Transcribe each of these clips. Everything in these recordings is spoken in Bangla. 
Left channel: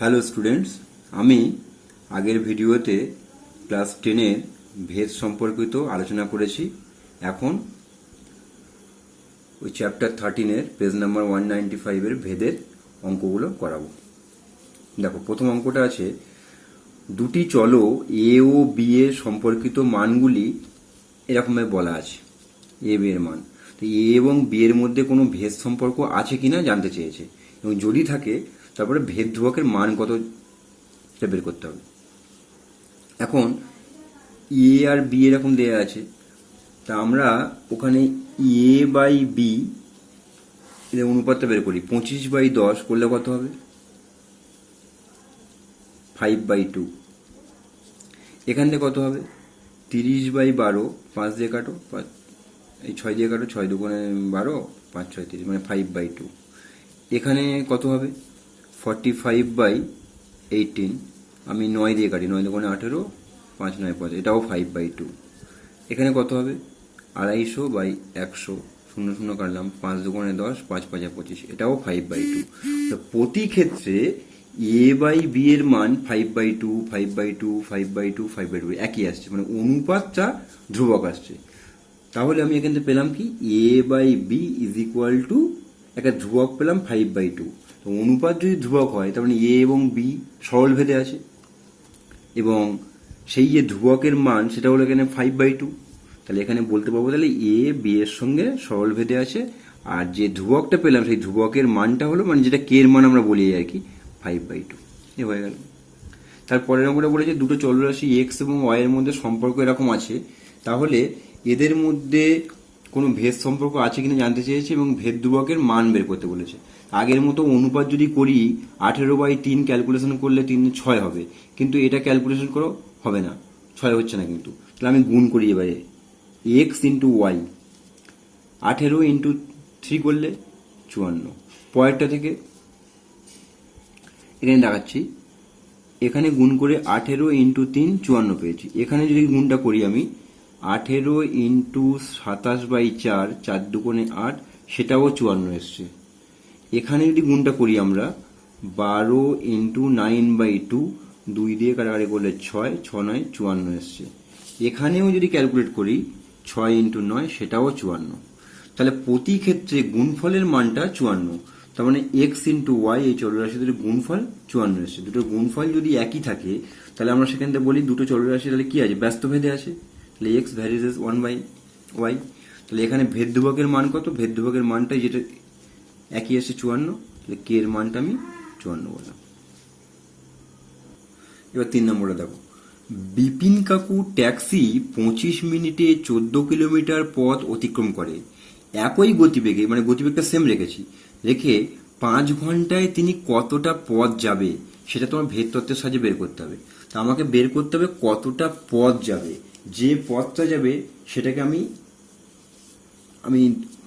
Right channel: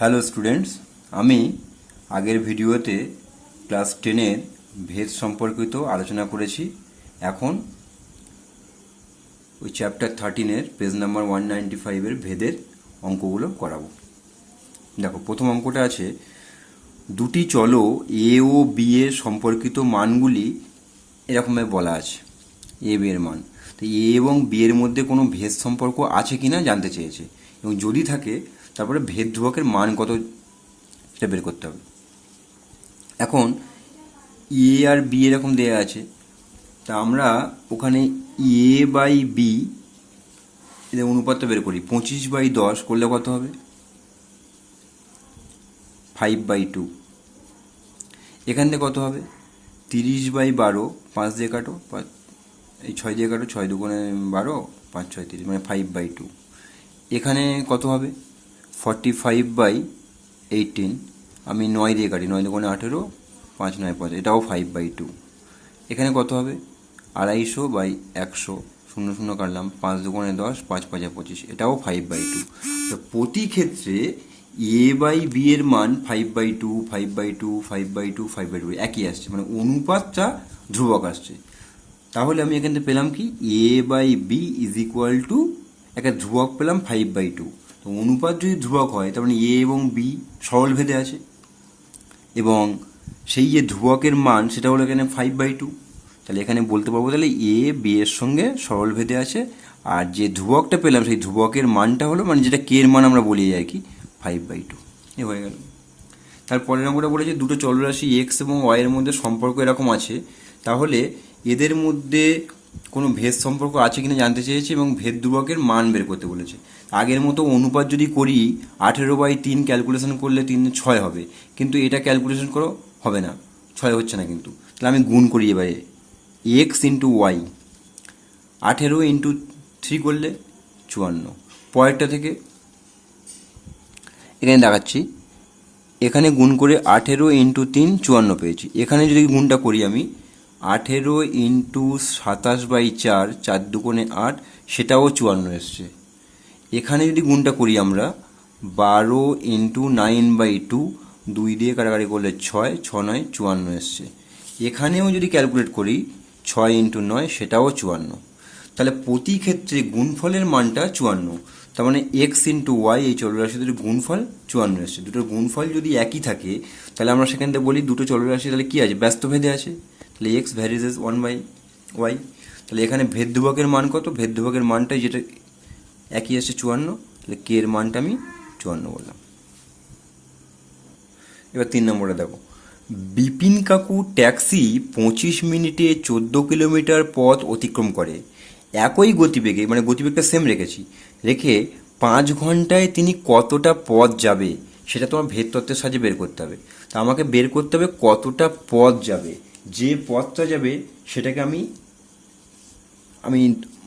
হ্যালো স্টুডেন্টস, আমি আগের ভিডিওতে ক্লাস 10-এর ভেদ সম্পর্কিত আলোচনা করেছি। এখন ওই চ্যাপ্টার 13-এর পেজ নাম্বার 195-এর ভেদের অঙ্কগুলো করাবো। দেখো, প্রথম অঙ্কটা আছে, দুটি চলো এ ও বি এর সম্পর্কিত মানগুলি এরকমভাবে বলা আছে, এ বি এর মান। তো এ এবং বি এর মধ্যে কোনো ভেদ সম্পর্ক আছে কিনা জানতে চেয়েছে, এবং যদি থাকে তারপরে ভেদ ধ্রুবকের মান কত সেটা বের করতে হবে। এখন এ আর বি এরকম দেওয়া আছে, তা আমরা ওখানে এ বাই বি এদের অনুপাতটা বের করি। 25/10 করলে কত হবে? 5/2। এখান থেকে কত হবে? 30/12, 5 দিয়ে কাটো, এই 6 দিয়ে কাটো, 6 দুগুণে 12, 5 6 30, মানে 5/2। এখানে কত হবে? 45/18, আমি 9 দিয়ে কাটি, 9 দুগুণে 18, 5 9 5, এটাও 5/2। এখানে কত হবে? 250/100, 0 0 কাটলাম, 5 দুগুণে 10, 5 5 25, এটাও 5/2। তো প্রতি ক্ষেত্রে এ বাই বি এর মান 5/2 5/2 5/2 5/2 একই আসছে, মানে অনুপাতটা ধ্রুবক আসছে। তাহলে আমি এখান থেকে পেলাম কি, A by B is equal to একটা ধ্রুবক পেলাম 5/2। তো অনুপাত যদি ধ্রুবক হয় তার মানে এ এবং বি সরল ভেদে আছে, এবং সেই যে ধ্রুবকের মান সেটা হলো এখানে 5/2। তাহলে এখানে বলতে পারবো তাহলে এ বি এর সঙ্গে সরল ভেদে আছে, আর যে ধ্রুবকটা পেলাম সেই ধ্রুবকের মানটা হলো, মানে যেটা কে এর মান আমরা বলি আর কি, 5/2। এ হয়ে গেল। তারপরের নম্বরে বলেছে দুটো চলরাশি এক্স এবং ওয়াই এর মধ্যে সম্পর্ক এরকম আছে, তাহলে এদের মধ্যে কোনো ভেদ সম্পর্ক আছে কিনা জানতে চেয়েছে, এবং ভেদ ধ্রুবকের মান বের করতে বলেছে। আগের মতো অনুপাত যদি করি 18/3 ক্যালকুলেশন করলে 3 6 হবে, কিন্তু এটা ক্যালকুলেশন করো হবে না, 6 হচ্ছে না। কিন্তু তাহলে আমি গুণ করি এবারে, এক্স ইন্টু ওয়াই, 18 × 3 করলে 54। পরেরটা থেকে এখানে দেখাচ্ছি, এখানে গুণ করে 18 × 3 54 পেয়েছি। এখানে যদি গুণটা করি আমি, 18 × 27/4, 4 দুগুণে 8, সেটাও 54 এসছে। এখানে যদি গুণটা করি আমরা, 12 × 9/2, 2 দিয়ে কাটাকাটি করলে 6, 6 9 54 এসছে। এখানেও যদি ক্যালকুলেট করি 6 × 9, সেটাও 54। তাহলে প্রতি ক্ষেত্রে গুণফলের মানটা 54। তার মানে এক্স ইন্টু ওয়াই, এই চলরাশি দুটোর গুণফল 54 এসছে। দুটোর গুণফল যদি একই থাকে তাহলে আমরা সেখান থেকে বলি দুটো চলরাশি তাহলে কি আছে, ব্যস্ত ভেদে আছে। তাহলে এক্স ভ্যারিজ 1/y। তাহলে এখানে ভেদ ধ্রুবকের মান কত? ভেদ ধ্রুবকের মানটাই যেটা একই আসছে 54, তাহলে কে এর মানটা আমি 54 বললাম। এবার 3 নম্বরে দেখো, বিপিন কাকু ট্যাক্সি 25 মিনিটে 14 কিলোমিটার পথ অতিক্রম করে একই গতিবেগে, মানে গতিবেগটা সেম রেখে 5 ঘন্টায় তিনি কতটা পথ যাবে সেটা তোমার ভেদ তত্ত্বের সাহায্যে বের করতে হবে। তা আমাকে বের করতে হবে কতটা পথ যাবে, যে পথটা যাবে সেটাকে আমি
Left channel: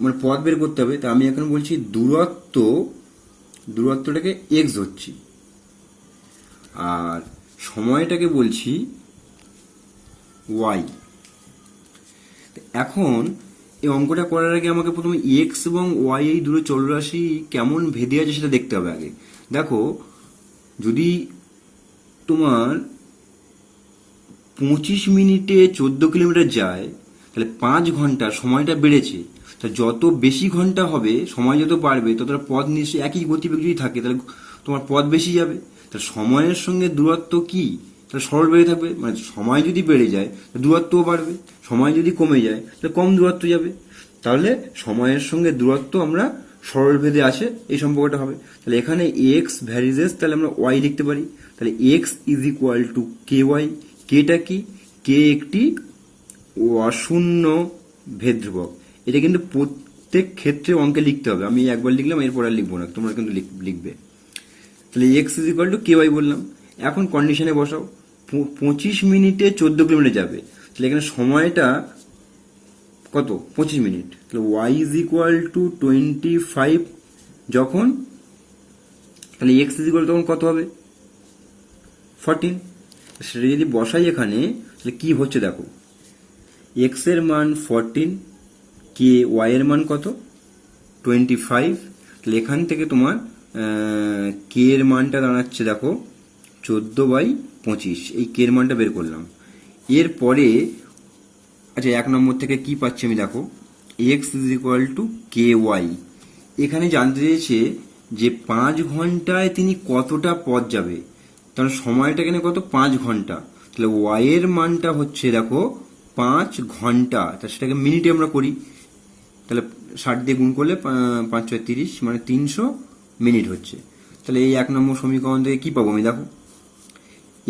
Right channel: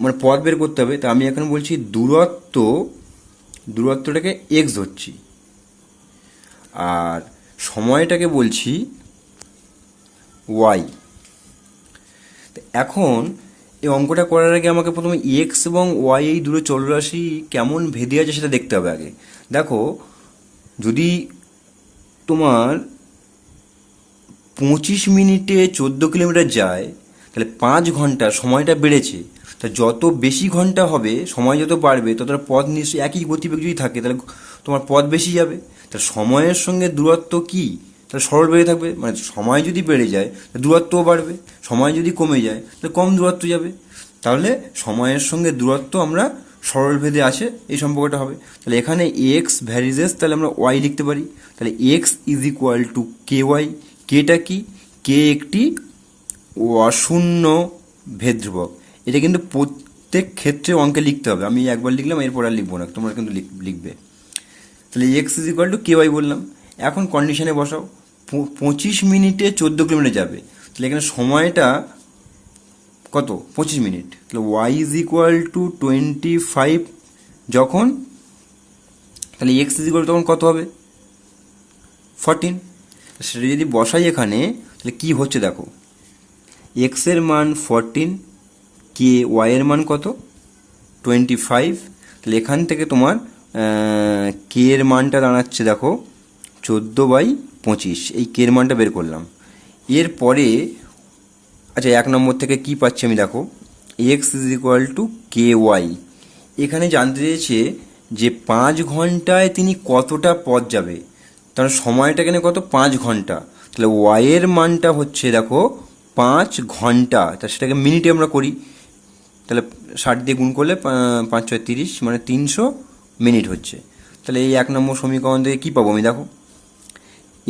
মানে পথ বের করতে হবে। তা আমি এখন বলছি দূরত্বটাকে এক্স ধরছি, আর সময়টাকে বলছি ওয়াই। এখন এই অঙ্কটা করার আগে আমাকে প্রথমে এক্স এবং ওয়াই এই দুটো চলরাশি কেমন ভেদে আছে সেটা দেখতে হবে আগে। দেখো, যদি তোমার 25 মিনিটে 14 কিলোমিটার যায়, তাহলে 5 ঘন্টা সময়টা বেড়েছে। তা যত বেশি ঘন্টা হবে, সময় যত বাড়বে, ততটা পথ নিশ্চয়ই একই গতিবেগ যদি থাকে তাহলে তোমার পথ বেশি যাবে। তা সময়ের সঙ্গে দূরত্ব কি, তাহলে সরল বেড়ে থাকবে। মানে সময় যদি বেড়ে যায় দূরত্বও বাড়বে, সময় যদি কমে যায় তাহলে কম দূরত্ব যাবে। তাহলে সময়ের সঙ্গে দূরত্ব আমরা সরল ভেদে আছে, এই সম্পর্কটা হবে। তাহলে এখানে এক্স ভ্যারিজেস, তাহলে আমরা ওয়াই লিখতে পারি। তাহলে x is equal to K y. কেটা কি? কে একটি অশূন্য ভেদ ধ্রুবক। এটা কিন্তু প্রত্যেক ক্ষেত্রে অঙ্কে লিখতে হবে। আমি একবার লিখলাম, এরপর আর লিখবো না, তোমরা কিন্তু লিখবে। তাহলে x is equal to K y বললাম। এখন কন্ডিশনে বসাও, 25 মিনিটে 14 কিলোমিটার যাবে, তাহলে এখানে সময়টা কত? 25 মিনিট। তাহলে ওয়াই ইজ ইকুয়াল টু 25 যখন, তাহলে এক্স ইজ ইকুয়াল তখন কত হবে? 14। সেটা যদি বসাই এখানে, তাহলে কি হচ্ছে দেখো, এক্স এর মান 14, কে ওয়াই এর মান কত? 25। তাহলে এখান থেকে তোমার কে এর মানটা দাঁড়াচ্ছে দেখো 14/25, এই কে এর মানটা বের করলাম। এরপরে আচ্ছা 1 নম্বর থেকে কি পাচ্ছি আমি দেখো, x is equal to K y. এখানে জানতে চেয়েছে যে 5 ঘন্টায় তিনি কতটা পথ যাবে, তার সময়টা এখানে কত, 5 ঘন্টা। তাহলে ওয়াই এর মানটা হচ্ছে দেখো 5 ঘন্টা, তা সেটাকে মিনিটে আমরা করি, তাহলে 60 দিয়ে গুণ করলে 5 6 30, মানে 300 মিনিট হচ্ছে। তাহলে এই 1 নম্বর সমীকরণ থেকে কী পাবো আমি দেখো,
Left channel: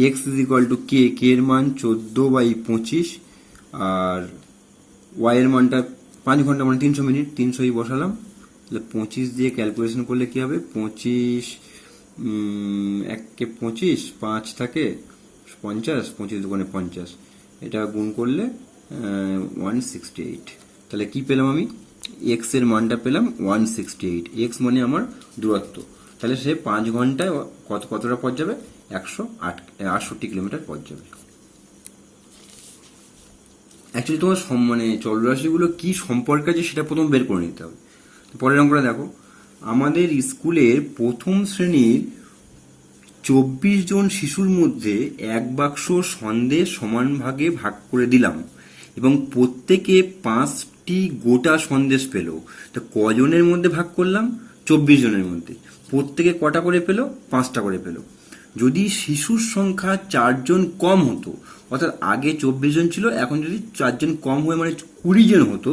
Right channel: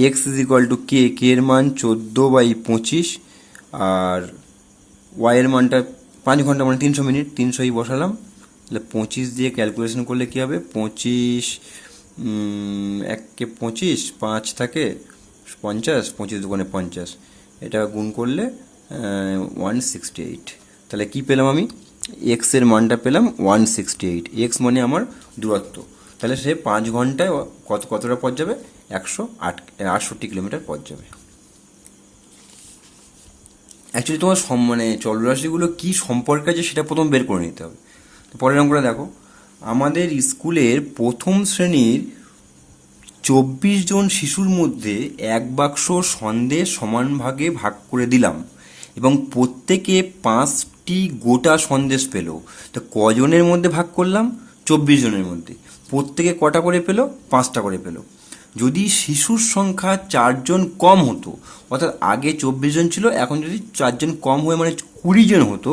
এক্স ইজ ইকুয়াল টু কে, কে এর মান 14/25, আর ওয়াই এর মানটা 5 ঘন্টা মানে 300 মিনিট, 300ই বসালাম। তাহলে 25 দিয়ে ক্যালকুলেশন করলে কী হবে, 25 1 25, 5 থাকে 50, 25 দুগুণে 50, এটা গুণ করলে 168। তাহলে কি পেলাম আমি, এক্স এর মানটা পেলাম 168। এক্স মানে আমার দূরত্ব। তাহলে সে 5 ঘন্টায় কতটা পথ যাবে, 168 কিলোমিটার পথ যাবে। অ্যাকচুয়ালি তোমার মানে চলরাশিগুলো কি সম্পর্কে আছে সেটা প্রথম বের করে নিতে হবে। পরের অঙ্কটা দেখো, আমাদের স্কুলের প্রথম শ্রেণীর 24 জন শিশুর মধ্যে 1 বাক্স সন্দেশ সমান ভাগে ভাগ করে দিলাম এবং প্রত্যেকে 5টি গোটা সন্দেশ পেল। তো কজনের মধ্যে ভাগ করলাম, 24 জনের মধ্যে। প্রত্যেকে কটা করে পেল, 5টা করে পেল। যদি শিশুর সংখ্যা 4 জন কম হতো, অর্থাৎ আগে 24 জন ছিল, এখন যদি 4 জন কম হয়ে মানে 20 জন হতো,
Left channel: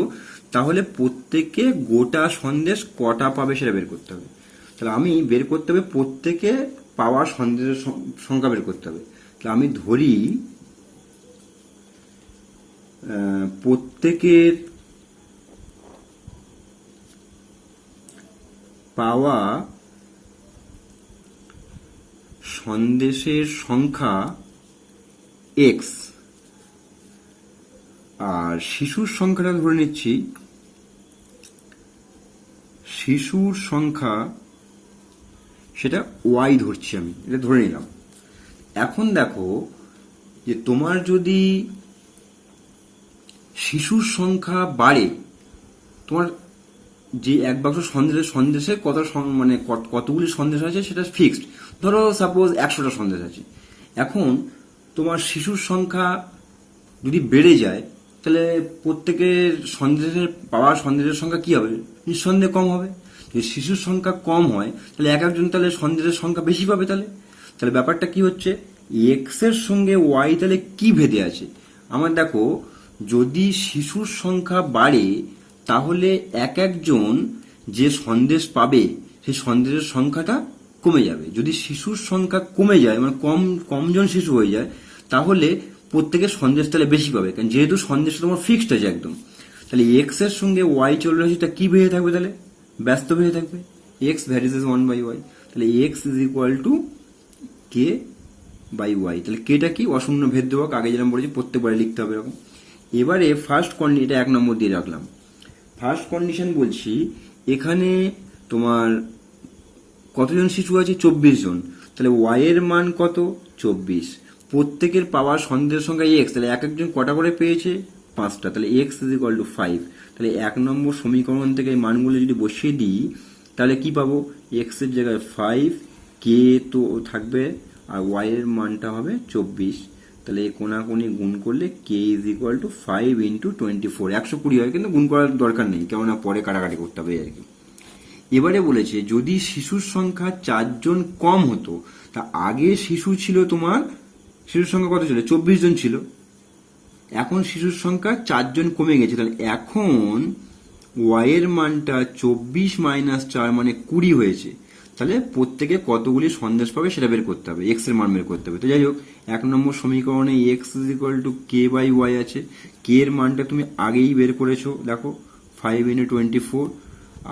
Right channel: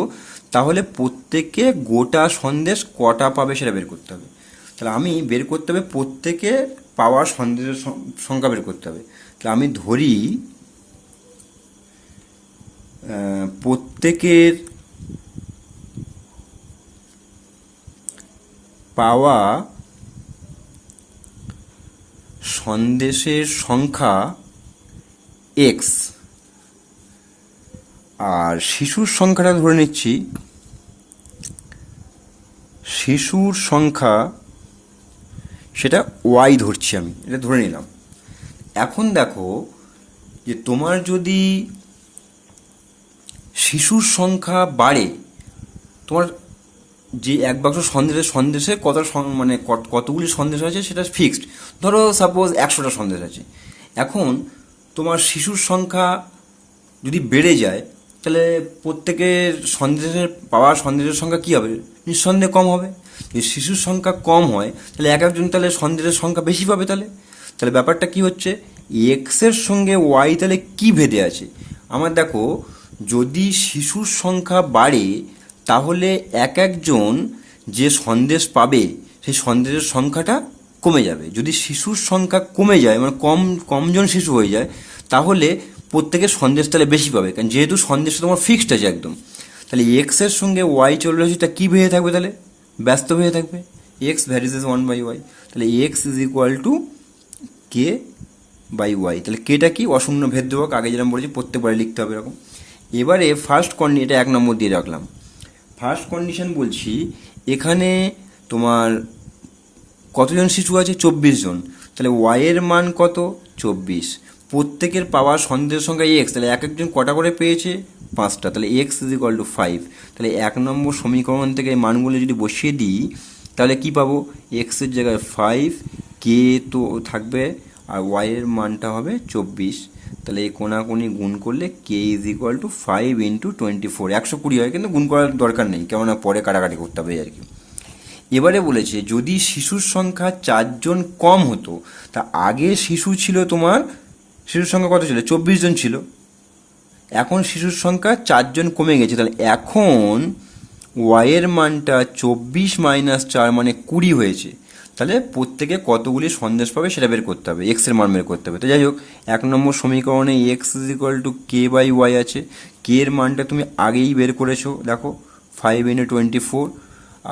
তাহলে প্রত্যেকে গোটা সন্দেশ কটা পাবে সেটা বের করতে হবে। তাহলে আমি বের করতে হবে প্রত্যেকে পাওয়া সন্দেশের সংখ্যা বের করতে হবে। তাহলে আমি ধরি প্রত্যেকের পাওয়া সন্দেশের সংখ্যা এক্স, আর শিশুর সংখ্যাটা ধরে নিচ্ছি, শিশুর সংখ্যা সেটা ওয়াই ধরছি আমি, এটা ধরে নিলাম। এখন দেখো যে তোমার যদি শিশুর সংখ্যা বাড়ে, তোমার যে 1 বাক্স সন্দেশে কত মানে কতগুলি সন্দেশ আছে সেটা ফিক্সড। ধরো সাপোজ 100টা সন্দেশ আছে। এখন তোমার শিশুর সংখ্যা যদি বেড়ে যায়, তাহলে প্রত্যেকের সন্দেশের সংখ্যা কী হবে, নিঃসন্দেহে কম হবে। যদি শিশুর সংখ্যা কম হয়, তাহলে একজন তাহলে সন্দেশের সংখ্যা বেশি পাবে। তাহলে ব্যাপারটা কি হচ্ছে, এক্সের সঙ্গে ওয়াই তাহলে কি ভেদে আছে। আমার দেখো, যদি শিশুর সংখ্যা বাড়ে, তাহলে একজন যে সন্দেশ পাবে সেই সন্দেশের সংখ্যাটা কমে যাবে। যদি শিশুর সংখ্যা কমে যায়, মানে কমজন শিশু হয়ে যায়, তাহলে প্রত্যেকের সন্দেশ তাহলে বেশি পাবে, কারণ যেহেতু সন্দেশ তোমার ফিক্সড আছে একদম। তাহলে এক্স এর সঙ্গে ওয়াই চলরাশিটা কি ভেঙে থাকবে, তাহলে ব্যস্ত হয়ে থাকবে, এক্স ভ্যারিজেস 1/y। তাহলে x is equal to K by y. তাহলে কেটা কি, অশূন্য ভেদক, আগে যেরকম বলেছি প্রত্যেকবারে লিখতে হবে এরকম। এবারে ফার্স্ট কন্ডিশন, এটা 1 নম্বর দিয়ে রাখলাম। ফার্স্ট কন্ডিশন বলছি, এখানে তোমার কতজন শিশু আছে, 24 জন। তাহলে ওয়াই এর মান কত, 24। প্রত্যেকের পাওয়া সন্দেশের সংখ্যা এক্স, তাহলে একজন কটা করে পেয়েছে, 5টা। তাহলে এক্স ইজ ইকুয়াল টু 5। তাহলে 1 নম্বর সমীকরণ থেকে এই মানগুলো যদি বসিয়ে দিই, তাহলে কি পাবো, এক্সের জায়গায় 5, কে তো থাকবে, আর ওয়াই এর মানটা হবে 24। তাহলে এই কোনাকুনি গুণ করলে K is equal to 5 into 24, 120 হয়, কিন্তু গুণ করার দরকার নেই, কেননা পরে কাটাকাটি করতে হবে আর কি। এবারে বলেছে যদি শিশুর সংখ্যা 4 জন কম হতো, তা আগে শিশুর সংখ্যা কত ছিল, 24 জন ছিল। এখন শিশুর সংখ্যা 4 জন কমে গেছে, তাহলে এখন ওয়াই এর মানটা 24 মাইনাস 4 মানে 20 হয়েছে। তাহলে প্রত্যেকে কতগুলি সন্দেশ পাবে সেটা বের করতে হবে, এক্স এর মান বের করতে হবে। তো যাই হোক, 1 নম্বর সমীকরণে x is equal to K by y আছে। কে এর মানটা তুমি আগেই বের করেছো, দেখো 5 ইন্টু 24,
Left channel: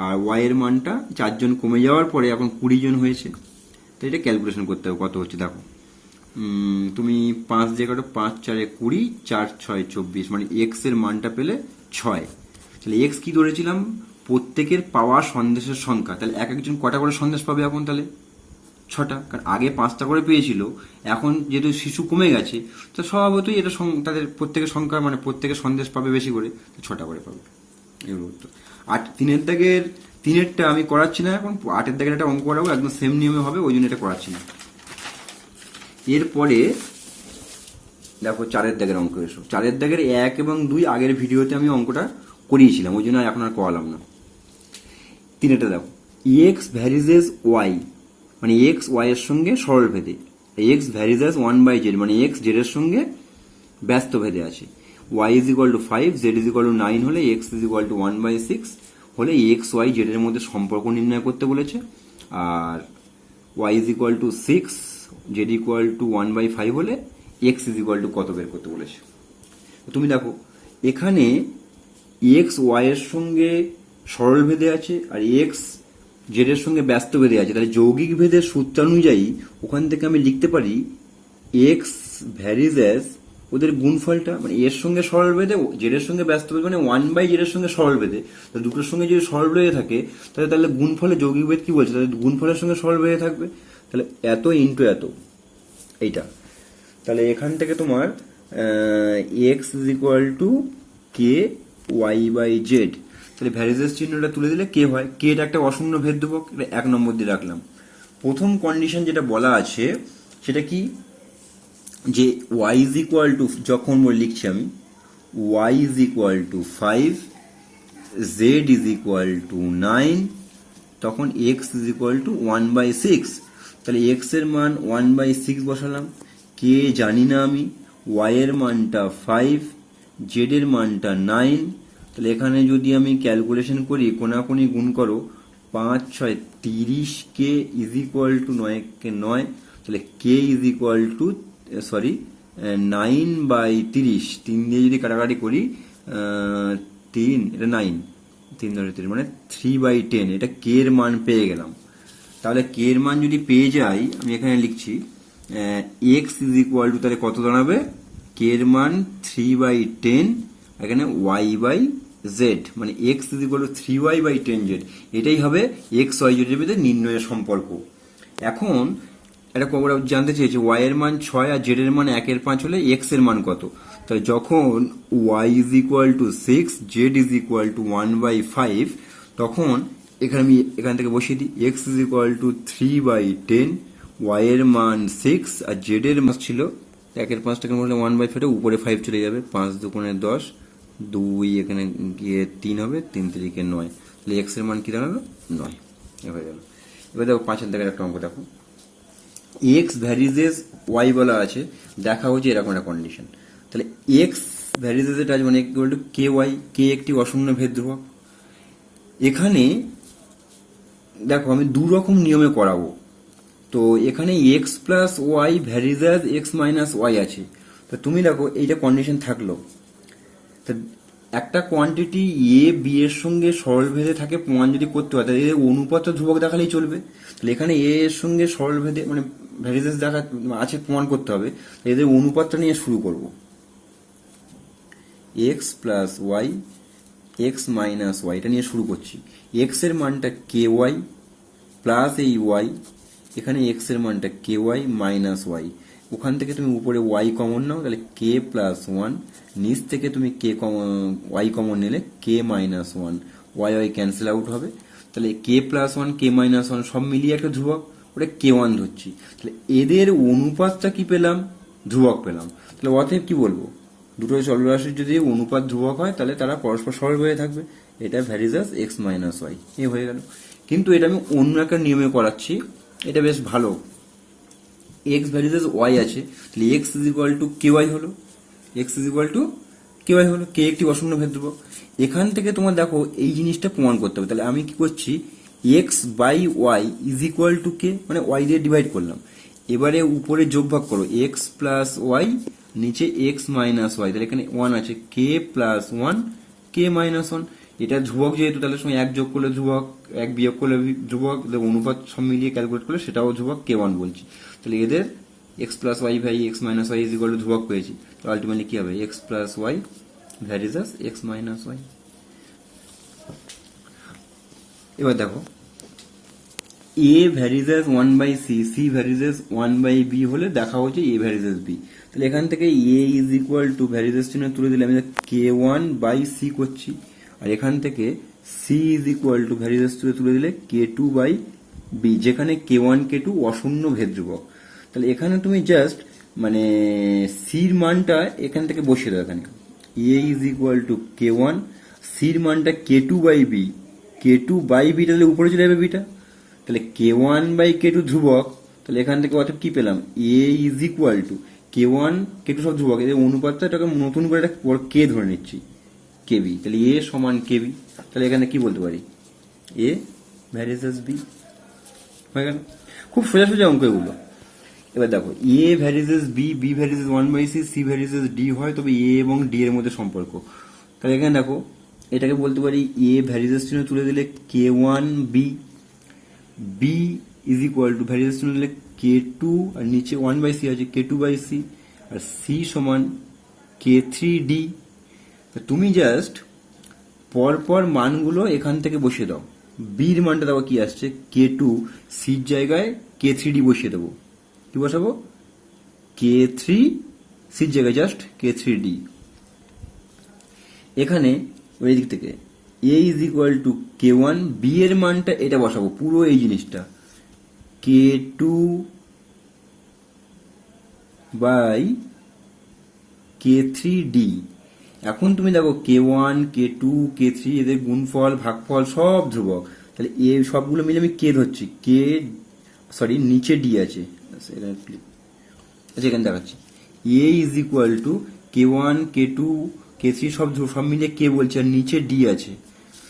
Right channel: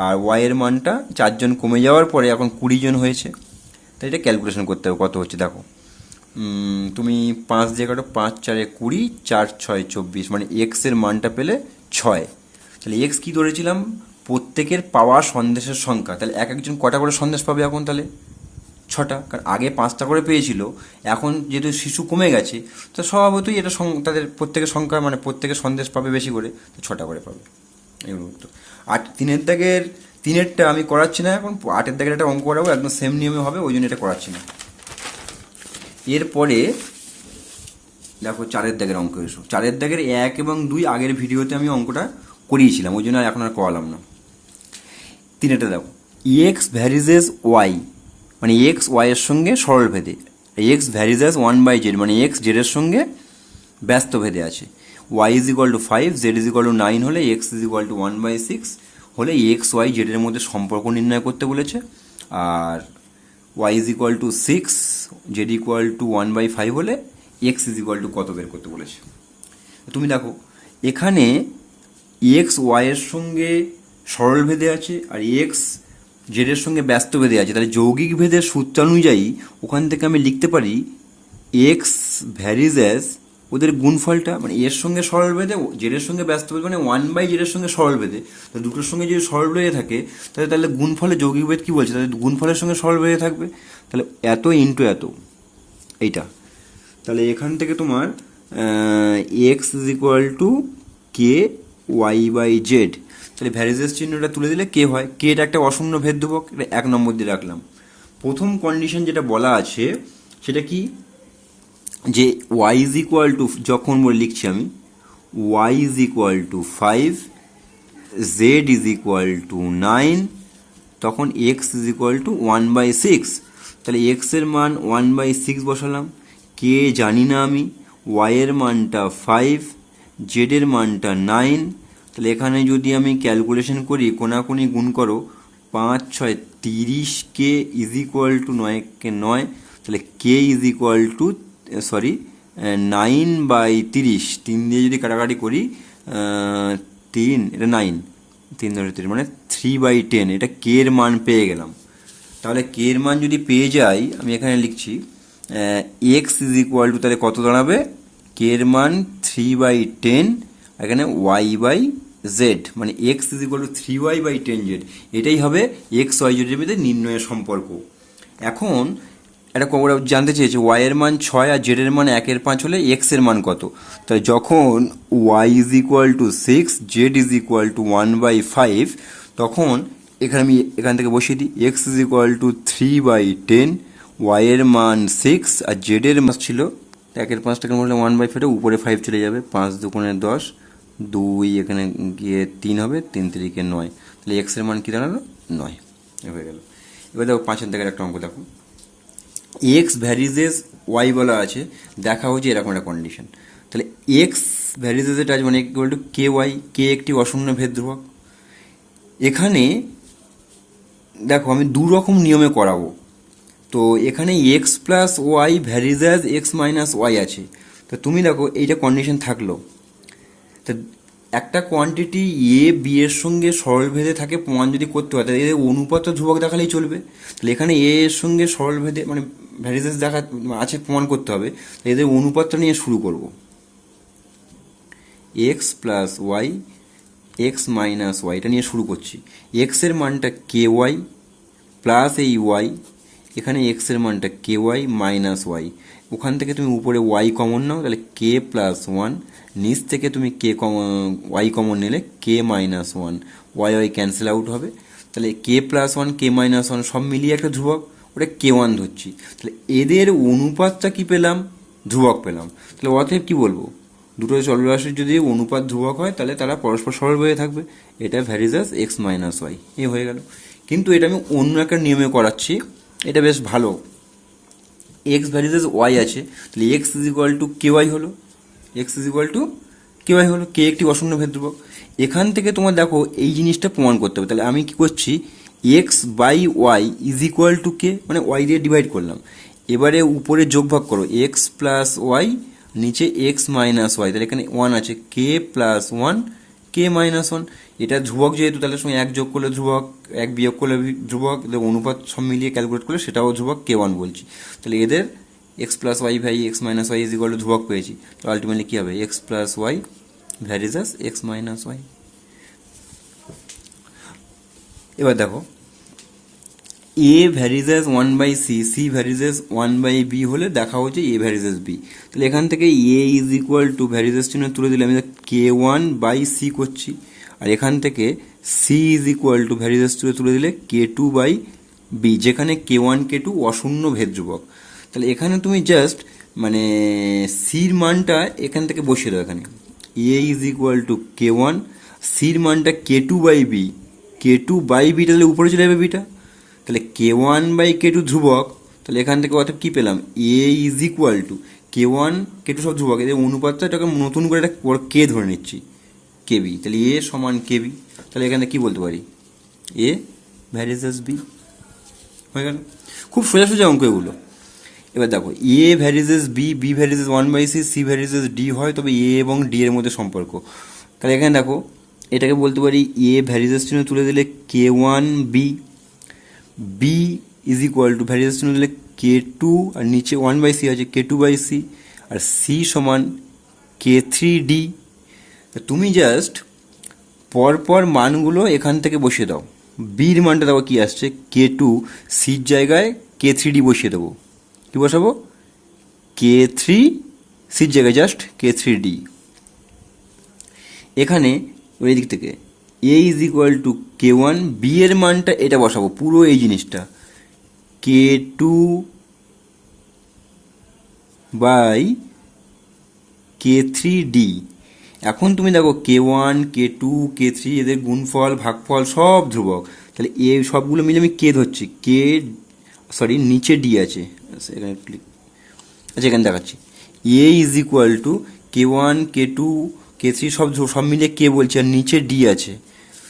আর ওয়াই এর মানটা 4 জন কমে যাওয়ার পরে এখন 20 জন হয়েছে। তো এটা ক্যালকুলেশন করতে হবে কত হচ্ছে, দেখো তুমি 5 দিয়ে কাটো, 5 4 20, 4 6 24, মানে এক্স এর মানটা পেলে 6। তাহলে এক্স কি ধরেছিলাম, প্রত্যেকের পাওয়া সন্দেশের সংখ্যা। তাহলে একজন কটা করে সন্দেশ পাবে এখন, তাহলে 6টা, কারণ আগে 5টা করে পেয়েছিল, এখন যেহেতু শিশু কমে গেছে, তো স্বভাবতই এটা তাদের প্রত্যেকের সংখ্যা মানে প্রত্যেকের সন্দেশ পাবে বেশি করে, 6টা করে পাবে। এই উত্তর। আর 3 3-এরটা আমি করাচ্ছি না, এখন 8-এর দাগের একটা অঙ্ক করাবো, একদম সেম নিয়মে হবে, ওই জন্য এটা করাচ্ছি না। এরপরে দেখো 4-এর দাগের অঙ্ক এসো। 4-এর দাগের 1 এবং 2 আগের ভিডিওতে আমি অঙ্কটা করিয়েছিলাম, ওই জন্য এখন আর করালাম না। 3-এটা দেখো, এক্স ভ্যারিজেস ওয়াই, মানে এক্স ওয়াই এর সঙ্গে সরল ভেদে, এক্স ভ্যারিজেস 1/z, মানে এক্স জেড এর সঙ্গে ব্যস্ত ভেদে আছে। Y is equal to 5, z is equal to 9 হলে এক্স ইজ ইকুয়াল টু 1/6 হলে এক্স ওয়াই জেড এর মধ্যে সম্পর্ক নির্ণয় করতে বলেছে। আর Y is equal to 6, Z equal to 1/5 হলে এক্স ইজ ইকুয়াল টু কত বের করতে বলেছে। তুমি দেখো এখানে এক্স ওয়াই এর সঙ্গে সরল ভেদে আছে আর এক্স জেড এর সঙ্গে ব্যস্ত ভেদে আছে, তাহলে যৌগিক ভেদের সূত্র অনুযায়ী ওখান থেকে আমি লিখতে পারি এক্স ভ্যারিজেস ওদের গুণফলটা, মানে এর সঙ্গে সরল ভেদে জেড এর সঙ্গে ব্যস্ত ভেদে, মানে 1/z এর সঙ্গে সরল ভেদে, তো দুটোর সঙ্গে যদি সরল ভেদে থাকে তাহলে গুণফলে যৌগিক ভেদ কি বলছে, তাহলে গুণফলের সঙ্গে সরল ভেদে থাকবে, তাহলে এত ইন্টু এত এইটা। তাহলে এখান থেকে তোমার x is equal to K y by z, তাহলে ভ্যারিজেস চিহ্নটা তুলে দিলে কে হয়, কে এটা একটা অশূন্য ভেদ ধ্রুবক, এটা 1 নম্বর দিয়ে রাখলাম। প্রথম কন্ডিশন যেটা বলা আছে সেটা কি, যে ওয়াই ইজ ইকুয়াল টু, যখন লিখছি আমি y is equal to 5, z is equal to 9, তখন এক্স ইজ ইকুয়াল টু 1/6, তাহলে এক্স এর মান 1/6 বসালাম, কে জানি না আমি, ওয়াই এর মানটা 5, জেড এর মানটা 9, তাহলে এখানে যদি আমি ক্যালকুলেশন করি, কোনাকুনি গুণ করো, 5 6 30, কে ইজ ইকুয়াল টু 9 9, তাহলে কে ইজ ইকুয়াল টু 9/30, 3 দিয়ে যদি কাটাকাটি করি 3, এটা 9, 3 ধরে 3 মানে 3/10, এটা কে এর মান পেয়ে গেলাম। তাহলে কে এর মান যদি পেয়ে যাই, আমি এখানে লিখছি এক্স ইজ ইকুয়াল টু, তাহলে কত দাঁড়াবে, কে এর মান 3/10, এখানে ওয়াই বাই জেড, মানে x is equal two 3y/10z, এটাই হবে এক্স ওয়াই জেডের মধ্যে নির্ণয়ের সম্পর্ক। এখন এটা জানতে চেয়েছে ওয়াই এর মান 6 আর জেড এর মান 1/5 হলে এক্স এর মান কত, তাই যখন y is equal to 6, z is equal to 1/5, তখন এখানে আমি এখান থেকে বসিয়ে দিই x is equal to 3/10, y এর মান 6 আর জেড এর মান ছিল 1/5 মধ্যে 1/5, উপরে 5 চলে যাবে, 5 দুগুণে 10, 2 এখানে গিয়ে 3 হবে, 3 3 9, তাহলে এক্স এর মান কি দাঁড়াবে 9 হয়ে গেল। এবার দেখো 5-এর দাগের একটা অঙ্ক দেখো, এক্স ভ্যারিজেস ওয়াই বলা আছে, দেখা হচ্ছে এরকম একটা কন্ডিশন, তাহলে এক্স ভ্যারিজেস এটা আছে মানে ইকুয়াল টু কে ওয়াই, কে একটি অশূন্য ভেদ ধ্রুবক। এখানে দেখো আমি দু রকম নিয়মে করাবো, তো এখানে x plus y varies x minus y আছে, তো তুমি দেখো এইটা কন্ডিশন থাকলো, তো একটা কোয়ান্টিটি এ বি এর সঙ্গে সরল ভেদে থাকে প্রমাণ যদি করতে হয়, তাহলে এদের অনুপাত ধ্রুবক দেখালেই চলবে, তাহলে এখানে এ এর সঙ্গে সরল ভেদে মানে ভ্যারিজেস দেখা আছে প্রমাণ করতে হবে, এদের অনুপাতটা নিয়ে শুরু করব, x plus y x minus y, এটা নিয়ে শুরু করছি। এক্স এর মানটা কে ওয়াই প্লাস এই ওয়াই, এখানে এক্স এর মানটা কে ওয়াই মাইনাস ওয়াই, ওখান থেকে তুমি উপরে ওয়াই কমন নাও, তাহলে কে প্লাস 1, নিচ থেকে তুমি কে ওয়াই কমন নিলে K minus 1, Y Y cancel out হবে, তাহলে কে প্লাস 1 কে মাইনাস 1 সব মিলিয়ে একটা ধ্রুবক, ওটা কে 1 ধরছি, তাহলে এদের অনুপাতটা কি পেলাম, ধ্রুবক পেলাম। তাহলে অতএব কি বলবো, দুটো চলরাশির যদি অনুপাত ধ্রুবক হয় তাহলে তারা পরস্পর সরল হয়ে থাকবে, এটা ভ্যারিজেস এক্স মাইনাস ওয়াই, এ হয়ে গেল। কিন্তু এটা আমি অন্য একটা নিয়মে করাচ্ছি, এটা বেশ ভালো, এক্স ভ্যারিজেস ওয়াই আছে, তাহলে x is equal to K Y হলো, X is equal to K Y হলো, কে একটি অশূন্য ভেদ ধ্রুবক। এখান থেকে তোমার দেখো এই জিনিসটা প্রমাণ করতে হবে, তাহলে আমি কি করছি, X by Y is equal to K, মানে ওয়াই দিয়ে ডিভাইড করলাম, এবারে উপরে যোগভাগ করো এক্স প্লাস ওয়াই, নিচে এক্স মাইনাস ওয়াই, তাহলে এখানে 1 আছে, কে প্লাস 1 কে মাইনাস 1, এটা ধ্রুবক যেহেতু তাহলে সঙ্গে 1 যোগ করলে ধ্রুবক, 1 বিয়োগ করলে ধ্রুবক, অনুপাত সব মিলিয়ে ক্যালকুলেট করলে সেটাও ধ্রুবক, কে 1 বলছি, তাহলে এদের x plus Y by x minus Y is equal to ধ্রুবক পেয়েছি, তো আলটিমেটলি কী হবে, x plus y varies x minus y. এবার দেখো এ ভ্যারিজেস 1/সি, সি ভ্যারিজেস 1/বি হলে দেখা হচ্ছে এ ভ্যারিজেস বি, তাহলে এখান থেকে এ ইজ ইকুয়াল টু ভ্যারিজেস চিহ্ন তুলে দিলে আমি কে 1/সি করছি, আর এখান থেকে c is equal to variables তুলে দিলে K2 বাই বি, যেখানে K1 K2 অশূন্য ভেদ ধ্রুবক। তাহলে এখানে তুমি জাস্ট মানে সির মানটা এখান থেকে বসিয়ে দাও। এখানে এ ইজ ইকুয়াল টু K1, সির মানটা K2 by B, K2 by B, তাহলে উপরে চলে যাবে বিটা। তাহলে K1 বাই K2 ধ্রুবক, তাহলে এখান থেকে অর্থাৎ কী পেলাম, এ is equal to K1 K2 সব ধ্রুবক, এদের অনুপাতটা এটাকে নতুন করে একটা কে ধরে নিচ্ছি, কেবি। তাহলে এ সমান কেবি। তাহলে এখানে কি বলতে পারি, এ ভ্যারিজেস বি, হয়ে গেল। খুব সোজা সোজা অঙ্ক এগুলো। এবার দেখো, এ varies B, B varies 1/c, C varies D হয়, তবে এ এবং ডি এর মধ্যে সম্পর্ক। তাহলে এখানে দেখো, এটাকে বলতে পারি এ ভ্যারিজেস চিহ্ন তুলে দিলে K1 b, b is equal to varies চিহ্ন দিলে K2, আর নিচে 1/c আছে K2 by C, R C সমান K3 ডি। তুমি জাস্ট পরপর মানগুলো এখান থেকে বসিয়ে দাও। বির মানটা দেখো কি আসছে, K2, সির জায়গায় K3 ডি বসিয়ে দেবো। কি বসাবো, K3, সির জায়গায় জাস্ট K3 ডি। এখানে ওই দিক থেকে এ is equal to K1, B এর মানটা এটা বসাবো, পুরো এই জিনিসটা K2 বাই K3 ডি। এখন তুমি দেখো K1 K2 K3 এদের গুণফল ভাগফল সব ধ্রুবক। তাহলে এ সবগুলো মিলে আমি কে ধরছি, নিচে ডি আছে, এখানে ক্লিক, আচ্ছা এখানে দেখাচ্ছি। এ is equal to K1 K2 K3 সব মিলিয়ে কে বলছি, আর নিচে ডি আছে।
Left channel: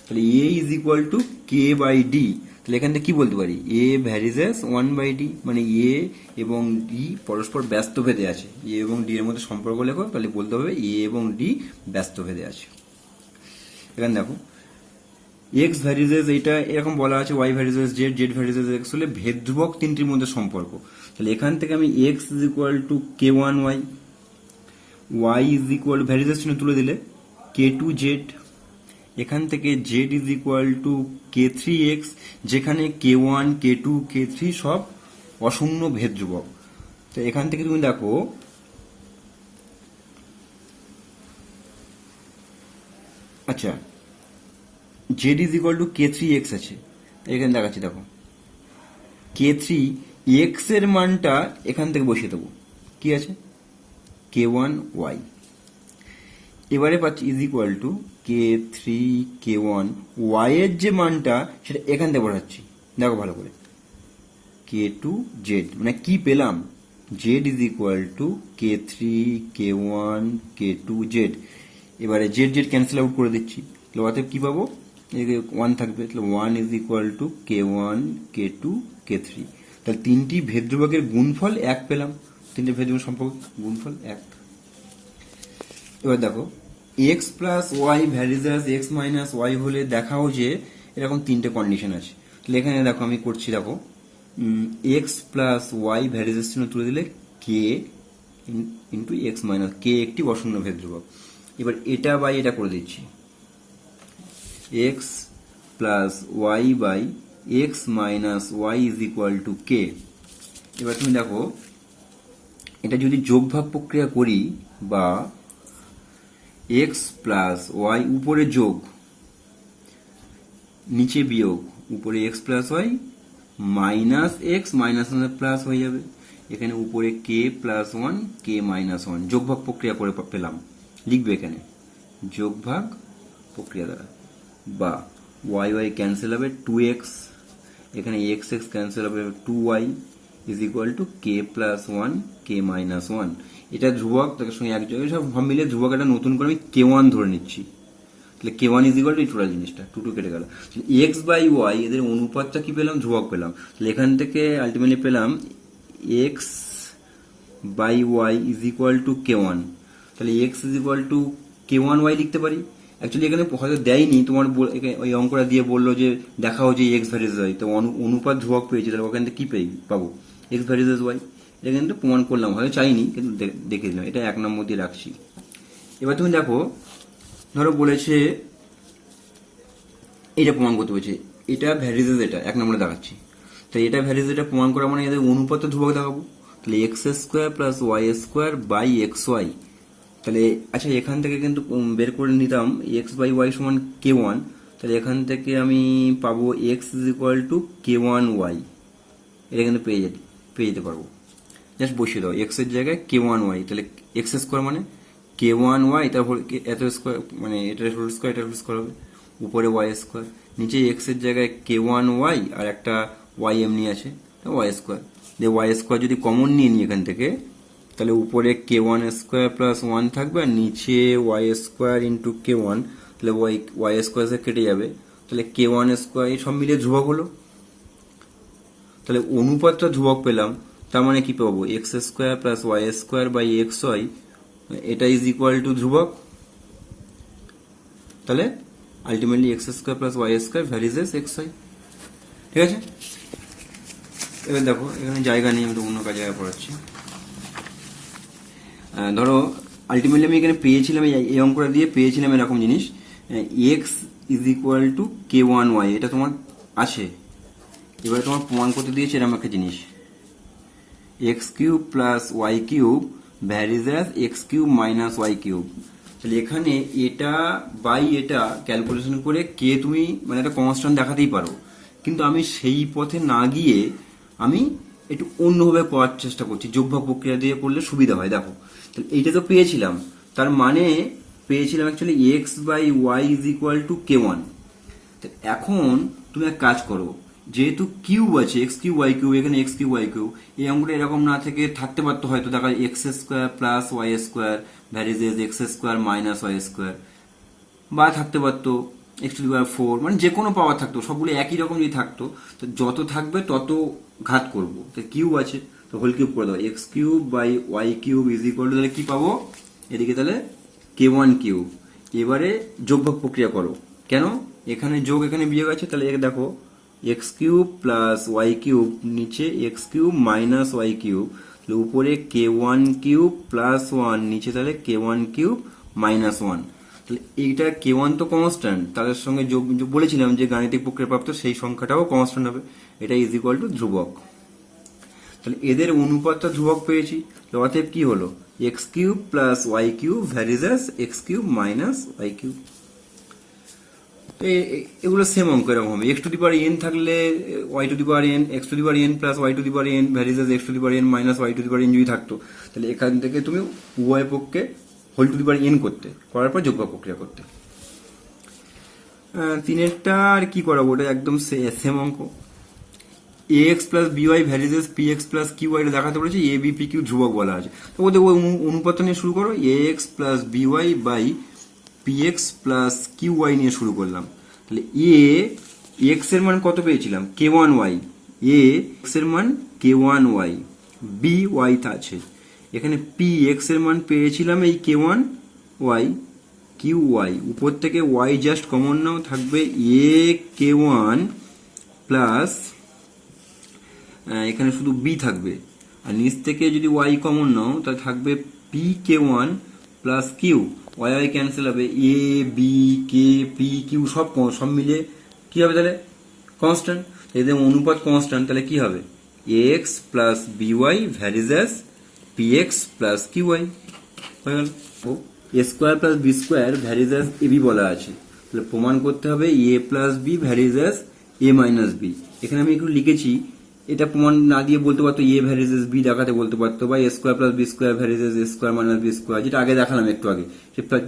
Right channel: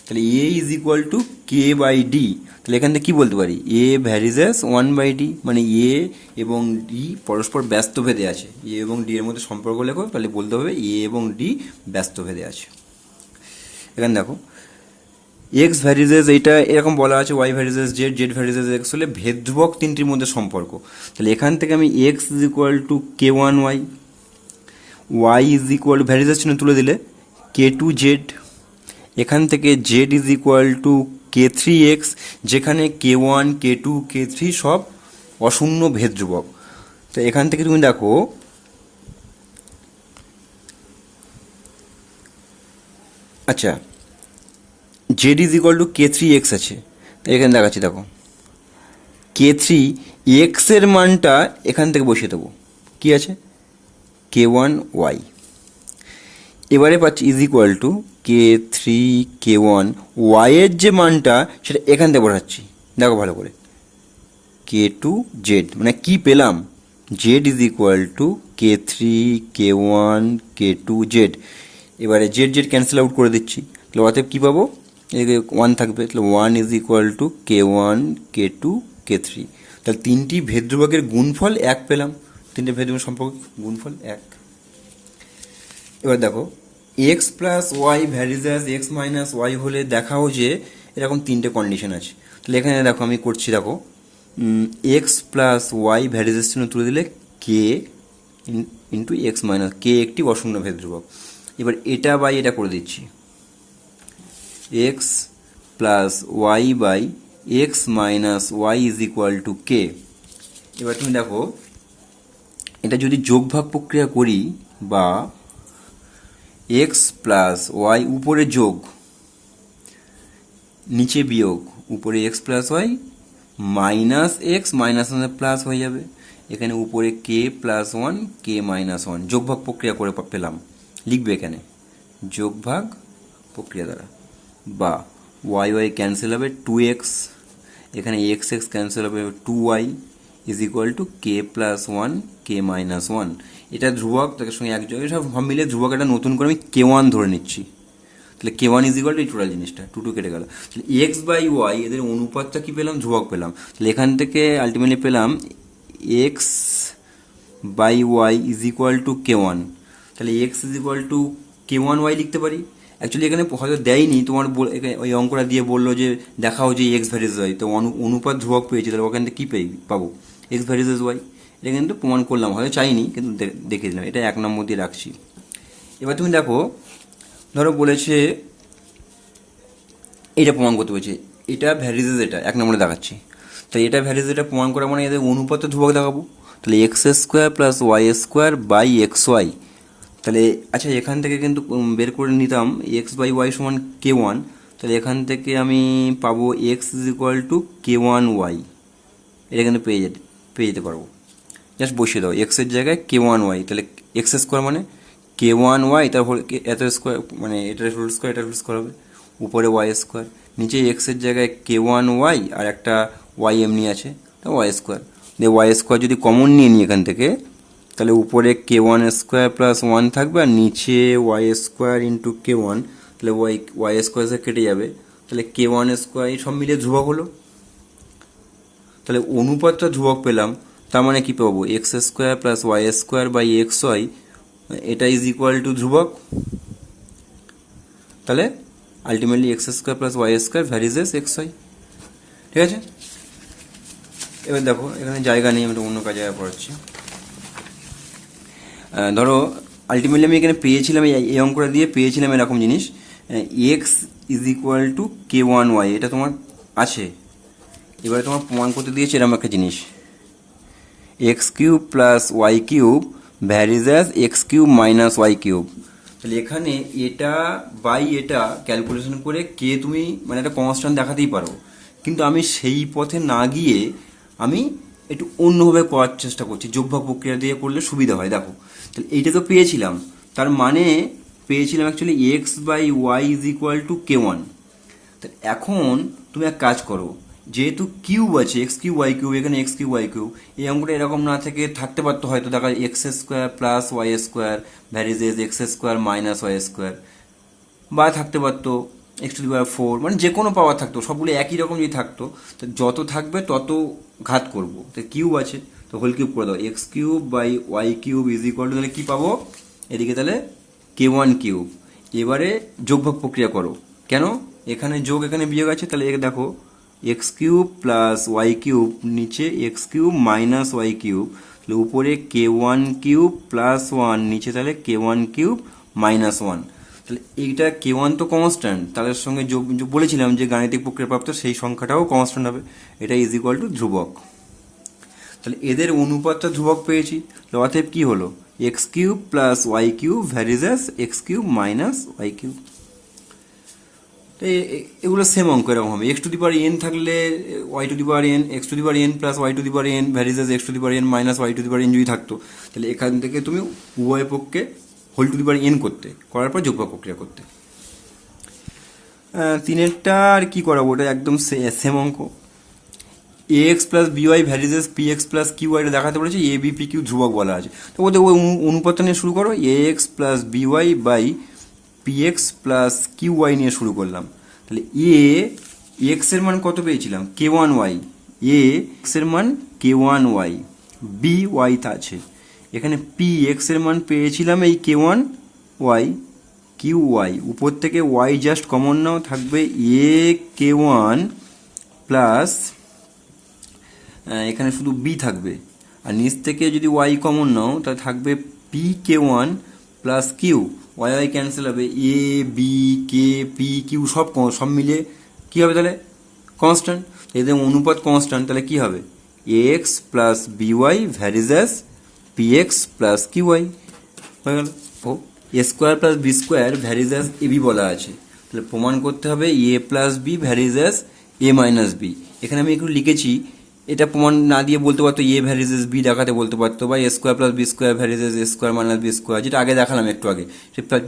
তাহলে A is equal to K by D. তাহলে এখান থেকে কী বলতে পারি, এ ভ্যারিজেস 1/d, মানে এ এবং ডি পরস্পর ব্যস্তভেদে আছে। এ এবং ডি এর মধ্যে সম্পর্ক লেখো, তাহলে বলতে হবে এ এবং ডি ব্যস্তভেদে আছে। এখানে দেখো, এক্স ভ্যারিজেস এইটা এরকম বলা আছে, y varies z, z varies x হলে ভেদ ধ্রুবক তিনটির মধ্যে সম্পর্ক। তাহলে এখান থেকে আমি x is equal to K1 y, y is equal to varies চিহ্ন তুলে দিলে K2 জেড, এখান থেকে z is equal to K3 x, যেখানে K1 K2 K3 সব অশূন্য ভেদ ধ্রুবক। তো এখান থেকে তুমি দেখো, আচ্ছা Z is equal to K3 x আছে, তাই এখানে দেখাচ্ছি, দেখো K3 এক্স এর মানটা এখান থেকে বসিয়ে দেবো, কি আছে K1 ওয়াই। এবারে পাচ্ছি is equal to K3 K1 ওয়াইয়ের যে মানটা সেটা এখান থেকে বসাচ্ছি, দেখো ভালো করে, K2 জেড, মানে কি পেলাম, Z is equal to K3 K1 K2 Z. এবারে জেড জেড ক্যান্সেল আউট করে দিচ্ছি, তাহলে অতএব কী পাবো, এদিকে 1 থাকবে, তাহলে 1 is equal to K1 K2 K3। তাহলে তিনটি ভেদ ধ্রুবকের গুণফল 1 পেলাম, তিনটে ভেদ ধ্রুবক সম্পর্ক গুণফল 1। এবার দেখো, x plus y varies x minus y হলে দেখাও যে এরকম তিনটে কন্ডিশন আছে। তাহলে এখানে দেখো আমি করছি, দেখো এক্স প্লাস ওয়াই ভ্যারিজেস চিহ্ন তুলে দিলে কে ইন্টু এক্স মাইনাস, কে একটি অশূন্য ভেদ ধ্রুবক। এবার এটা বাই এটা করে দিচ্ছি, X plus Y by x minus Y is equal to K. এবার তুমি দেখো, এটা যদি যোগভাগ প্রক্রিয়া করি, বা এক্স প্লাস ওয়াই উপরে যোগ নিচে বিয়োগ, উপরে x plus y minus x minus plus হয়ে যাবে, এখানে উপরে k plus one k minus one, যোগভাগ প্রক্রিয়া করে পেলাম, লিখবে এখানে যোগভাগ প্রক্রিয়া দ্বারা। বা ওয়াই ওয়াই ক্যান্সেল হবে, 2x, এখানে এক্স এক্স ক্যান্সেল হবে, 2y is equal to k plus one k minus one. এটা ধ্রুবক, তার সঙ্গে এক জায়গায় সব মিলে ধ্রুবক একটা নতুন করে আমি K1 ধরে নিচ্ছি। তাহলে K1 ইজ ইকুয়াল টু এই টোটাল জিনিসটা, 2 কেটে গেল। তাহলে এক্স বাই ওয়াই এদের অনুপাতটা কী পেলাম, ধ্রুবক পেলাম। তাহলে এখান থেকে আলটিমেটলি পেলাম x by Y is equal to K1। তাহলে x is equal to K1 y লিখতে পারি। অ্যাকচুয়ালি এখানে হয়তো দেয়নি, তোমার ওই অঙ্কটা দিয়ে বললো যে দেখাও যে এক্স ভ্যারিজেস ওয়াই, তো অনুপাত ধ্রুবক পেয়েছি, তাহলে ওখান থেকে কী পাবো, এক্স ভ্যারিজেস ওয়াই। এটা কিন্তু প্রমাণ করলাম, হয়তো চাইনি কিন্তু দেখে দিলাম, এটা 1 নম্বর দিয়ে রাখছি। এবার তুমি দেখো, ধরো বলেছে এটা প্রমাণ করতে বলছে, এটা ভ্যারিজেস, এটা 1 নম্বরে দেখাচ্ছি। তাই এটা ভ্যারিজেস, এটা প্রমাণ করা মানে এদের অনুপাত ধ্রুবক দেখাবো। তাহলে x square plus y square by x y, তাহলে আচ্ছা এখান থেকে কিন্তু বের করে নিতাম এক্স বাই ওয়াই সমান কে ওয়ান, তাহলে এখান থেকে আমি পাবো x is equal to K one y, এটা কিন্তু পেয়ে যেতে পারবো। জাস্ট বসিয়ে দাও এক্সের জায়গায় কে ওয়ান ওয়াই, তাহলে এক্স স্কোয়ার মানে কে ওয়ান ওয়াই, তারপর এত স্কোয়ার মানে এটার হোল স্কোয়ার, এটার হোল স্কোয়ার হবে, উপরে ওয়াই স্কোয়ার, নিচে এক্সের জায়গায় কে ওয়ান ওয়াই আর একটা ওয়াই এমনি আছে ওয়াই স্কোয়ার, দিয়ে ওয়াই স্কোয়ার যদি কমন নিয়ে নিই এখান থেকে, তাহলে উপরে K one square plus one থাকবে আর নিচে Y square into k one, তাহলে ওয়াই স্কোয়ার কেটে যাবে, তাহলে কে ওয়ান স্কোয়ার এই সব মিলে ধ্রুবক হলো। তাহলে অনুপাতটা ধ্রুবক পেলাম, তার মানে কি পাবো x square plus y square by x y, এটা ইজ ইকুয়াল টু ধ্রুবক। তাহলে ultimately x square plus y square varies x y. ঠিক আছে, এবার দেখো এখানে জায়গা নিয়ে আমি অন্য কাজে পড়াচ্ছি। ধরো আলটিমেটলি আমি এখানে পেয়েছিলাম এই অঙ্কটা দিয়ে পেয়েছিলাম এরকম জিনিস, x is equal to K one y, এটা তোমার আছে। এবারে তোমার প্রমাণ করতে দিয়েছে এরকম একটা জিনিস, x cube plus Y cube varies as x cube minus Y cube. তাহলে এখানে এটা বাই এটা ক্যালকুলেশন করে কে তুমি মানে একটা কনস্ট্যান্ট দেখাতেই পারো, কিন্তু আমি সেই পথে না গিয়ে আমি একটু অন্যভাবে করার চেষ্টা করছি, যোগভাগ প্রক্রিয়া দিয়ে করলে সুবিধা হয়। দেখো তাহলে এইটা তো পেয়েছিলাম, তার মানে পেয়েছিলাম actually x by Y is equal to K one. তো এখন তুমি এক কাজ করো, যেহেতু কিউব আছে এক্স কিউব ওয়াই কিউব, এখানে এক্স কিউব ওয়াই কিউব, এই অঙ্কটা এরকম না থেকে থাকতে পারতো হয়তো দেখা x square plus y square varies x square minus y square, বা থাকতে পারতো x to the power four, মানে যে কোনো পাওয়ার থাকতো, সবগুলো একই রকম যদি থাকতো, তো যত থাকবে তত ঘাত করবো। তো কিউব আছে তো হোল কিউব করে দাও, x cube by y cube is equal to, তাহলে কি পাবো এদিকে তাহলে কে ওয়ান কিউব। এবারে যোগভাগ প্রক্রিয়া করো, কেন এখানে যোগ এখানে বিয়োগ আছে, তাহলে দেখো X cube plus Y cube নিচে X cube minus Y cube, তাহলে উপরে K one cube plus one নিচে তাহলে K one cube minus one. তাহলে এইটা কে ওয়ান তো কনস্ট্যান্ট, তাদের সঙ্গে যোগ বলেছিলাম যে গাণিতিক প্রক্রিয়া প্রাপ্ত সেই সংখ্যাটাও কনস্ট্যান্ট হবে, এটা ইজ ইকুয়াল টু ধ্রুবক। তাহলে এদের অনুপাতটা ধ্রুবক পেয়েছি, অতএব কি হলো X cube plus Y cube varies X cube minus Y cube. এগুলো সেম অঙ্ক এরকম হবে, X to the power N থাকলে Y to the power N, X to the power N plus Y to the power N varies X to the power N minus Y to the power N যদি থাকতো, তাহলে এখান থেকে তুমি উভয় পক্ষে whole to the power N করতে, করার পর যোগফল প্রক্রিয়া করতে। তিনেরটা আর কি করাবো, ওটা একদম সেম অঙ্ক, A X plus B Y varies P X plus Q Y দেখাতে বলেছে, এ বি পি কিউ ধ্রুবক বলা আছে, তো ওদের ওই অনুপাতটা নিয়ে শুরু করো, A X plus B Y by P X plus Q Y নিয়ে শুরু করলাম। তাহলে এ এক্স এর মান কত পেয়েছিলাম কে ওয়ান ওয়াই, এ এক্স এর মান কে ওয়ান ওয়াই, বি ওয়াই তা আছে, এখানে পি এক্স এর মান পেয়েছিলাম এই কে ওয়ান ওয়াই, কিউ ওয়াই উপর থেকে ওয়াই জাস্ট কমন নাও, থাকবে এ কে ওয়ান প্লাস এখানে শুধু বি থাকবে, আর নিচ থেকে যদি ওয়াই কমন নাও তাহলে থাকবে p k one plus Q, y Y cancel হবে, a B k p q সব মিলে কি হবে তাহলে কনস্ট্যান্ট, এদের অনুপাত কনস্ট্যান্ট, তাহলে কি হবে A X plus B Y varies P X plus Q Y হয়ে গেল। ও A square plus B square varies A B বলা আছে, তাহলে প্রমাণ করতে হবে A plus B varies A minus B. এখানে আমি একটু লিখেছি, এটা প্রমাণ না দিয়ে বলতে পারতো এ ভ্যারিজেস বি দেখাতে বলতে পারতো, বা A square plus B square varies A square minus B square, যেটা আগে দেখালাম একটু আগে,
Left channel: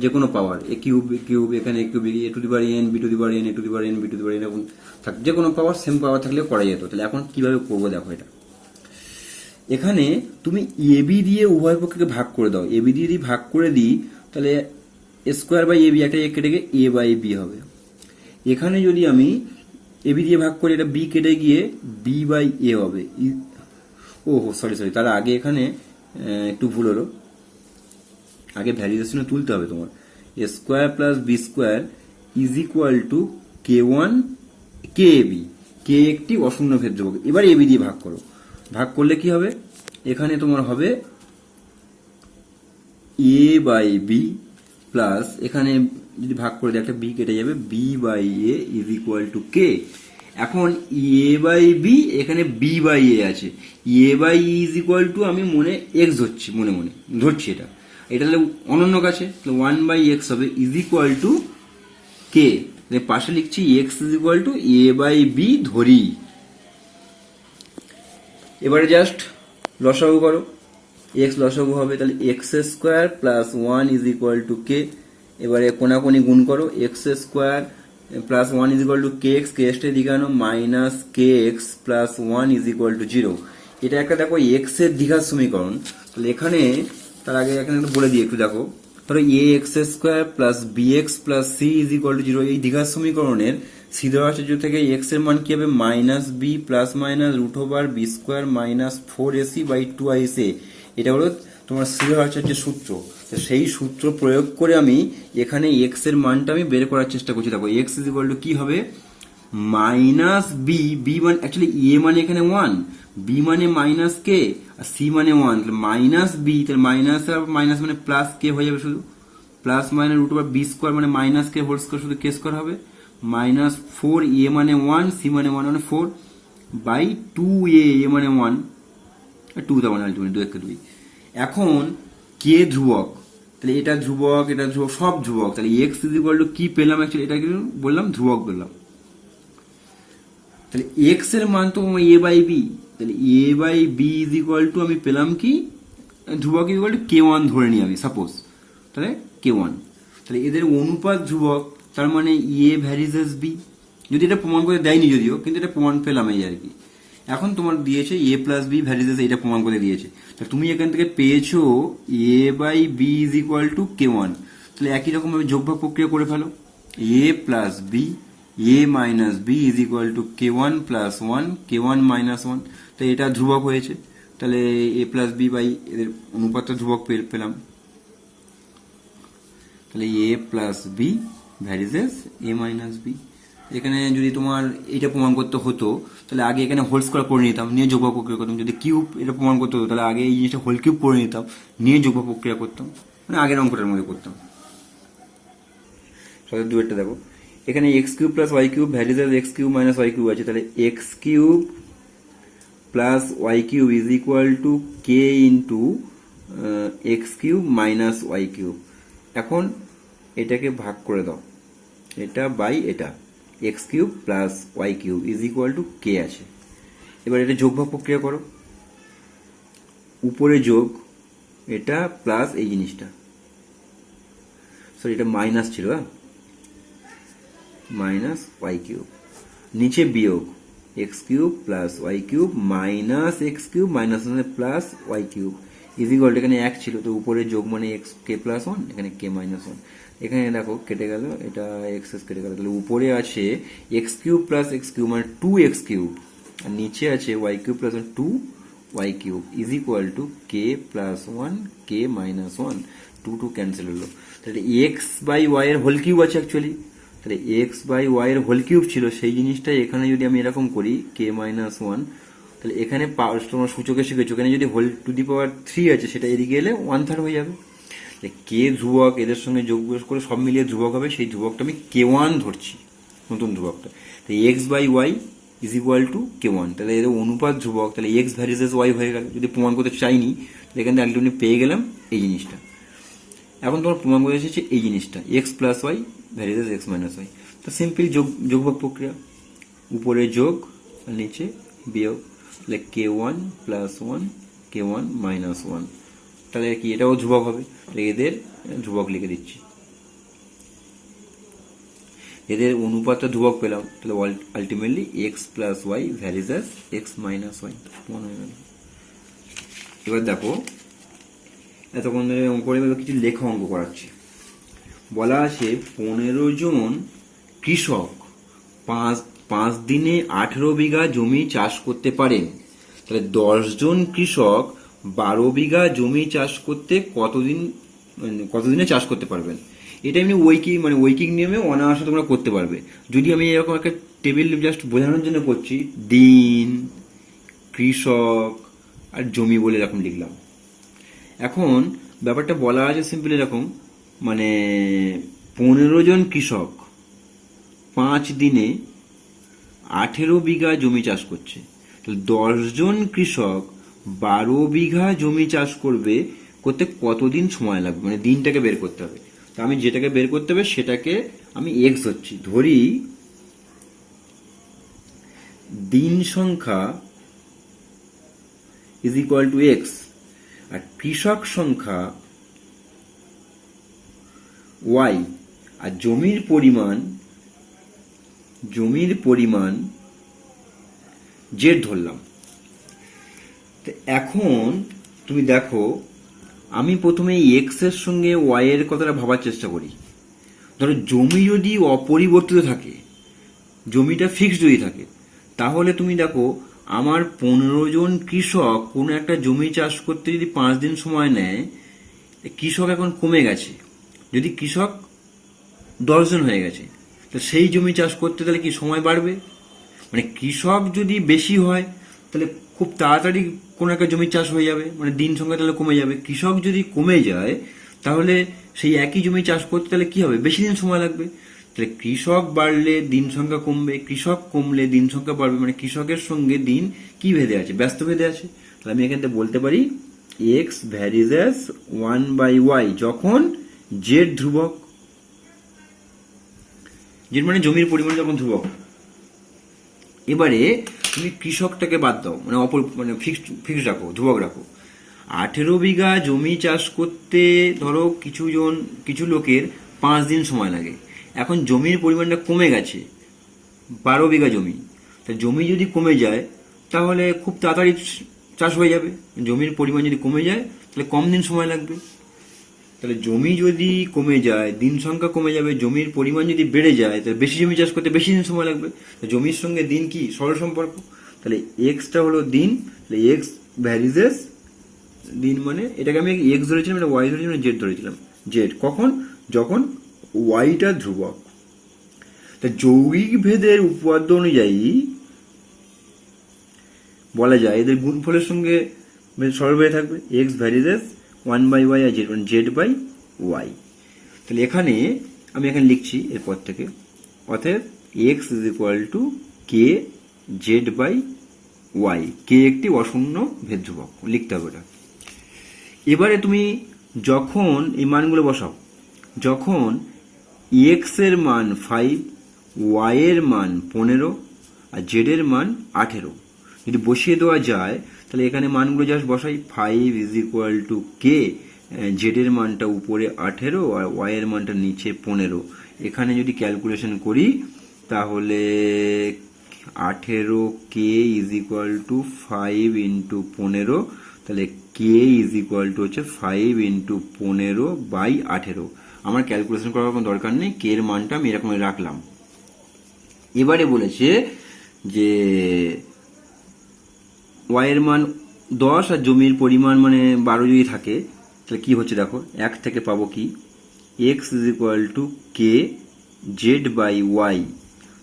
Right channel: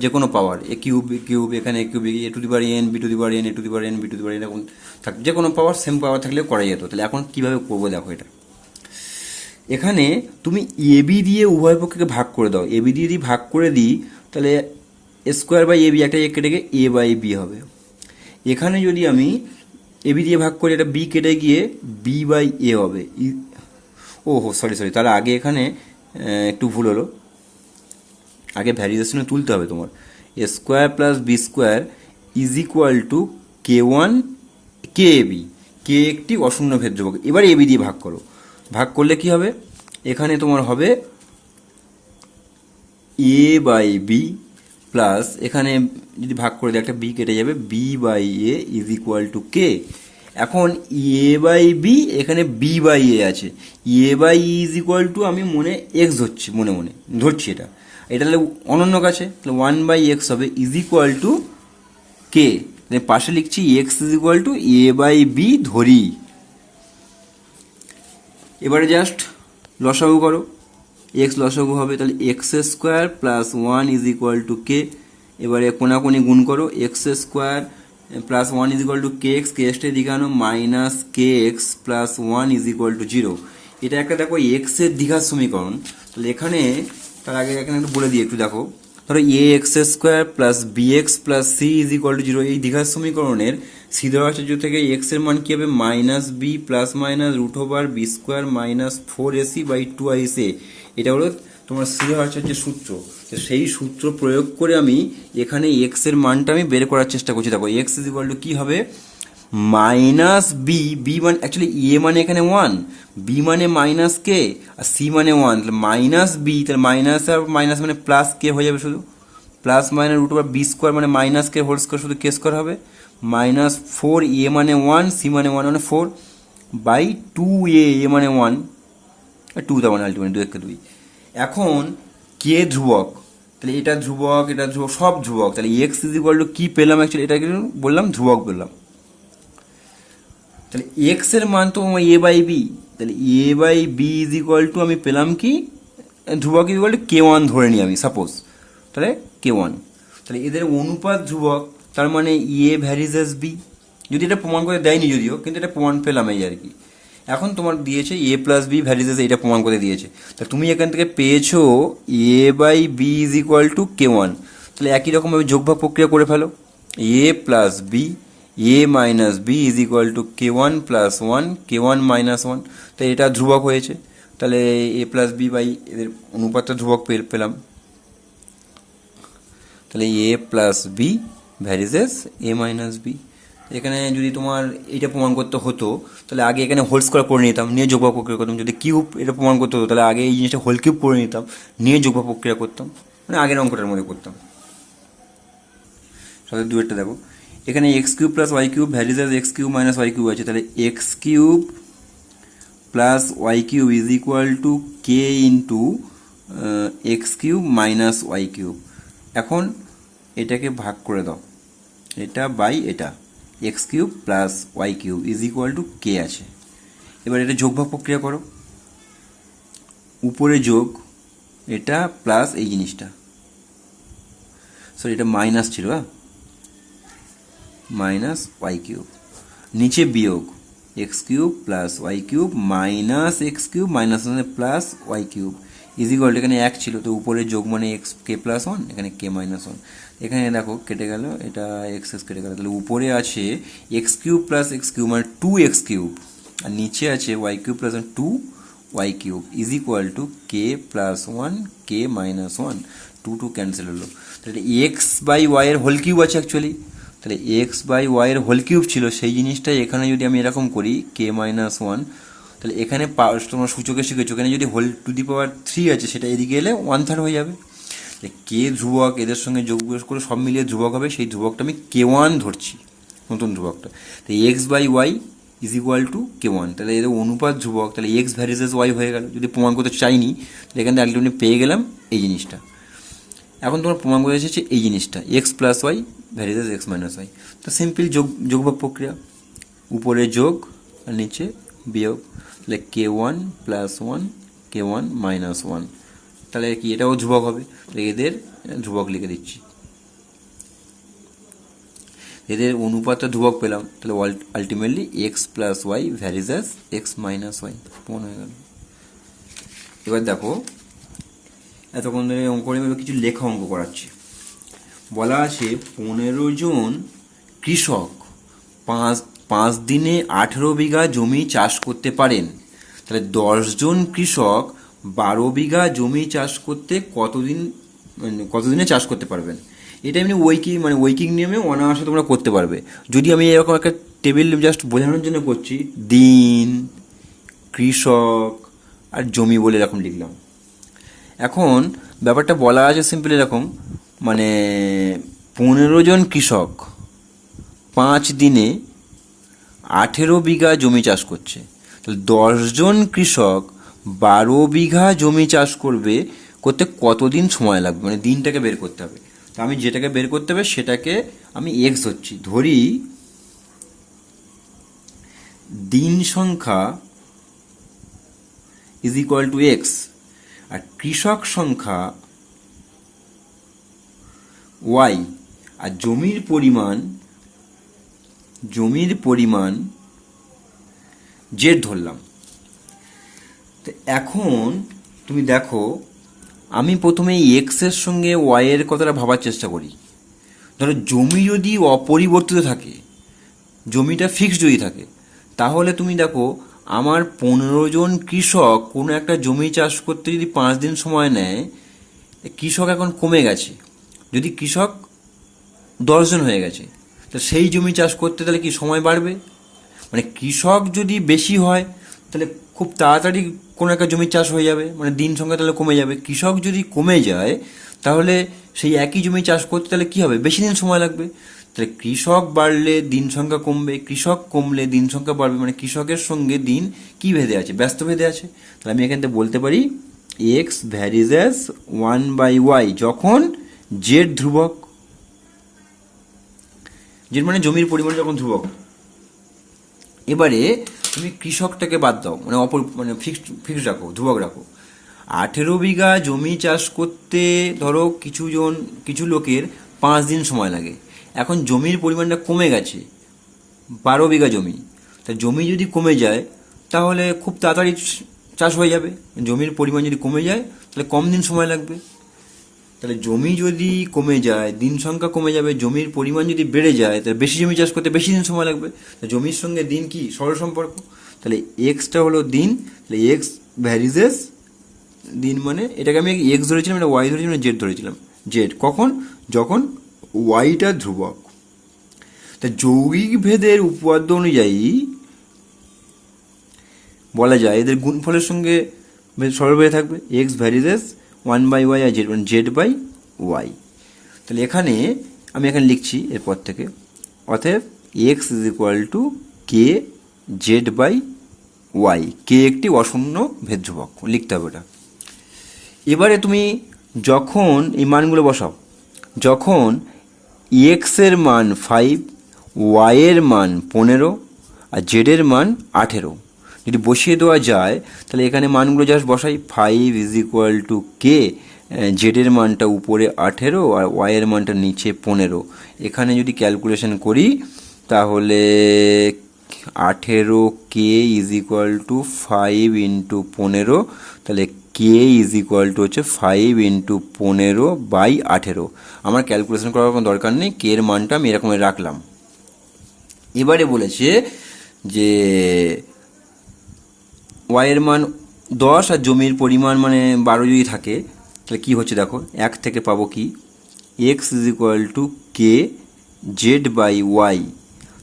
যে কোনো power A cube B cube, এখানে A cube A to the power N B to the power N A to the power N B to the power N, এরকম থাক, যে কোনো পাওয়ার সেম পাওয়ার থাকলে করা যেত। তাহলে এখন কিভাবে করবো দেখো, এটা এখানে তুমি এ বি দিয়ে উভয় পক্ষকে ভাগ করে দাও, এ বি দিয়ে যদি ভাগ করে দিই তাহলে স্কোয়ার বাই এ বি একটা কেটে গিয়ে এ বাই বি হবে, এখানে যদি আমি এ বি দিয়ে ভাগ করে এটা বি কেটে গিয়ে বি বাই এ হবে, ও হো সরি, তাহলে আগে এখানে একটু ভুল হলো, আগে ভ্যারিয়েশনে তুলতে হবে তোমার, A square plus B square is equal to K one K A B, K একটি অশূন্য ভেদ ধ্রুবক, এবার এ বি দিয়ে ভাগ করো, ভাগ করলে কি হবে এখানে তোমার হবে এ বাই বি প্লাস এখানে যদি ভাগ করে দিই একটা বি কেটে যাবে, B by A is equal to K. এখন এ বাই বি এখানে বি বাই এ আছে, A by is equal to আমি মনে এক্স ধরছি, মনে ধরছি এটা, এটা তাহলে অনন্যক আছে, তাহলে 1/x হবে ইজ ইকুয়াল টু কে, পাশে লিখছি x is equal two a/b ধরি। এবারে জাস্ট লসাগু করো, এক্স লসাগু হবে, তাহলে x square plus 1 is equal to K. এবারে কোনাকুনি গুণ করো, X square plus 1 is equal to K X, K এক্সটা দিকে আনো, minus K X plus 1 is equal to 0। এটা একটা দেখো এক্স এর দ্বিঘাত সমীকরণ। তাহলে এখানে তার আগে এখানে একটু বলে দিই, একটু দেখো, ধরো A X square plus B X plus C is equal to 0। এই দ্বিঘাত সমীকরণের সিদ্ধবাচ্য থেকে এক্স এর মান কি হবে, minus b plus minus root over b square minus 4ac/2ic। এটা হলো তোমার সিদ্ধবাচ্যের সূত্র। তো সেই সূত্র প্রয়োগ করে আমি এখানে এক্স এর মানটা আমি বের করার চেষ্টা করছি। দেখো এক্স ইজ ইকুয়াল টু কি হবে, মাইনাস বি, বি মানে অ্যাকচুয়ালি এ মানে এখানে 1, বি মানে মাইনাস কে, আর সি মানে 1, তাহলে মাইনাস বি, তাহলে মাইনাস আর মাইনাস মানে প্লাস কে হয়ে যাবে, শুধু plus minus root over b square মানে মাইনাস কে হোল স্কোয়ার, শুধু কে স্কোয়ার হবে, মাইনাস 4 এ মানে 1, সি মানে 1 মানে 4 বাই 2a, এ মানে 1, 2 তার মানে আলটিমেট 2 2। এখন কে ধ্রুবক, তাহলে এটা ধ্রুবক, এটা ধ্রুবক, সব ধ্রুবক, তাহলে এক্স ইজ ইকুয়াল টু কি পেলাম, অ্যাকচুয়ালি এটা বললাম ধ্রুবক বললাম। তাহলে এক্স এর মান তো a/b, তাহলে a/b ইজ ইকুয়াল টু আমি পেলাম কি, ধ্রুবক ইজ ইকুয়াল টু k1 ধরে নিই আমি সাপোজ, তাহলে k1। তাহলে এদের অনুপাত ধ্রুবক, তার মানে a ভ্যারিজ এস b। যদি এটা প্রমাণ করে দেয়নি যদিও, কিন্তু এটা প্রমাণ পেলাম এই আর কি। এখন তোমার দিয়েছে a plus b varies, এটা প্রমাণ করে দিয়েছে। তা তুমি এখান থেকে পেয়েছো a/b is equal to k1। তাহলে একই রকমভাবে যোগভাগ প্রক্রিয়া করে ফেলো, a plus b, a minus b is equal to k1 plus 1, k1 minus 1। তাই এটা ধ্রুবক হয়েছে, তাহলে a প্লাস বি বাই এদের অনুপাতটা ধ্রুবক পেলাম। তাহলে a plus B varies a minus B. এখানে যদি তোমার এটা প্রমাণ করতে হতো, তাহলে আগে এখানে হোল স্কোয়ার করে নিতাম, নিয়ে যোগভাগ প্রক্রিয়া করতাম। যদি কিউব এটা প্রমাণ করতে হতো, তাহলে আগে এই জিনিসটা হোল কিউব করে নিতাম, নিয়ে যোগভাগ প্রক্রিয়া করতাম, মানে আগের অঙ্কটার মধ্যে করতাম। তাহলে দুয়েরটা দেখো, এখানে x cube plus Y cube varies X cube minus Y cube আছে, তাহলে X cube plus Y cube is equal to K into X cube minus Y cube. এখন এটাকে ভাগ করে দাও, এটা বাই এটা, X cube plus Y cube is equal to K আছে। এবার এটা যোগভাগ প্রক্রিয়া করো, উপরে যোগ এটা প্লাস এই জিনিসটা, সরি এটা মাইনাস ছিল, হ্যাঁ, মাইনাস ওয়াই কিউব, নিচে বিয়োগ x cube plus Y cube minus x cube minus plus Y cube is equal, এখানে এক ছিল তো উপরে যোগ মানে এক্স কে প্লাস 1, এখানে কে মাইনাস 1। এখানে দেখো কেটে গেল, এটা এক্স এক্স কেটে গেল, তাহলে উপরে আছে x cube plus x cube মানে 2x কিউব, আর নিচে আছে y cube plus 2 y cube is equal to k plus 1 k minus 1, 2 2 cancel হলো। তাহলে এক্স বাই ওয়াই এর হোল কিউব আছে অ্যাকচুয়ালি, তাহলে এক্স বাই ওয়াই এর হোল কিউব ছিল, সেই জিনিসটাই এখানে যদি আমি এরকম করি কে মাইনাস 1, তাহলে এখানে তোমরা সূচকে শিখেছো, এখানে যদি হোল টু দি পাওয়ার 3 আছে, সেটা এদিকে এলে 1/3 হয়ে যাবে। কে ধ্রুবক, এদের সঙ্গে যোগ করে সব মিলিয়ে ধ্রুবক হবে, সেই ধ্রুবকটা আমি k1 ধরছি, নতুন ধ্রুবকটা। তো x by Y is equal to k1, তাহলে এদের অনুপাত ধ্রুবক, তাহলে এক্স ভ্যারিজেস ওয়াই হয়ে গেল। যদি প্রমাণ করতে চাইনি, তাহলে এখান থেকে আলটিমেটলি পেয়ে গেলাম এই জিনিসটা। এখন তোমার প্রমাণ করে এসেছে এই জিনিসটা, x plus y varies x minus y. তো সিম্পল যোগভাগ প্রক্রিয়া, উপরে যোগ আর নিচে বিয়োগ, তাহলে k1 প্লাস 1 k1 মাইনাস 1, তাহলে কি এটাও ধ্রুবক হবে, তাহলে এদের ধ্রুবক লিখে দিচ্ছি। এদের অনুপাতটা ধ্রুবক পেলাম, তাহলে ultimately x plus y varies x minus y প্রমাণ হয়ে গেল। এবার দেখো, এতক্ষণ ধরে অঙ্ক করে কিছু লেখা অঙ্ক করাচ্ছি। বলা আছে 15 জন কৃষক 5 দিনে 18 বিঘা জমি চাষ করতে পারেন, তাহলে 10 জন কৃষক 12 বিঘা জমি চাষ করতে কতদিনে চাষ করতে পারবেন। এটা এমনি ঐকিক নিয়মে অনায়াসে তোমরা করতে পারবে। যদি আমি এরকম একটা টেবিল জাস্ট বোঝানোর জন্য করছি, দিন, কৃষক আর জমি বলে এরকম লিখলাম। এখন ব্যাপারটা বলা আছে সিম্পল এরকম, মানে 15 জন কৃষক 5 দিনে 18 বিঘা জমি চাষ করছে, তাহলে 10 জন কৃষক 12 বিঘা জমি চাষ করবে করতে কতদিন সময় লাগবে, মানে দিনটাকে বের করতে হবে। তো আমি যেটাকে বের করতে হবে সেটাকে আমি এক্স ধরছি, ধরি দিন সংখ্যা ইজ ইকুয়াল টু এক্স, আর কৃষক সংখ্যা ওয়াই, আর জমির পরিমাণ জেড ধরলাম। তো এখন তুমি দেখো, আমি প্রথমে এক্স এর সঙ্গে ওয়াই এর কথাটা ভাবার চেষ্টা করি। ধরো জমি যদি অপরিবর্তিত থাকে, জমিটা ফিক্সড যদি থাকে, তাহলে তুমি দেখো আমার 15 জন কৃষক কোনো একটা জমি চাষ করতে যদি 5 দিন সময় নেয়, কৃষক এখন কমে গেছে। যদি কৃষক 10 জন হয়ে গেছে, তো সেই জমি চাষ করতে তাহলে কি সময় বাড়বে? মানে কৃষক যদি বেশি হয় তাহলে খুব তাড়াতাড়ি কোনো একটা জমি চাষ হয়ে যাবে, মানে দিন সংখ্যা তাহলে কমে যাবে। কৃষক যদি কমে যায় তাহলে সেই একই জমি চাষ করতে তাহলে কি হবে, বেশি দিন সময় লাগবে। তাহলে কৃষক বাড়লে দিন সংখ্যা কমবে, কৃষক কমলে দিন সংখ্যা বাড়বে, মানে কৃষকের সঙ্গে দিন কি ভেদে আছে, ব্যস্ত ভেদে আছে। তাহলে আমি এখান থেকে বলতে পারি এক্স ভ্যারিজ অ্যাজ 1/y যখন জেড ধ্রুবক, জেড মানে জমির পরিমাণ যখন ধ্রুবক। এবারে তুমি কৃষকটাকে বাদ দাও, মানে ফিক্সড রাখো, ধ্রুবক রাখো। 18 বিঘা জমি চাষ করতে ধরো কিছু লোকের 5 দিন সময় লাগে। এখন জমির পরিমাণটা কমে গেছে, 12 বিঘা জমি। তা জমি যদি কমে যায় তাহলে খুব তাড়াতাড়ি চাষ হয়ে যাবে। জমির পরিমাণ যদি কমে যায় তাহলে কম দিন সময় লাগবে। তাহলে জমি যদি কমে যায়, দিন সংখ্যা কমে যাবে। জমির পরিমাণ যদি বেড়ে যায় তাহলে বেশি জমি চাষ করতে বেশি দিন সময় লাগবে। জমির সঙ্গে দিন কি সরল সম্পর্ক। তাহলে এক্সটা হলো দিন, তাহলে এক্স ভ্যারিজেস দিন, মানে এটাকে আমি এক্স ধরেছিলাম, এটা ওয়াই ধরেছিলাম, জেড ধরেছিলাম। জেড কখন, যখন ওয়াইটা ধ্রুবক। তা যৌগিক ভেদের উপপাদ্য অনুযায়ী বলা যায় এদের গুণফলের সঙ্গে সরল হয়ে থাকবে। এক্স ভ্যারিজেস 1/y আর জেড, মানে z/y। তাহলে এখানে আমি লিখছি এরপর থেকে, অতএব x is equal to K z/y। কে একটি অশূন্য ভেদ ধ্রুবক, লিখতে হবে এটা। এবারে তুমি যখন এই মানগুলো বসাও, যখন এক্স এর মান 5, ওয়াই এর মান 15 আর জেড এর মান 18 যদি বসিয়ে দেওয়া যায়, তাহলে এখানে মানগুলো জাস্ট বসাই। 5 is equal to K, Z এর মানটা উপরে 18 আর ওয়াই এর মানটা নিচে 15। এখানে যদি ক্যালকুলেশন করি তাহলে 18 K is equal to 5 into 15, তাহলে কে ইজ ইকুয়াল টু হচ্ছে 5 ইন্টু 15/18। আমার ক্যালকুলেশন করার কোনো দরকার নেই, কে এর মানটা আমি এরকম রাখলাম। এবারে বলেছে যে ওয়াই এর মান 10 আর জমির পরিমাণ মানে 12 যদি থাকে, তাহলে কি হচ্ছে দেখো, 1 থেকে পাবো কি, x is equal to K z/y।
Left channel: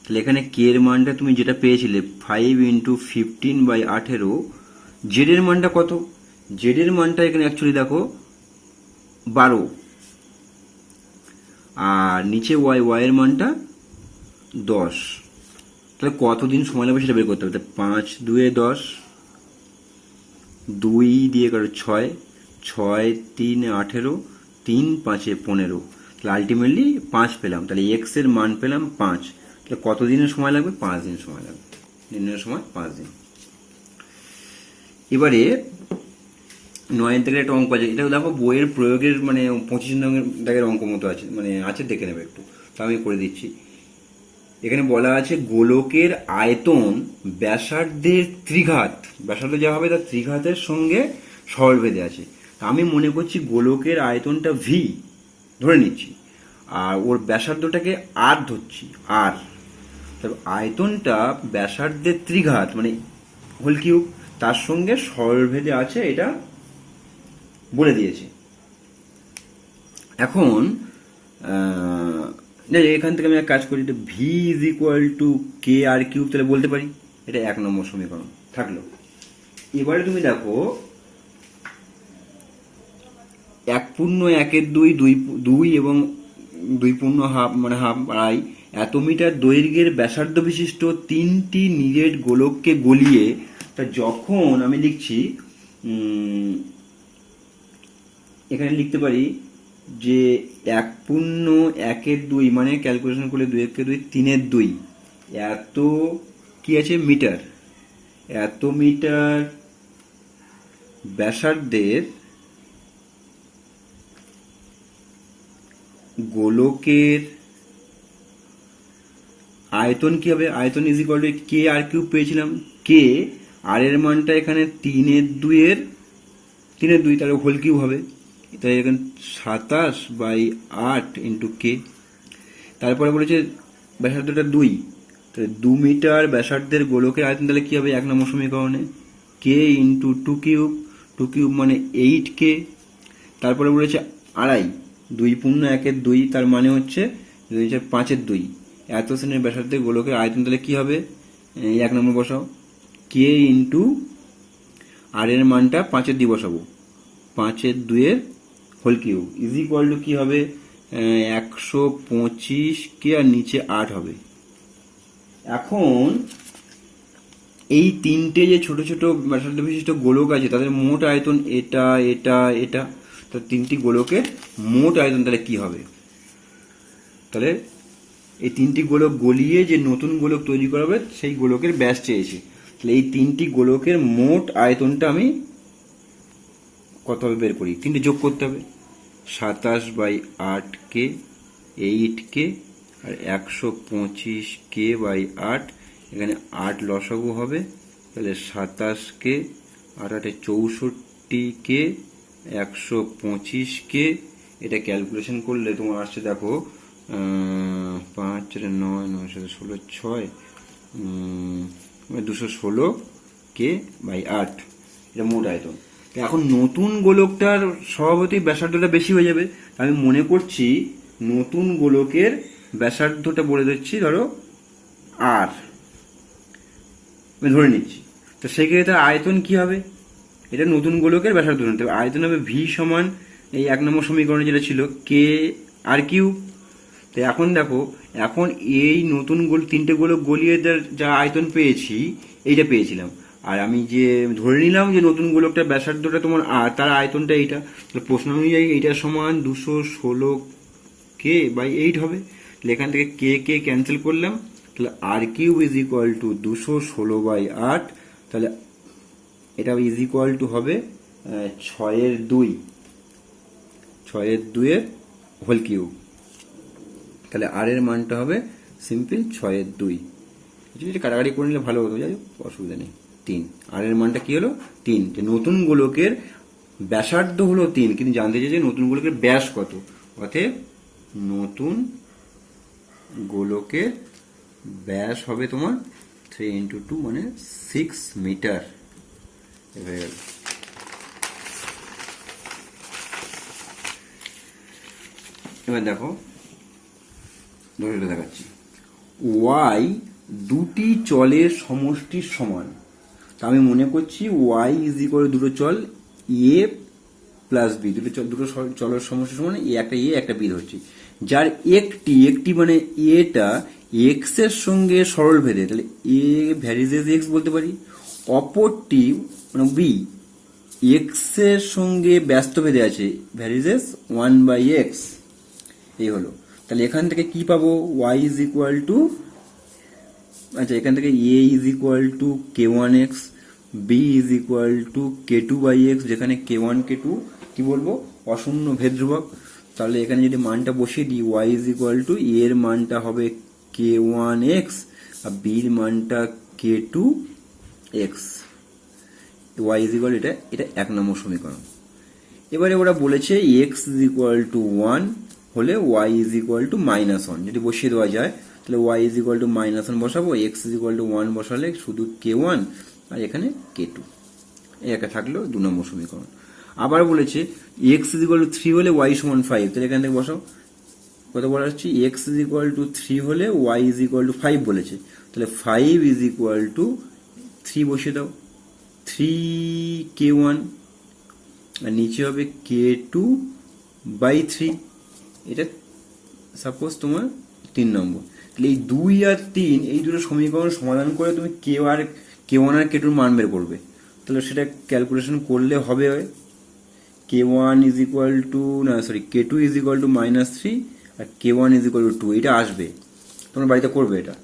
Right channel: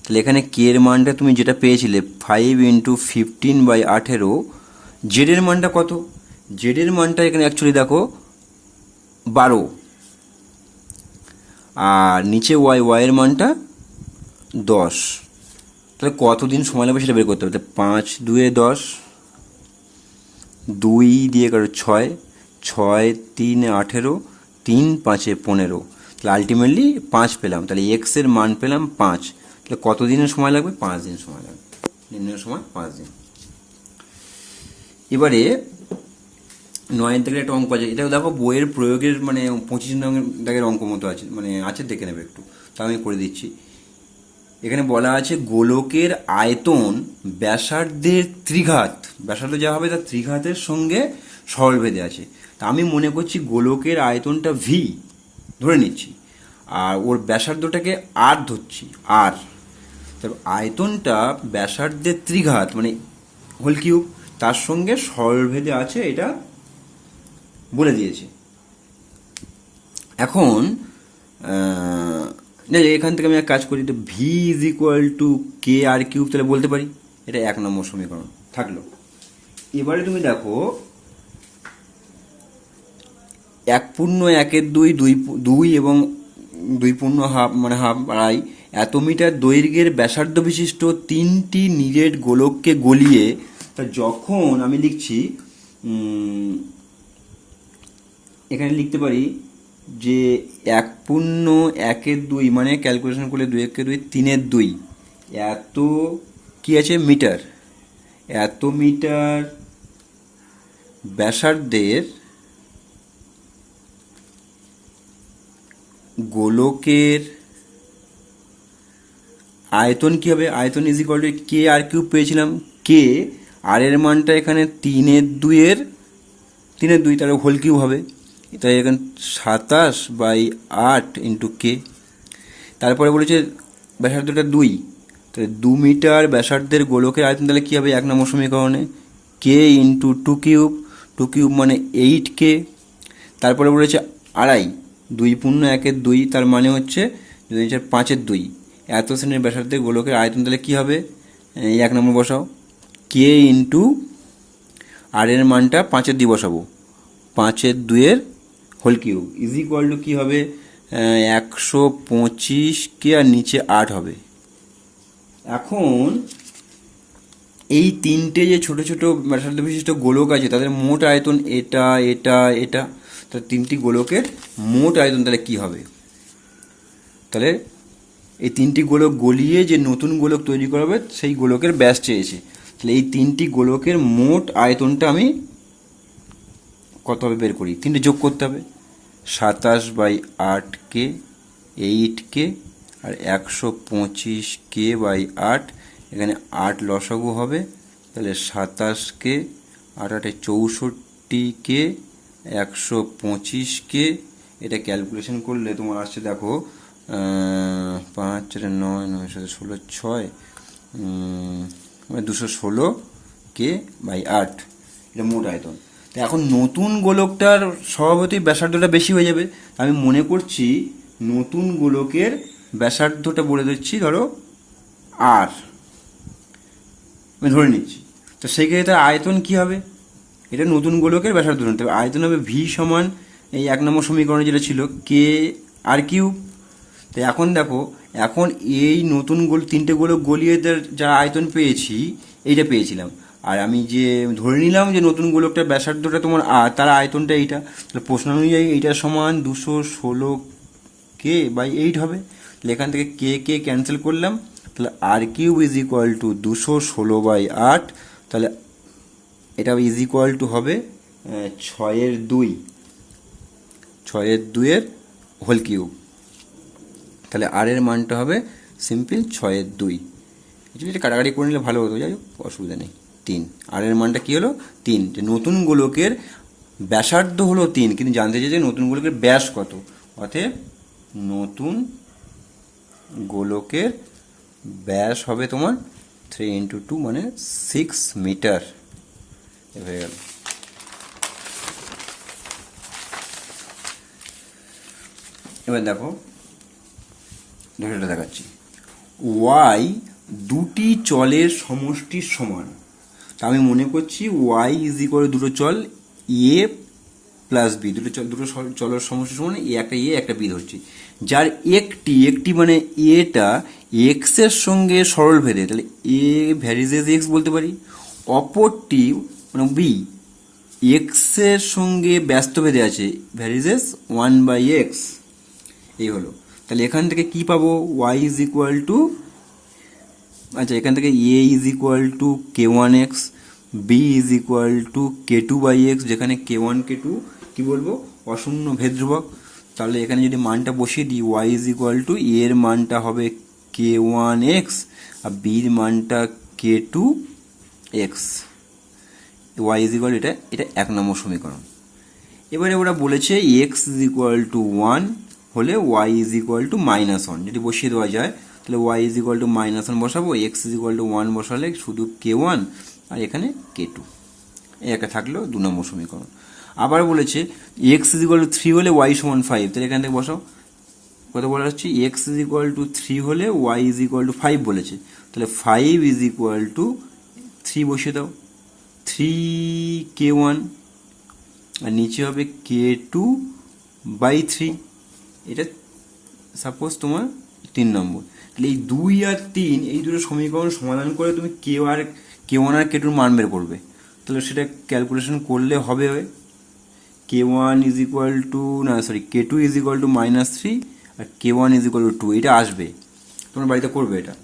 তাহলে এখানে কে এর মানটা তুমি যেটা পেয়েছিলে 5 ইন্টু 15/18, জেড এর মানটা কত, জেড এর মানটা এখানে অ্যাকচুয়ালি দেখো 12, আর নিচে ওয়াই এর মানটা 10। তাহলে কতদিন সময় লাগবে সেটা বের করতে হবে। 5 2 10, 2 দিয়ে কারো 6, 6 3 18, 3 5 15। তাহলে আলটিমেটলি 5 পেলাম। তাহলে এক্স এর মান পেলাম 5। তাহলে কত দিনের সময় লাগবে, 5 দিন সময় লাগবে। নির্ণয়ের সময় 5 দিন। এবারে 9 থেকে একটা অঙ্ক আছে, এটা দেখো বইয়ের প্রয়োগের মানে 25 দাগের অঙ্ক মতো আছে, মানে আছে, দেখে নেবে একটু। তা আমি করে দিচ্ছি। এখানে বলা আছে গোলকের আয়তন ব্যাসার্ধের ত্রিঘাত, ব্যাসার্ধ যা হবে তার ত্রিঘাতের সঙ্গে সরলভেদে আছে। তা আমি মনে করছি গোলকের আয়তনটা ভি ধরে নিচ্ছি, আর ওর ব্যাসার্ধটাকে আর ধরছি, আর তারপর আয়তনটা ব্যাসার্ধের ত্রিঘাত মানে হোল কিউব, তার সঙ্গে সরলভেদে আছে, এটা বলে দিয়েছি। এখন এখান থেকে আমি এক কাজ করি, v is equal to k r cube, তাহলে বলতে পারি। এটা 1 নম্বর সমীকরণ থাকলো। এবারে তুমি দেখো 1/1/2 এবং 2.5 মানে হাফ আড়াই এত মিটার দৈর্ঘ্যের ব্যাসার্ধ বিশিষ্ট 3টি নিরেট গোলককে গলিয়ে, তা যখন আমি লিখছি এখানে লিখতে পারি যে 1.1/2 মানে ক্যালকুলেশন করলে 2 3/2 এত কি আছে মিটার, এত মিটার ব্যাসার্ধের গোলকের আয়তন কি হবে, আয়তন is equal to k r cube পেয়েছিলাম, কে আর এর মানটা এখানে 3/2 তার হোল কিউব হবে, তাই এখানে 27/8 ইন্টু কে। তারপরে বলেছে ব্যাসার্ধটা 2, তাহলে 2 মিটার ব্যাসার্ধের গোলকের আয়তন তাহলে কী হবে 1 নম্বর সমীকরণে কে ইন্টু 2 কিউব মানে 8K। তারপরে বলেছে আড়াই, 2.1/2 তার মানে হচ্ছে 5/2 এত শ্রেণীর ব্যাসার্ধের গোলকের আয়তন তাহলে কী হবে, এই 1 নম্বর বসাও কে ইন্টু আর এর মানটা 5/2 বসাবো, 5/2 whole cube is equal to কী হবে 125K আর নিচে 8 হবে। এখন এই তিনটে যে ছোট ছোট ব্যাসার্ধ বিশিষ্ট গোলক আছে তাদের মোট আয়তন এটা এটা এটা, তো তিনটি গোলকের মোট আয়তন তাহলে কী হবে, তাহলে এই তিনটি গোলক গলিয়ে যে নতুন গোলক তৈরি করা হবে সেই গোলকের ব্যাস চেয়েছি, তাহলে এই তিনটি গোলকের মোট আয়তনটা আমি কত হবে বের করি, তিনটে যোগ করতে হবে 27/8K 8K আর 125K/8, এখানে 8 লসাগু হবে তাহলে 27K 8 64K 125K। এটা ক্যালকুলেশন করলে তোমার আসছে দেখো 5 4 9 9 16 6 216K/8, এটা মোট আয়তন। এখন নতুন গোলকটার স্বভাবতই ব্যাসার্ধটা বেশি হয়ে যাবে, আমি মনে করছি নতুন গোলকের ব্যাসার্ধটা বলে দিচ্ছি ধরো আর, আমি ধরে নিচ্ছি, তো সেই ক্ষেত্রে আয়তন কি হবে, এটা নতুন গোলকের ব্যাসার্ধ নিতে হবে, আয়তন হবে ভি সমান এই 1 নম্বর সমীকরণে যেটা ছিল কে আর কিউ। তো এখন দেখো, এখন এই নতুন তিনটে গোলক গলিয়ে যা আয়তন পেয়েছি এইটা পেয়েছিলাম, আর আমি যে ধরে নিলাম যে নতুন গোলকটার ব্যাসার্ধটা তোমার আর তার আয়তনটা এইটা, তাহলে প্রশ্ন অনুযায়ী এইটা সমান 216K/8 হবে, তাহলে এখান থেকে কে ক্যান্সেল করলাম, তাহলে আর কিউব ইজ ইকুয়াল টু 216/8, তাহলে এটা ইজ ইকুয়াল টু হবে 6/2 হোল কিউব, তাহলে আর এর মানটা হবে সিম্পল 6/2, এটা কাটাকাটি করে নিলে ভালো হতো, যাই হোক অসুবিধা নেই 3, আর এর মানটা কী হলো 3, নতুন গোলকের ব্যাসার্ধ হলো 3 কিন্তু জানতে চাই যে নতুন গোলকের ব্যাস কত, অতএব নতুন গোলকের ব্যাস হবে তোমার 3 × 2 মানে 6 মিটার। এবার দেখো এটা দেখাচ্ছি, ওয়াই দুটি চলের সমষ্টির সমান, আমি মনে করছি ওয়াই ইজ ইকুয়াল দুটো চল এ প্লাস বি, দুটো চলের সমষ্টির সমান, একটা এ একটা বি ধরছি, যার একটি মানে এটা এক্স এর সঙ্গে সরল ভেদে, তাহলে এ ভ্যারিজেস এক্স বলতে পারি, অপরটি মানে বি এক্স এর সঙ্গে ব্যস্ত ভেদে আছে ভ্যারিজেস 1/x, এই হলো। তাহলে এখান থেকে কি পাবো y ইজ ইকুয়াল টু, আচ্ছা এখান থেকে a is equal to k1x, b is equal two k2/x, যেখানে k1 k2 কি বলবো অশূন্য ভেদ ধ্রুবক, তাহলে এখানে যদি মানটা বসিয়ে দিই y is equal two a এর মানটা হবে k1x আর b এর মানটা k2x, y ইজ ইকুয়াল এটা 1 নম্বর সমীকরণ। এবারে ওরা বলেছে x ইজ ইকুয়াল টু 1 হলে y ইজ ইকুয়াল টু -1, যদি বসিয়ে দেওয়া যায় তাহলে y ইজ ইকুয়াল টু -1 বসাবো, x ইজ ইকুয়াল টু 1 বসালে শুধু k1 আর এখানে k2, এই একটা থাকলেও 2 নম্বর সমীকরণ। আবার বলেছে x ইজ ইকুয়াল টু 3 হলে y সমান 5, তাহলে এখান থেকে বসাও, কত বলা হচ্ছে x ইজ ইকুয়াল টু 3 হলে y ইজ ইকুয়াল টু 5 বলেছে, তাহলে 5 ইজ ইকুয়াল টু 3 বসিয়ে দাও, 3k1 আর নিচে হবে k2/3, এটা সাপোজ তোমার 3 নম্বর। তাহলে এই 2 আর 3 এই দুটো সমীকরণ সমাধান করে তুমি k1 আর k2 মান বের করবে, তাহলে সেটা ক্যালকুলেশন করলে হবে k1 ইজ ইকুয়াল টু না sorry k2 is equal to -3 আর k1 ইজ ইকুয়াল টু 2, এটা আসবে, তোমরা বাড়িতে করবে এটা।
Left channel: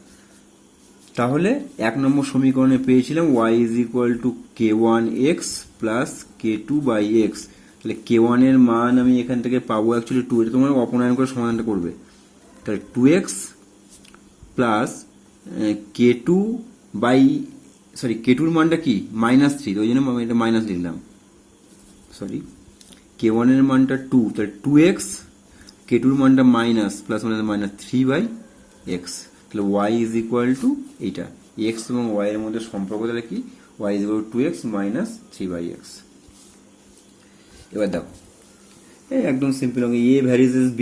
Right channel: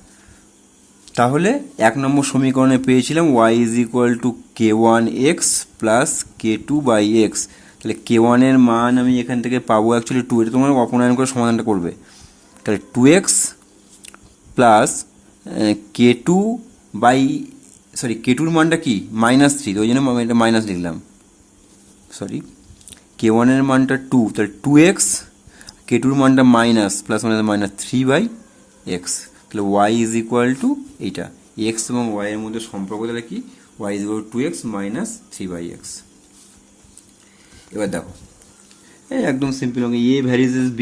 তাহলে 1 নম্বর সমীকরণে পেয়েছিলাম y is equal to k1x plus k2/x। তাহলে k1 এর মান আমি এখান থেকে পাবো অ্যাকচুয়ালি 2, এটা তোমরা অপনয়ন করে সমাধানটা করবে। তাহলে 2x প্লাস k2/k2 এর মানটা কি -3, ওই জন্য আমি এটা মাইনাস লিখলাম, সরি k1 এর মানটা 2, তাহলে 2x, k2 এর মানটা মাইনাস প্লাস -3/x। তাহলে y ইজ ইকুয়াল টু এইটা, x এবং y এর মধ্যে সম্পর্ক তাহলে কি y is equal two 2x minus 3/x। এবার দেখো একদম সিম্পল হবে, a varies as b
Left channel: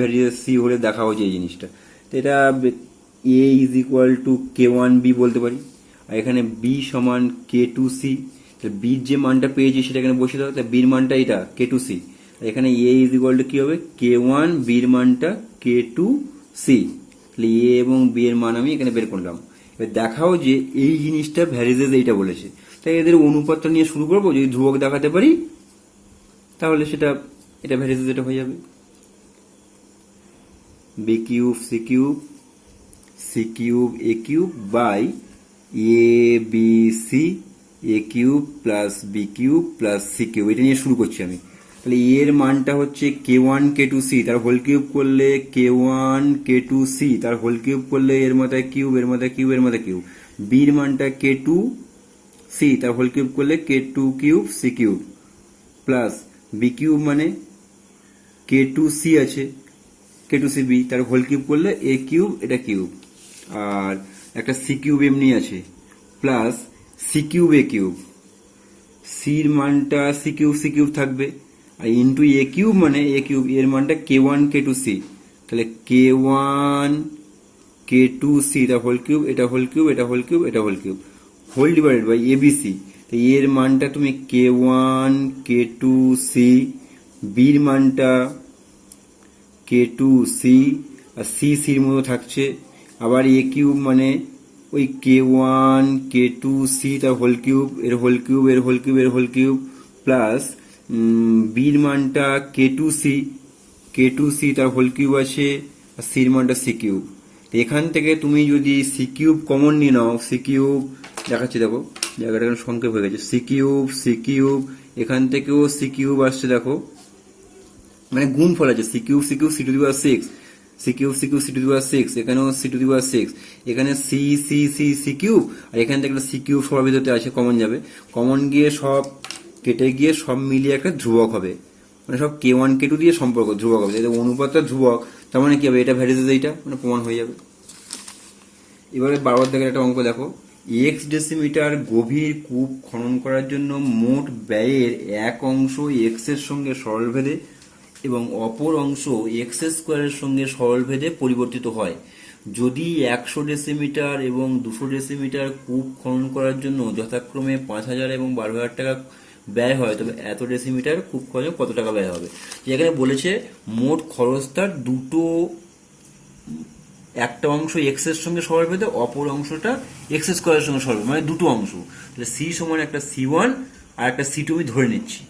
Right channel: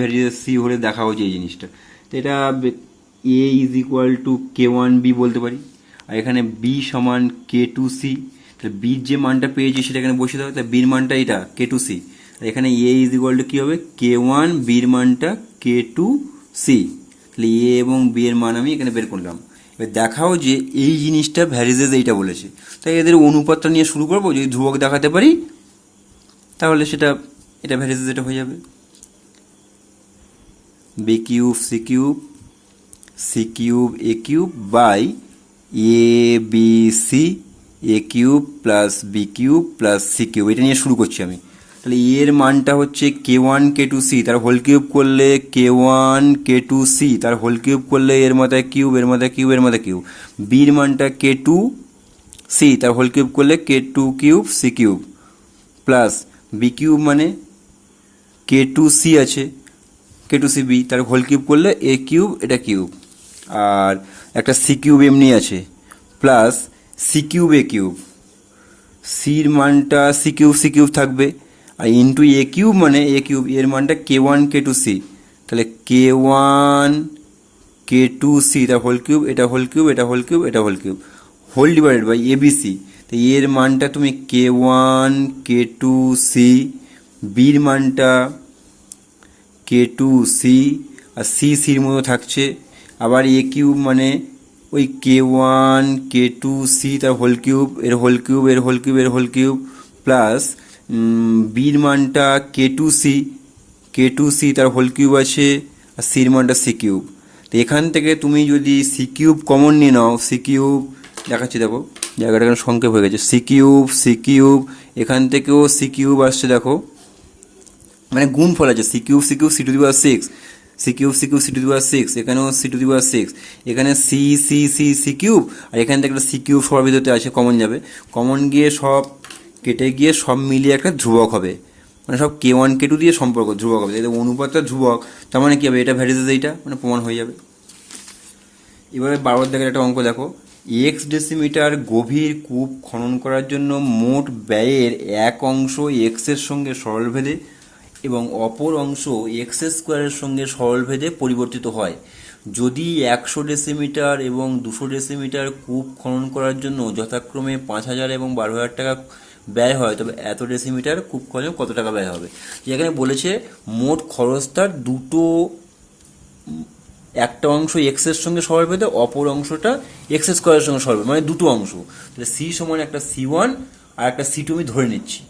varies as c হলে দেখা হচ্ছে এই জিনিসটা। তো এটা a is equal two k1b বলতে পারি, আর এখানে b সমান k2c। তাহলে b যে মানটা পেয়েছি সেটা এখানে বসিয়ে দেবো, তাহলে b এর মানটা এটা k2c, আর এখানে a ইজ ইকুয়াল টু কি হবে k1, b এর মানটা k2c। তাহলে a এবং b এর মান আমি এখানে বের করলাম। এবার দেখাও যে এই জিনিসটা ভ্যারিজেস এইটা বলেছে, তাই এদের অনুপাতটা নিয়ে শুরু করবো, যদি ধ্রুবক দেখাতে পারি তাহলে সেটা এটা ভ্যারিজেস এটা হয়ে যাবে, b cube c cube c cube a cube by a b c a cube plus b cube plus c cube, এটা নিয়ে শুরু করছি আমি। তাহলে এর মানটা হচ্ছে k1 k2c, তার হোল কিউব করলে k1 k2c, তার হোল কিউব করলে এর মাথায় কিউব এর মাথায় কিউব এর মাথায় কিউব, b এর মানটা k2c, তার হোল কিউব করলে k2 cube c cube plus b cube মানে k2c আছে k2cb, তার হোল কিউব করলে a কিউব এটা কিউব, আর একটা c কিউব এমনি আছে plus c cube a cube, সির মানটা c কিউব থাকবে, আর ইন্টু a কিউব মানে a কিউব, এর মানটা k1 k2c, তাহলে k1 k2c তার হোল কিউব এটা হোল কিউব এটা হোল কিউব এটা whole cube whole divided by abc। তো এর মানটা তুমি k1 k2c, বির মানটা k2c, আর সির মতো থাকছে, আবার a কিউব মানে ওই k1 k2c তার হোল কিউব এর হোল কিউব এর হোল কিউব এর হোল কিউব প্লাস বির মানটা k2c তার হোল কিউব আছে, আর সির মানটা c কিউব। তো এখান থেকে তুমি যদি c কিউব কমন নিয়ে নাও, c কিউব দেখাচ্ছি দেখো জায়গাটা এখানে সংক্ষেপ হয়ে গেছে, c কিউব এখান থেকেও c কিউব আসছে দেখো, মানে গুণফল আছে c cube c to the power 6, c cube c to the power 6, এখানেও c টু দি পাওয়ার 6, এখানে c কিউব, আর এখান থেকে একটা c কিউব সবার ভিতরে আছে, কমন যাবে, কমন গিয়ে সব কেটে গিয়ে সব মিলিয়ে একটা ধ্রুবক হবে, মানে সব k1 k2 দিয়ে সম্পর্ক ধ্রুবক হবে, এটা অনুপাতটা ধ্রুবক, তার মানে কি হবে এটা ভ্যারিজেস এইটা মানে প্রমাণ হয়ে যাবে। এবারে 12 থেকে একটা অঙ্ক দেখো, এক্স ডেসিমিটার গভীর কূপ খনন করার জন্য মোট ব্যয়ের এক অংশ এক্স এর সঙ্গে সরলভেদে এবং অপর অংশ এক্স স্কোয়ারের সঙ্গে সরলভেদে পরিবর্তিত হয়। যদি 100 ডেসিমিটার এবং 200 ডেসিমিটার কূপ খনন করার জন্য যথাক্রমে 5000 এবং 12,000 টাকা ব্যয় হয়, তবে এত ডেসিমিটার কূপ খননে কত টাকা ব্যয় হবে। এখানে বলেছে মোট খরচটার দুটো, একটা অংশ এক্স এর সঙ্গে সরলভেদে, অপর অংশটা এক্স স্কোয়ারের সঙ্গে সরলভেদে, মানে দুটো অংশ। তাহলে সি সমান একটা c1 আর একটা c2 আমি ধরে নিচ্ছি,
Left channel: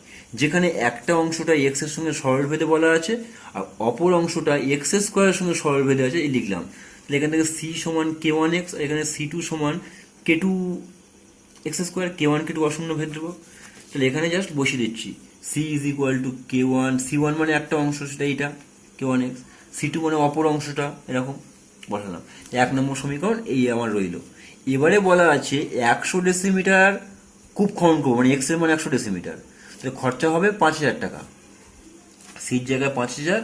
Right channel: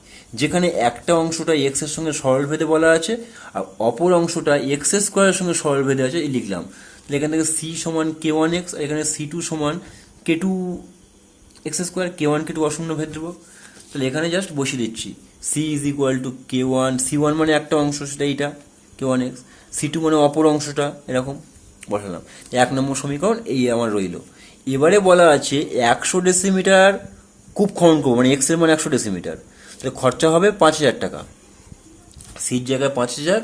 যেখানে একটা অংশটা এক্স এর সঙ্গে সরলভেদে বলা আছে আর অপর অংশটা এক্স স্কোয়ারের সঙ্গে সরলভেদে আছে, এই লিখলাম। তাহলে এখান থেকে c সমান k1x, এখানে c2 সমান k2x স্কোয়ার, k1 k2 অশূন্য ভেদ দেবো। তাহলে এখানে জাস্ট বসিয়ে দিচ্ছি c is equal to k1, c1 মানে একটা অংশ সেটা এইটা k1x, c2 মানে অপর অংশটা এরকম বসালাম। 1 নম্বর সমীকরণ এই আমার রইল। এবারে বলা আছে 100 ডেসিমিটার কূপ খনন করবো, মানে এক্স এর মান 100 ডেসিমিটার, তাহলে খরচা হবে 5000 টাকা, সির জায়গায় 5000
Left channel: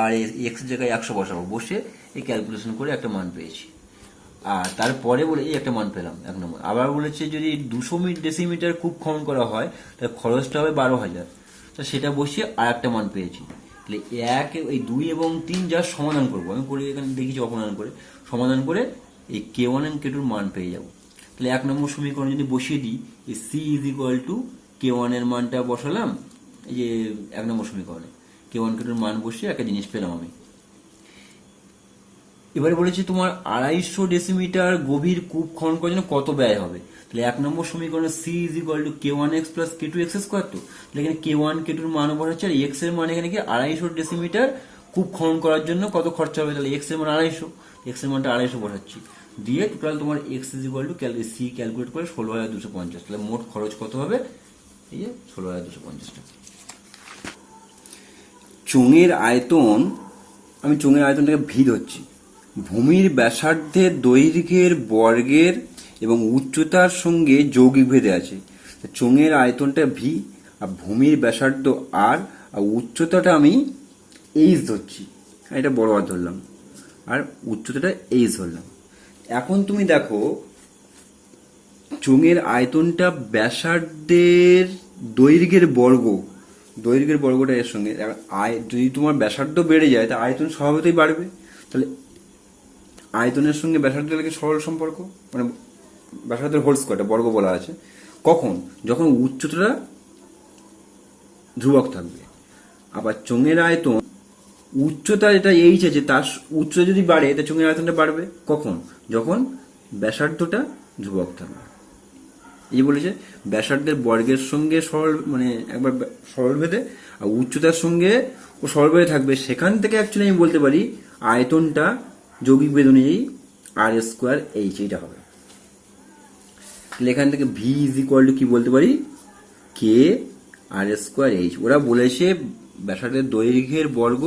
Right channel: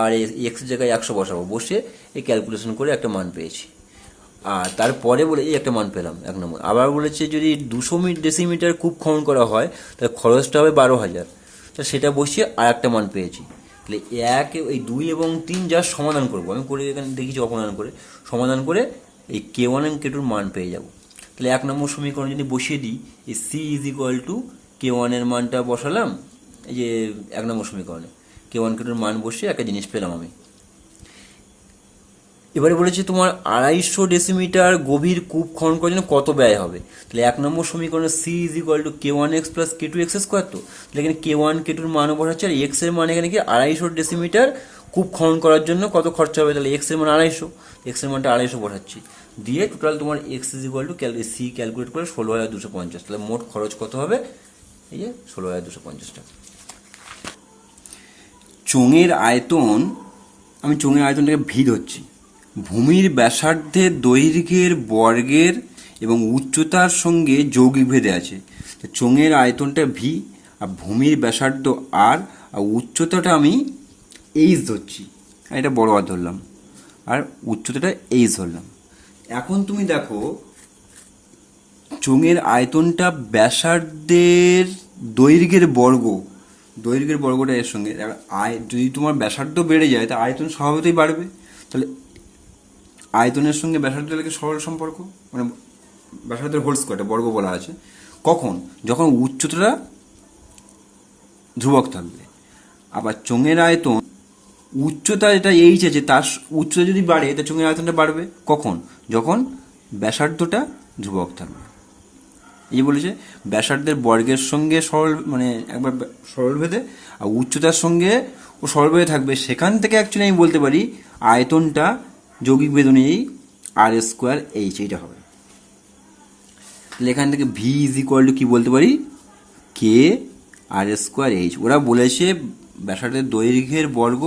আর এক্স এর জায়গায় 100 বসাবো, বসে এই ক্যালকুলেশন করে একটা মান পেয়েছি। আর তারপরে বলে এই একটা মান পেলাম 1 নম্বর। আবার বলেছে যদি 200 ডেসিমিটার কূপ খনন করা হয় তাহলে খরচটা হবে 12000, তো সেটা বসিয়ে আর একটা মান পেয়েছি। তাহলে এই 2 এবং 3 যা সমাধান করবো, আমি করে এখানে দেখেছি সমাধান করে এই k1 এবং k2 মান পেয়ে যাব। তাহলে 1 নম্বর সমীকরণ যদি বসিয়ে দিই, এই c is equal to k1 এর মানটা বসালাম, এই যে 1 নম্বর সমীকরণে k1 k2 এর মান বসিয়ে একটা জিনিস পেলাম আমি। এবারে বলেছে তোমার 250 ডেসিমিটার গভীর কূপ খনন করার জন্য কত ব্যয় হবে। তাহলে 1 নম্বর সমীকরণে c is equal to k1x plus k2x square. তো তাহলে এখানে k1 k2 এর মান বসাচ্ছে, আর x এর মান এখানে কি 250 ডেসিমিটার কূপ খনন করার জন্য কত খরচা হবে। তাহলে x এর মান 250, x এর মানটা 250 বসাচ্ছি, দিয়ে টোটাল তোমার x is equal to c calculate করে 16,250। তাহলে মোট খরচ কত হবে, এই যে 16,250 টাকা। চোঙের আয়তন, আমি চোঙের আয়তনটাকে ভি ধরছি। ভূমির ব্যাসার্ধের দৈর্ঘ্যের বর্গের এবং উচ্চতার সঙ্গে যৌগিক ভেদে আছে। চোঙের আয়তনটা ভি, আর ভূমির ব্যাসার্ধ আর উচ্চতাটা আমি এইচ ধরছি, এটা বড় আর ধরলাম, আর উচ্চতাটা এইচ ধরলাম। এখন তুমি দেখো চোঙের আয়তনটা ব্যাসার্ধের দৈর্ঘ্যের বর্গটা এর সঙ্গে, যদি তোমার ব্যাসার্ধ বেড়ে যায় তা আয়তন স্বভাবতই বাড়বে। তাহলে আয়তনের সঙ্গে ব্যাসার্ধের কি সরল সম্পর্ক, মানে ব্যাসার্ধের হোল স্কোয়ারটা বর্গ বলা আছে। কখন, যখন উচ্চতাটা ধ্রুবক থাকবে। আবার চোঙের আয়তন উচ্চতা যেটা এইচ আছে তার উচ্চতা যদি বাড়ে তা চোঙের আয়তনটা বাড়বে। কখন, যখন ব্যাসার্ধটা ধ্রুবক থাকবে। এই বলেছে ব্যাসার্ধের বর্গের সঙ্গে সরল, মানে একবার সরল ভেদে, আর উচ্চতার সঙ্গে ও সরল ভেদে থাকবে। সেখান থেকে অ্যাকচুয়ালি আমি বলতে পারি আয়তনটা যৌগিক ভেদ অনুযায়ী আর স্কোয়ার এইচ, এইটা হবে। তাহলে এখান থেকে ভি ইজ ইকুয়াল টু কি বলতে পারি, কে আর স্কোয়ার এইচ। ওরা বলেছে ব্যাসার্ধের দৈর্ঘ্যের বর্গ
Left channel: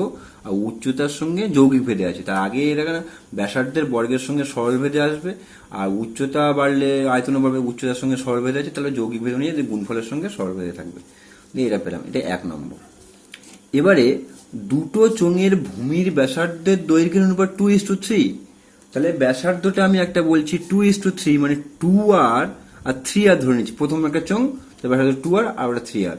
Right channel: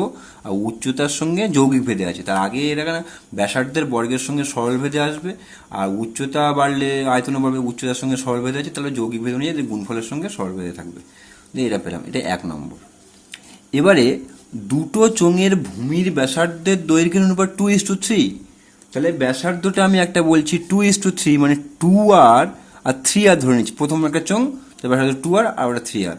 আর উচ্চতার সঙ্গে যৌগিক ভেদে আছে। তার আগে এটা ব্যাসার্ধের বর্গের সঙ্গে সরল ভেদে আসবে, আর উচ্চতা বাড়লে আয়তন বাড়বে, উচ্চতার সঙ্গে সরল ভেদে আছে, তাহলে যৌগিক ভেদ নিয়ে গুণফলের সঙ্গে সরল ভেদে থাকবে। এটা পেলাম, এটা 1 নম্বর। এবারে দুটো চোঙের ভূমির ব্যাসার্ধের দৈর্ঘ্যের অনুপাত 2:3। তাহলে ব্যাসার্ধটা আমি একটা বলছি 2:3, মানে 2r আর 3r ধরে নিচ্ছি। প্রথম একটা চোঙ, তো ব্যাসার্ধ 2r আর ওটা 3r।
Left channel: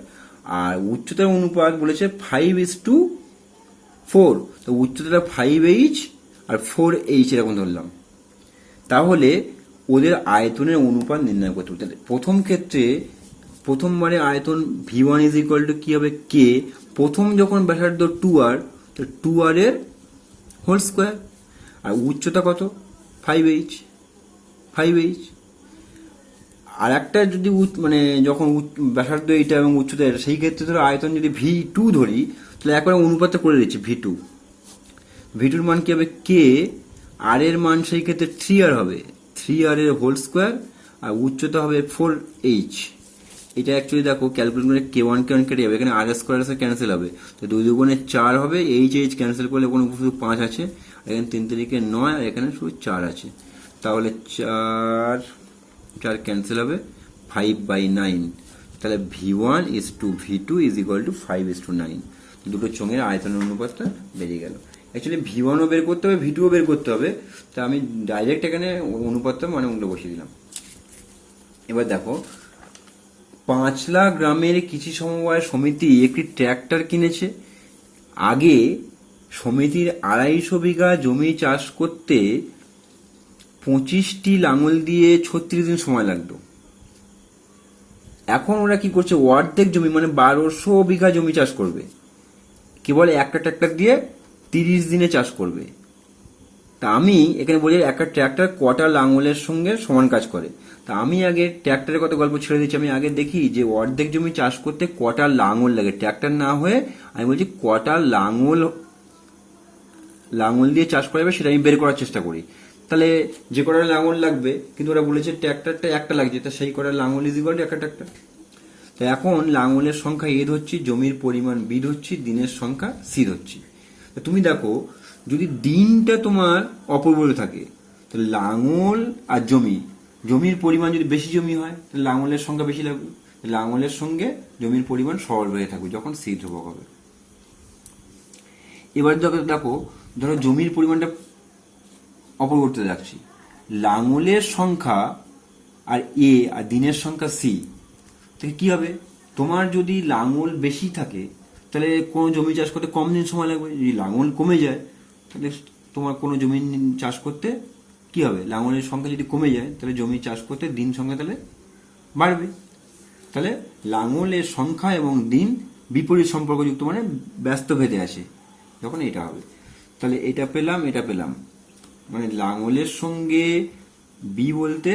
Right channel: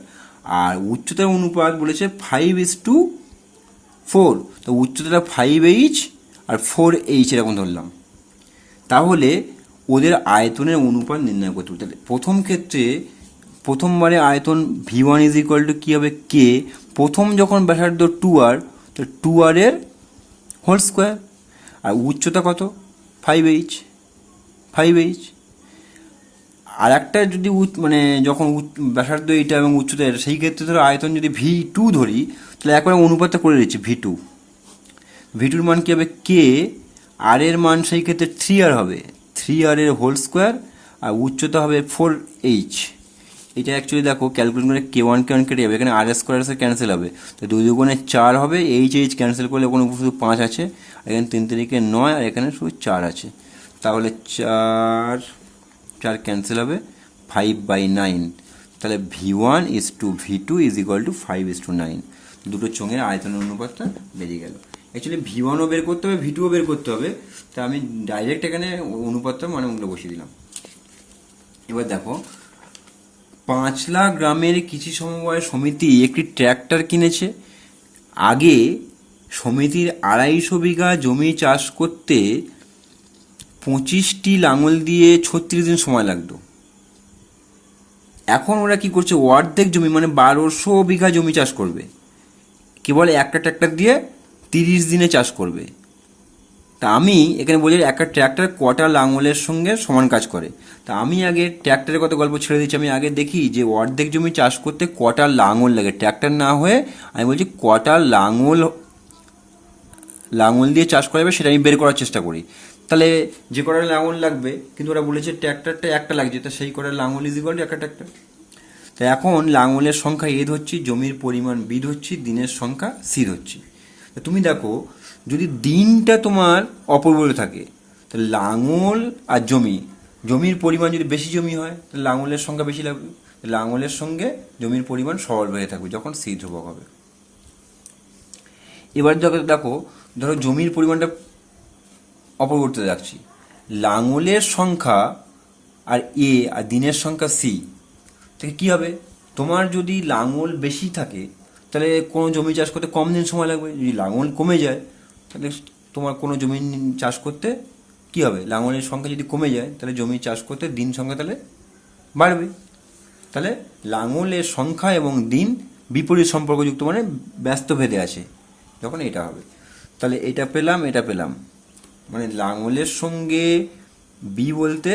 আর উচ্চতার অনুপাত বলেছে 5:4, তো উচ্চতাটা 5h আর 4h এরকম ধরলাম। তাহলে ওদের আয়তনের অনুপাত নির্ণয় করতে হবে। প্রথম ক্ষেত্রে প্রথমবারে আয়তন v1 ইজ ইকুয়াল টু কি হবে, কে। প্রথম যখন ব্যাসার্ধ 2r, তো 2r এর হোল স্কোয়ার, আর উচ্চতা কত, 5h। আর একটা যদি মানে যখন ব্যাসার্ধ এইটা এবং উচ্চতা এটা, সেই ক্ষেত্রে ধরো আয়তন যদি v2 ধরি, তাহলে একবারে অনুপাতটা করে দিচ্ছি v2-র মান কি হবে, কে। আর এর মান সেই ক্ষেত্রে 3r হবে, 3r এর হোল স্কোয়ার, আর উচ্চতা হবে 4h। এটা অ্যাকচুয়ালি দেখো ক্যালকুলেশন করে k1 কেটে যাবে, এখানে আর স্কোয়ার ক্যান্সেল হবে, তো 2 দুগুণে 4 হবে, h ক্যান্সেল করলে কোনো শুধু 5 আছে, আর এখানে 3 3 9, আর এখানে শুধু 4 আছে। তাহলে 4 ক্যান্সেল হবে, 5/9। তাহলে v1 is to v2 is equal to 5:9। দুটো চোঙের আয়তনের অনুপাতটা বেরিয়ে গেল। অ্যাকচুয়ালি v1ও বের করতে হবে, v2ও বের করতে হবে, তা আমি ডাইরেক্ট এখানে অনুপাতটা মানে ওগুলো বসিয়ে দিলাম। এবার দেখো 5 লাখ গ্রামের কৃষি সমবায় সমিতি একটি ট্র্যাক্টর কিনেছে। আগে সমিতির 250 বিঘা জমি চাষ করতে 25টি লাঙল দিয়ে 36 দিন সময় লাগতো। এখন ওরা কি করছে, অর্ধেক জমি মানে 1200 বিঘা জমি চাষ করবে, কেবল একটা ট্র্যাক্টর দিয়ে 30 দিনে চাষ করবে। তা আমি এখানে বলি একটা ট্র্যাক্টর কটা লাঙলের সঙ্গে সমান কাজ করে। তা আমি আগে ট্র্যাক্টরের কথা গল্প ছেড়ে দিচ্ছি, আমি আগে দেখি যে অর্ধেক জমি চাষ করতে কটা লাঙল লাগে, ট্র্যাক্টর না হয়ে আমি বলছি কটা লাঙল দিয়ে চাষ করা যাবে সেটা আমি বের করার চেষ্টা করি। তাহলে যে কটা লাঙল লাগবে, কিন্তু ওরা বলেছে ট্র্যাক্টরটা একটা লাগছে, তা সেই কটা লাঙল ইজ ইকুয়াল টু একটা ট্র্যাক্টর। তাই এখন লাঙলের সংখ্যা এ ধরছি, জমির পরিমাণ বি ধরছি, দিনের সংখ্যা সি ধরছি। তুমি দেখো যদি দিনটা তোমার অপরিবর্তিত থাকে, তাহলে লাঙল আর জমির পরিমাণ যদি বেশি জমি হয় তাহলে লাঙলের সংখ্যা বেশি লাগবে, লাঙলের সঙ্গে জমির পরিমাণ সরল হয়ে থাকবে যখন সি ধ্রুবক হবে। এবার দেখো ধরো জমির পরিমাণটা অপরিবর্তিত রাখছি, লাঙলের সংখ্যা আর এ আর দিনের সংখ্যা সি থেকে কি হবে, তোমার যদি লাঙল বেশি থাকে তাহলে কোনো জমি চাষ করতে কম দিন সময় লাগবে, যদি লাঙল কমে যায় তাহলে তোমার কোনো জমি চাষ করতে কি হবে, লাঙলের সংখ্যা যদি কমে যায় তাহলে জমি চাষ করতে দিন সংখ্যা তাহলে বাড়বে। তাহলে লাঙলের সংখ্যা এবং দিন বিপরীত সম্পর্কযুক্ত, মানে ব্যস্ত ভেদে আছে, যখন এটা হবে। তাহলে এটা পেলাম, মানে লাঙলের সঙ্গে বি বলতে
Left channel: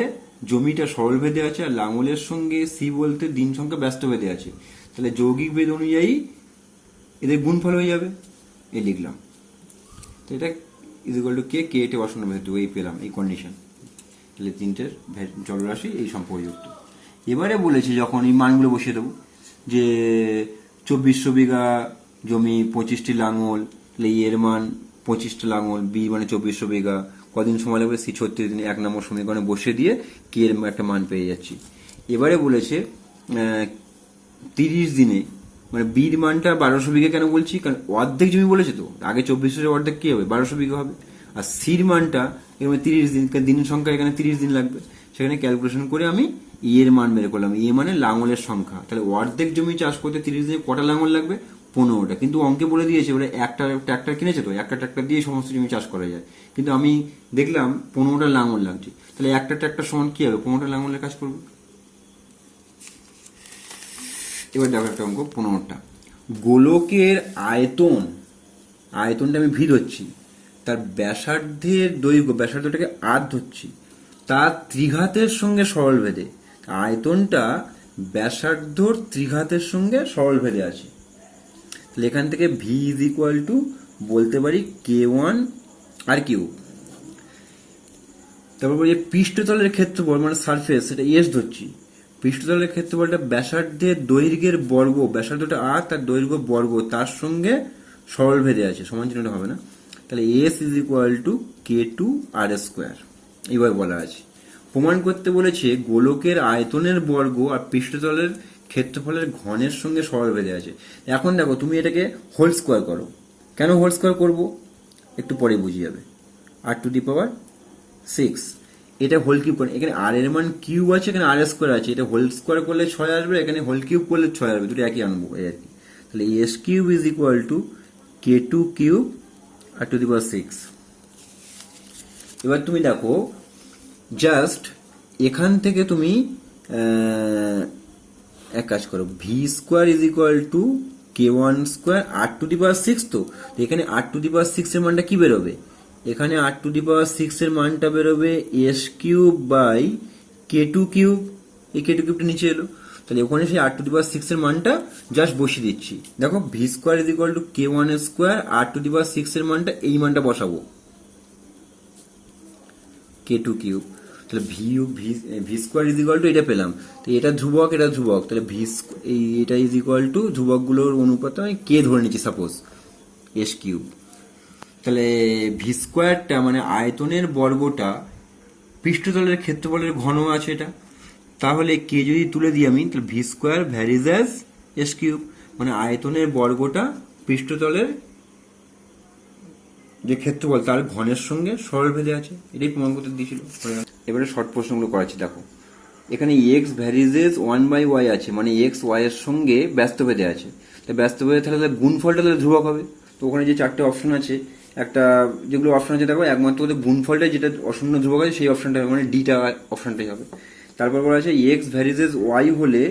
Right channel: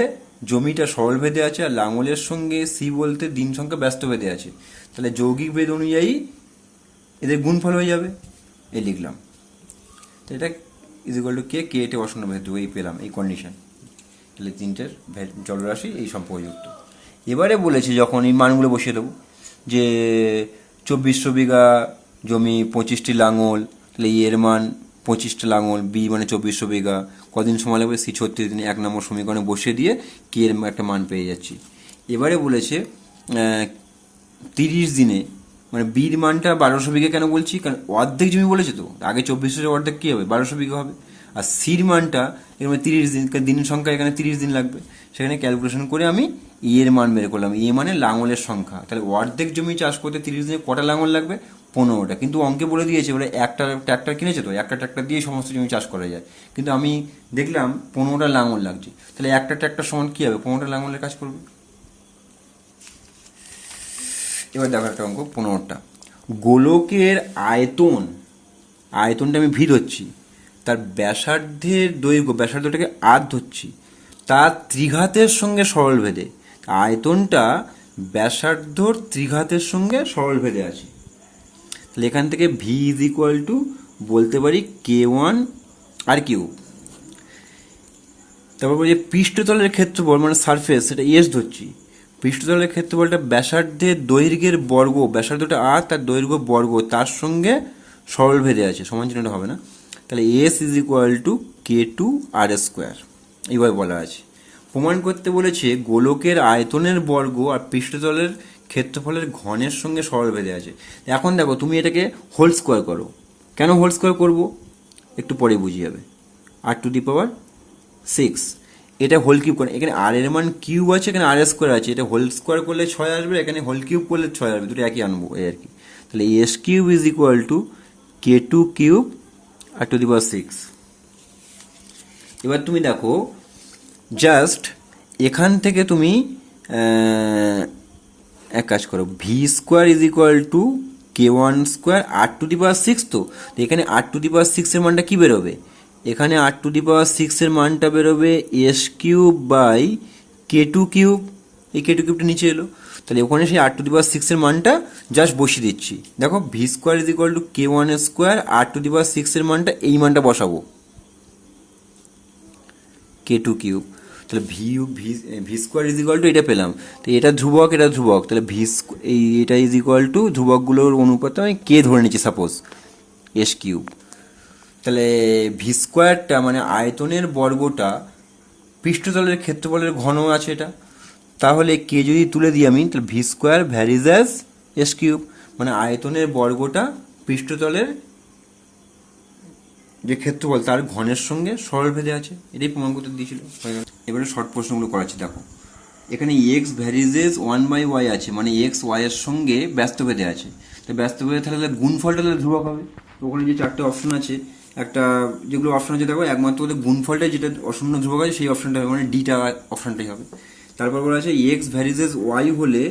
জমিটা সরল ভেদে আছে, আর লাঙলের সঙ্গে সি বলতে দিন সংখ্যা ব্যস্ত ভেদে আছে। তাহলে যৌগিক ভেদ অনুযায়ী এদের গুণফল হয়ে যাবে, এই লিখলাম। তো এটা ইজ ইকুয়াল টু কে, কে এটা অশূন্য ভেদ, এই পেলাম এই কন্ডিশন। তাহলে তিনটের জলরাশি এই সম্পর্কযুক্ত। এবারে বলেছে যখন এই মানগুলো বসিয়ে দেবো, যে 2400 বিঘা জমি 25টি লাঙল, তাহলে এর মান 25টা লাঙল, বি মানে 2400 বিঘা, কদিন সময় লাগবে, সি 36 দিন, 1 নম্বর সমীকরণে বসিয়ে দিয়ে কে এর একটা মান পেয়ে যাচ্ছি। এবারে বলেছে 30 দিনে, মানে বির মানটা 1200 বিঘা কেন বলছি, কারণ অর্ধেক জমি বলেছে তো, আগে 2400 অর্ধেক কী হবে, 1200 বিঘা হবে। আর সির মানটা এখানে 30 দিন, দিনের সংখ্যা এখানে 30 দিন লাগবে, সেখানে ক্যালকুলেশন করে আমি এর মান বের করলাম। এ মানে লাঙলের সংখ্যা। তাহলে অর্ধেক জমি চাষ করতে 30 দিনে কটা লাঙল লাগবে, 15টা। কিন্তু অঙ্কে বলে দিয়েছে ওরা একটা ট্র্যাক্টর কিনেছে, তো একটা ট্র্যাক্টর দিয়ে সমস্ত জমি চাষ করা যায়, কিন্তু আমি দেখলাম 15টা লাঙল লাগছে। তাহলে একটা ট্র্যাক্টর সমান কী হবে, 15টা লাঙলের কাজ করবে। এবার দেখো একটা অঙ্ক 15টা। গোলকের আয়তনটা আমি ভি ধরছি, তার ব্যাসার্ধের দৈর্ঘ্য, ব্যাসার্ধটাকে আর ধরছি, তার ত্রিঘাতের সঙ্গে সরল ভেদে। আয়তনটা ব্যাসার্ধর ত্রিঘাতের সঙ্গে সরল ভেদে আছে। তাহলে এখান থেকে ভি ইজ ইকুয়াল টু বলতে পারি K1 আর কিউ। তারপর বলি পৃষ্ঠতলের ক্ষেত্রফল মানে সারফেস, সেটা এস ধরছি। পৃষ্ঠতলের ক্ষেত্রফলটা ব্যাসার্ধের দৈর্ঘ্যের বর্গ, ব্যাসার্ধটা আর তার দৈর্ঘ্য বর্গ, তার সঙ্গে সরল ভেদে আছে, সমান চিহ্নটা হবে না। তাহলে s is equal to K2 r square, এইভাবে বলা আছে। প্রমাণ করতে বলেছে গোলকের আয়তনের বর্গ আর পৃষ্ঠতলের ক্ষেত্রফলের ঘনের সঙ্গে সরল ভেদে আছে। এখন দেখো তুমি এটাকে হোল স্কোয়ার করো। কেন হোল স্কোয়ার করবো একটু পরে বুঝিয়ে যাবে। r⁶, এটা হোল কিউব করে, এখানে আর এর মান কিউব আছে, এখানে আর স্কোয়ার আছে, এটা হোল স্কোয়ার করলে 6 আসবে, এখানে হোল কিউব করলে 6 আসবে, দুটো একই আনবো এই আর কি। তাহলে S cube is equal to K2 cube r⁶। এবার তুমি দেখো জাস্ট এখান থেকে তুমি এক কাজ করো, V square is equal to K1 square r⁶। তো এখানে r⁶ এর মানটা কি বেরোবে, এখানে r⁶ এর মানটা বেরোবে S cube by K2 cube. এই K2 কিউবটা নিচে এলো, তাহলে ওখানে সেই r⁶ এর মানটা জাস্ট বসিয়ে দিচ্ছি। দেখো V square is equal to K1 square r⁶ এর মানটা, এই মানটা বসাবো K2 কিউব। তাহলে V square is equal to এটা পেলাম, তো এটা ধ্রুবক, এটা ধ্রুবক, তাহলে এটা ইজ ইকুয়াল টু ধ্রুবকগুলোর অনুপাতে আমি কে ধরে নিচ্ছি সাপোজ এস কিউব। তাহলে ভি স্কোয়ারটা মানে আয়তনের বর্গটা পৃষ্ঠতলের ক্ষেত্রফলের ঘন আছে এটা, তাহলে কে যদি তুলে দিই আমি, তাহলে V square varies as S cube, মানে আয়তনের বর্গটা পৃষ্ঠতলের যে ক্ষেত্রফল তার ঘনের সঙ্গে সরল ভেদে আছে, এটাই প্রমাণ করতে দিয়েছিল। এবারে শর্ট প্রশ্নগুলো করাচ্ছি। দেখো এখানে এক্স ভ্যারিজেস 1/y আছে, মানে এক্স ওয়াই এর সঙ্গে ব্যস্ত ভেদে আছে। তো ব্যস্ত ভেদে তাহলে গুণফলটা তাহলে ধ্রুবক হবে। তো ওখানে যে 4টে অপশন আছে, একটা যেগুলো অপশন আছে দেখো, একমাত্র ওদের গুণফলটা যেটা অশূন্য ধ্রুবক আছে সেই অপশনটা হবে, মানে ডিটা অপশনটাই হবে। তারপর বলা আছে এক্স ভ্যারিজেস ওয়াই হলে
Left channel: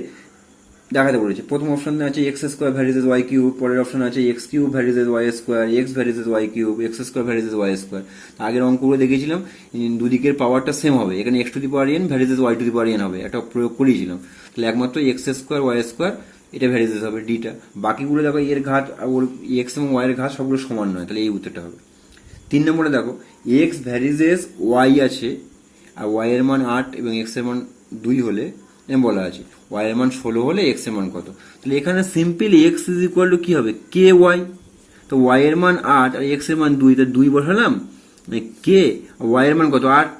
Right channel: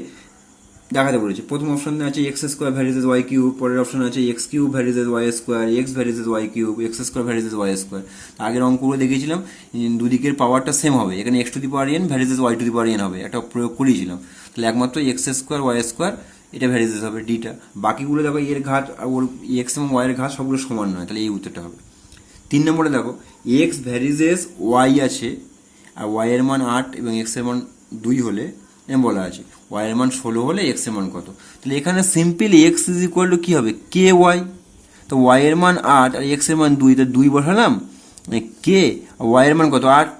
দেখাতে বলেছে। প্রথম অপশনে আছে x square varies y cube, পরের অপশন আছে x cube varies y square, x varies y cube, x square varies y square. আগের অঙ্কগুলো দেখেছিলাম দুদিকের পাওয়ারটা সেম হবে, এখানে x to the power n varies y to the power n হবে, একটা প্রয়োগ করেছিলাম। তাহলে একমাত্র এক্স স্কোয়ার ওয়াই স্কোয়ার এটা ভ্যারিজেস হবে ডিটা, বাকিগুলো দেখো এর ঘাত ওর এক্স এবং ওয়াই এর ঘাত সবগুলো সমান নয়, তাহলে এই উত্তরটা হবে। 3 নম্বরে দেখো এক্স ভ্যারিজেস ওয়াই আছে, আর ওয়াই এর মান 8 এবং এক্স এর মান 2 হলে এম বলা আছে, ওয়াই এর মান 16 হলে এক্স এর মান কত। তাহলে এখানে simply x is equal two কি হবে, কে ওয়াই। তো ওয়াই এর মান 8 আর এক্স এর মান 2, তো 2 বসালাম, মানে কে, ওয়াই এর মান কত 8।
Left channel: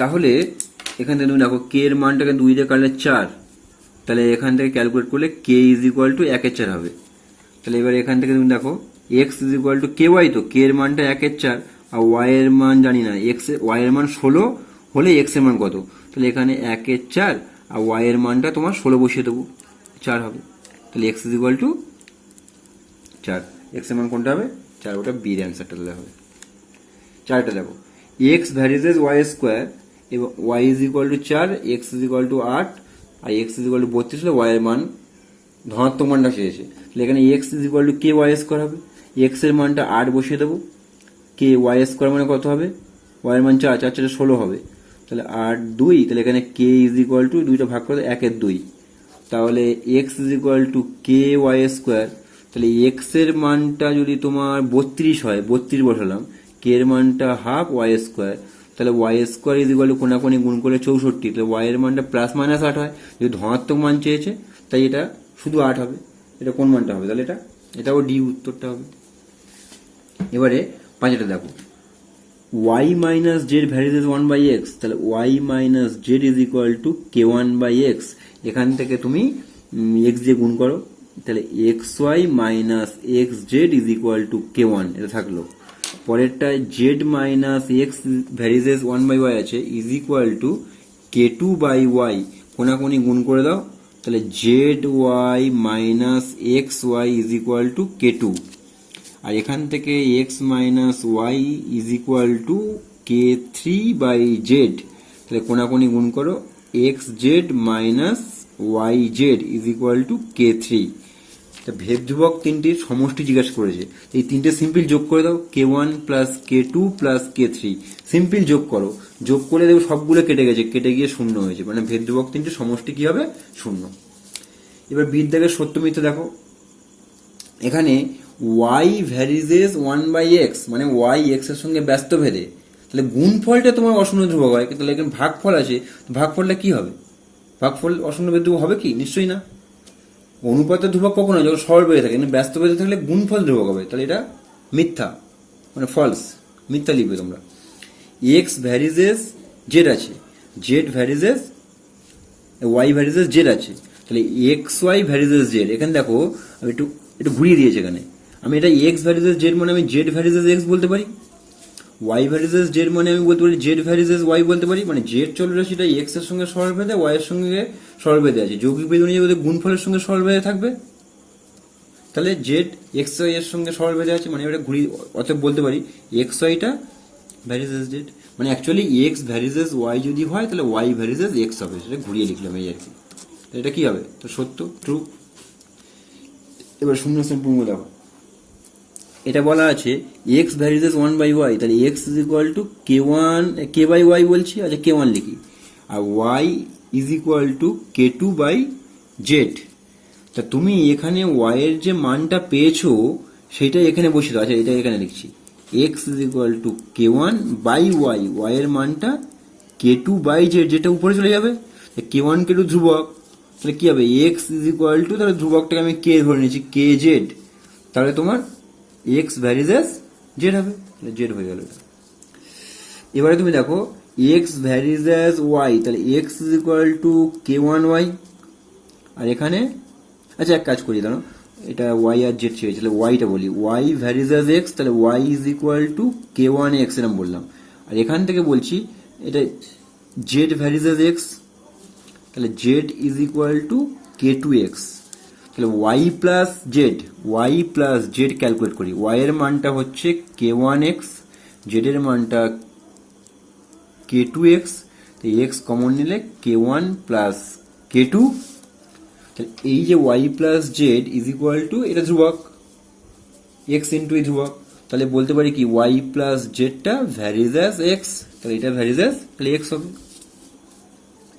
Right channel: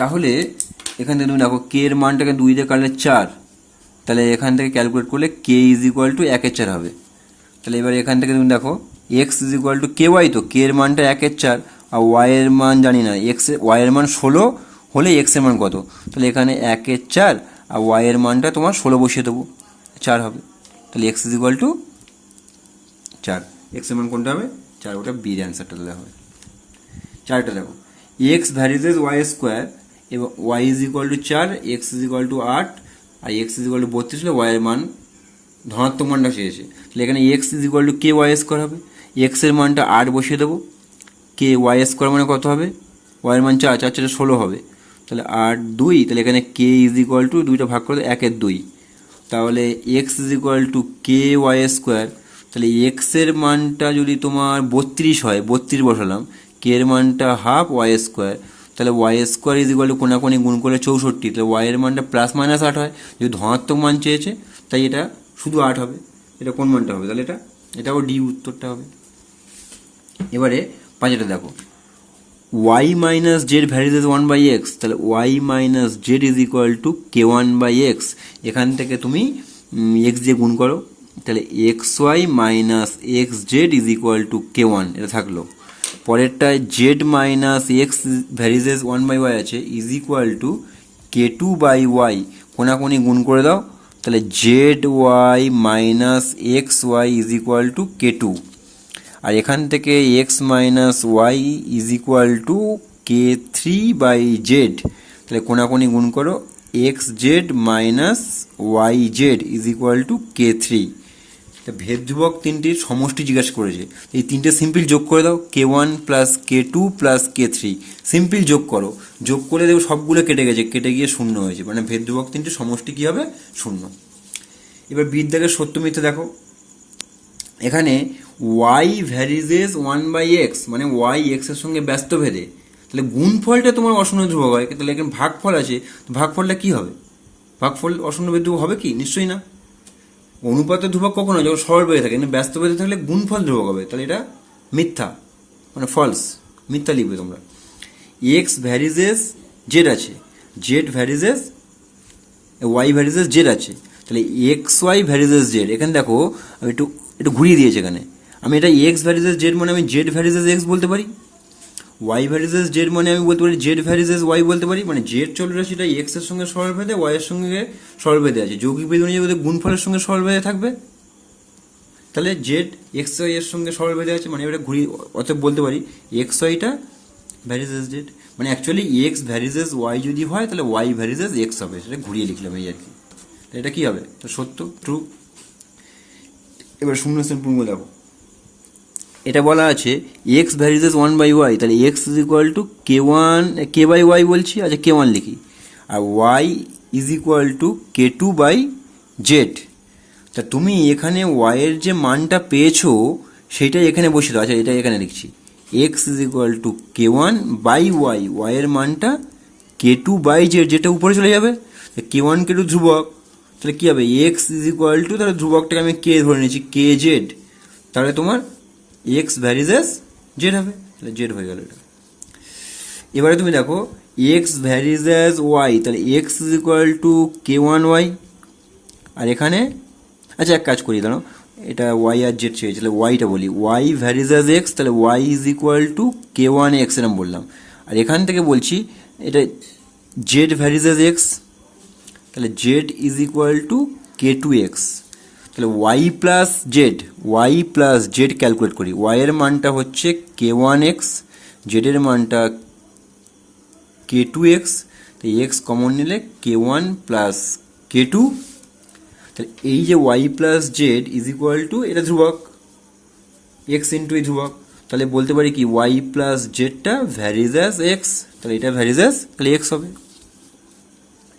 তাহলে এখান থেকে তুমি দেখো কে এর মানটাকে 2 দিয়ে কাটলে 4, তাহলে এখান থেকে ক্যালকুলেট করলে কে ইজ ইকুয়াল টু 1/4 হবে। তাহলে এবার এখান থেকে তুমি দেখো x is equal to K y, তো কে এর মানটা 1/4 আর ওয়াই এর মান জানি না, ওয়াই এর মান 16 হলে এক্স এর মান কত। তাহলে এখানে 1/4 আর ওয়াই এর মানটা তোমার 16 বসিয়ে দেবো, 4 হবে। তাহলে x is equal to 4, x এর মান কোনটা হবে 4, ওটা বির অ্যান্সারটা দেওয়া হবে। 4টা দেখো এক্স ভ্যারিজেস ওয়াই স্কোয়ার এবং y is equal to 4, x is equal to 8 আর এক্স ইজ ইকুয়াল টু 32 হলে ওয়াই এর মান ধনাত্মক মানটা চেয়েছে। তাহলে এখানে x is equal to K y square হবে, এক্সের মানটা 8 বসিয়ে দেবো, কে ওয়াই স্কোয়ার মানে কত হবে, ওয়াইয়ের মান 4, 4 4 16 হবে, তাহলে 8 2, তাহলে এখানে কে ইজ ইকুয়াল টু 2টা ভাগ করে 1 এর 2, তাহলে x is equal to K y square. তাহলে এক্সের মানটা যদি তোমার 32 হয়, 32 বসালাম, কে এর মানটা হাফ ওয়াই স্কোয়ার, তাহলে y square is equal to কোনাকুনি গুণ করলে 64, তাহলে ওয়াইয়ের মানটা প্লাস মাইনাস 8 হয়, যদি ধনাত্মক মান চেয়েছে তাই এটা শুধু 8 হবে। এটা কোন মানটা হবে, তাহলে এটাও ডি উত্তরটা হবে। এবারে 5টা দেখো, y minus Z varies as 1/x, তাহলে y minus Z is equal two k1/x, এখান থেকে তুমি x দিয়ে গুণ করো, তাহলে xy minus X Z is equal to k1, এটা থাকলো। পরেরটায় Z minus X varies 1/y আছে ইজ ইকুয়াল টু k2/y, কোনাকুনি গুণ করে দাও, তাহলে z y minus x y is equal to k2, আর এখান থেকে x minus Y is equal to k3/z, তাহলে কোনাকুনি গুণ করো, x z minus y z is equal to k3। ভেদ ধ্রুবক তিনটির সমষ্টি জিজ্ঞাসা করেছে, এই তিনটে সিম্পল যোগ করে দাও, k1 plus k2 plus k3, simple যোগ করো, যোগ করে দেখো সবগুলো কেটে গেছে, কেটে গিয়ে শূন্য হয়েছে, মানে ভেদ ধ্রুবক তিনটির সমষ্টি কী হবে, শূন্য। এবার বিদ্যাকের সত্য মিথ্যা দেখো, এখানে y ভ্যারিজেস 1/x, মানে y x এর সঙ্গে ব্যস্ত ভেদে, তাহলে গুণফলটা তোমার অশূন্য ধ্রুবক হয়, তাহলে এখানে ভাগফল আছে, ভাগফলটা কি হবে, ভাগফল অশূন্য ভেদ ধ্রুবক হবে কি, নিশ্চয়ই না। অনুপাতের ধ্রুবক কখনো যখন সরল বেঁধে থাকে, কিন্তু ব্যস্ত বেঁধে থাকলে গুণফল ধ্রুবক হবে, তাহলে এটা মিথ্যা, মানে ফলস, মিথ্যা লিখবে তোমরা। এক্স ভ্যারিজেস জেড আছে, z varies y varies z আছে, তাহলে এক্স ওয়াই ভ্যারিজেস জেড, এখানে দেখো একটু একটু ঘুরিয়ে দিয়েছে, এখানে আমি এটা এক্স ভ্যারিজেস জেড মানে আমি জেড ভ্যারিজেস এক্স বলতে পারি, ওয়াই ভ্যারিজেস জেড মানে আমি বলতে পারি জেড ভ্যারিজেস ওয়াই বলতে পারি, মানে জেড চলরাশিটা এক্স এর সঙ্গে সরল বেঁধে ওয়াই এর সঙ্গে সরল বেঁধে আছে, যৌগিক বেঁধে অনুযায়ী ওদের গুণফলের সঙ্গে সরল বেঁধে থাকবে, তাহলে জেড এক্স ওয়াই এর সঙ্গে সরল বেঁধে আছে, মানে এটা ঘুরিয়ে অতএব বলতে পারি এক্স ওয়াইটা ভ্যারিজেস জেড, মানে অ্যাকচুয়ালি এক্স ভ্যারিজেস ওয়াই যদি হয় তাহলে ওয়াই ভ্যারিজেস এক্স হবে, সেটা ঘুরিয়ে লিখলাম এই আর কি। এটা কি হবে, তো সত্য, ট্রু। এবার শূন্যস্থান পূর্ণ দেখো, এটা বলা আছে এক্স ভ্যারিজেস 1/y, তাহলে x is equal to k1 বলছি, আচ্ছা k1 লিখি, আর Y is equal to k2/z, তা তুমি এখানে ওয়াই এর যে মানটা পেয়েছো সেটাই এখানে বসে দাও, আচ্ছা এটা এখানে লিখছি, x is equal to k1/y, y এর মানটা k2/z, যেটা উপরে চলে যাবে, k1 k2 ধ্রুবক, তাহলে কি হবে এক্স ইজ ইকুয়াল টু, তাহলে ধ্রুবকটাকে আমি কে ধরে নিচ্ছি kz, তাহলে তোমার এক্স ভ্যারিজেস জেড হবে, তাহলে জেড হয়ে গেল এটা। এবারে তুমি দেখো এক্স ভ্যারিজেস ওয়াই, তাহলে x is equal to k1y, আর এখানে আচ্ছা এক কাজ করি, দাঁড়ো এটা ওয়াই আর জেড চেয়েছে, তাহলে ওয়াইটা বলি, ওয়াই ভ্যারিজেস এক্স, তাহলে y is equal to k1x এরকম বললাম, আর এখান থেকে বলছি এটা জেড ভ্যারিজেস এক্স, তাহলে z is equal to k2x, তাহলে ওয়াই প্লাস জেড ক্যালকুলেট করি, ওয়াই এর মানটা হচ্ছে k1x, জেডের মানটা k2x, তো এক্স কমন নিলে k1 প্লাস k2, তাহলে এই যে y plus z is equal to, এটা ধ্রুবক এক্স ইন্টু এই ধ্রুবক, তাহলে বলতে পারি কি ওয়াই প্লাস জেডটা ভ্যারিজেস এক্স, তাহলে এটা ভ্যারিজেস, তাহলে এক্স হবে।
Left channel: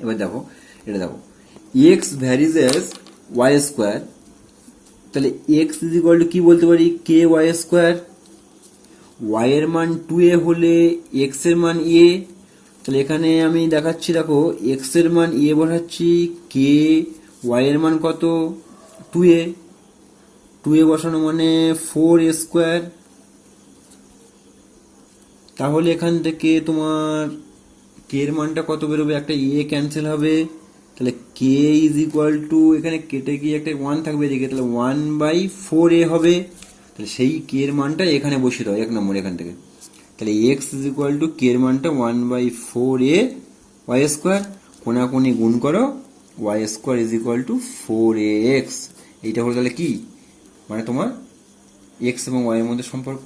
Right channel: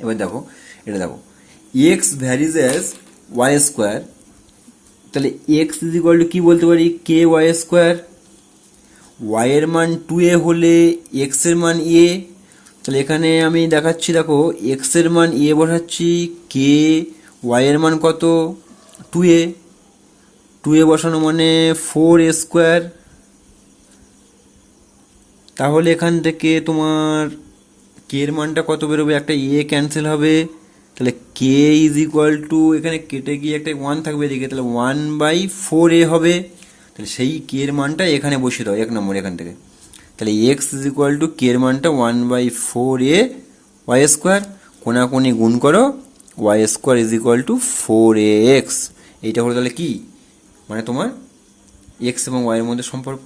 এবার দেখো এটা দেখো এক্স ভ্যারিজেস ওয়াই স্কোয়ার, তাহলে এক্স ইজ ইকুয়াল টু কি বলতে পারি কে ওয়াই স্কোয়ার, ওয়াই এর মান 2a হলে এক্স এর মান a, তাহলে এখানে আমি দেখাচ্ছি দেখো এক্স এর মান a বসাচ্ছি, কে ওয়াই এর মান কত 2a বসানো মানে 4a স্কোয়ার, তাহলে এখান থেকে তোমার কে এর মানটা কত বেরোবে, একটা a ক্যান্সেল হবে, তাহলে কে ইজ ইকুয়াল টু, এখানে কেটে গিয়ে একটা 1 থাকবে এদিকে, তাহলে 1/4a হবে, তাহলে সেই কে এর মানটা এখানে বসিয়ে দাও 1 নম্বর এখান থেকে, তাহলে x is equal to k এর মানটা 1/4a ওয়াই স্কোয়ার, কোনাকুনি গুণ করো, y square is equal to 4ax, এইটা হলো তাহলে কি, মানে তোমার এক্স এবং ওয়াই এর মধ্যে সম্পর্ক।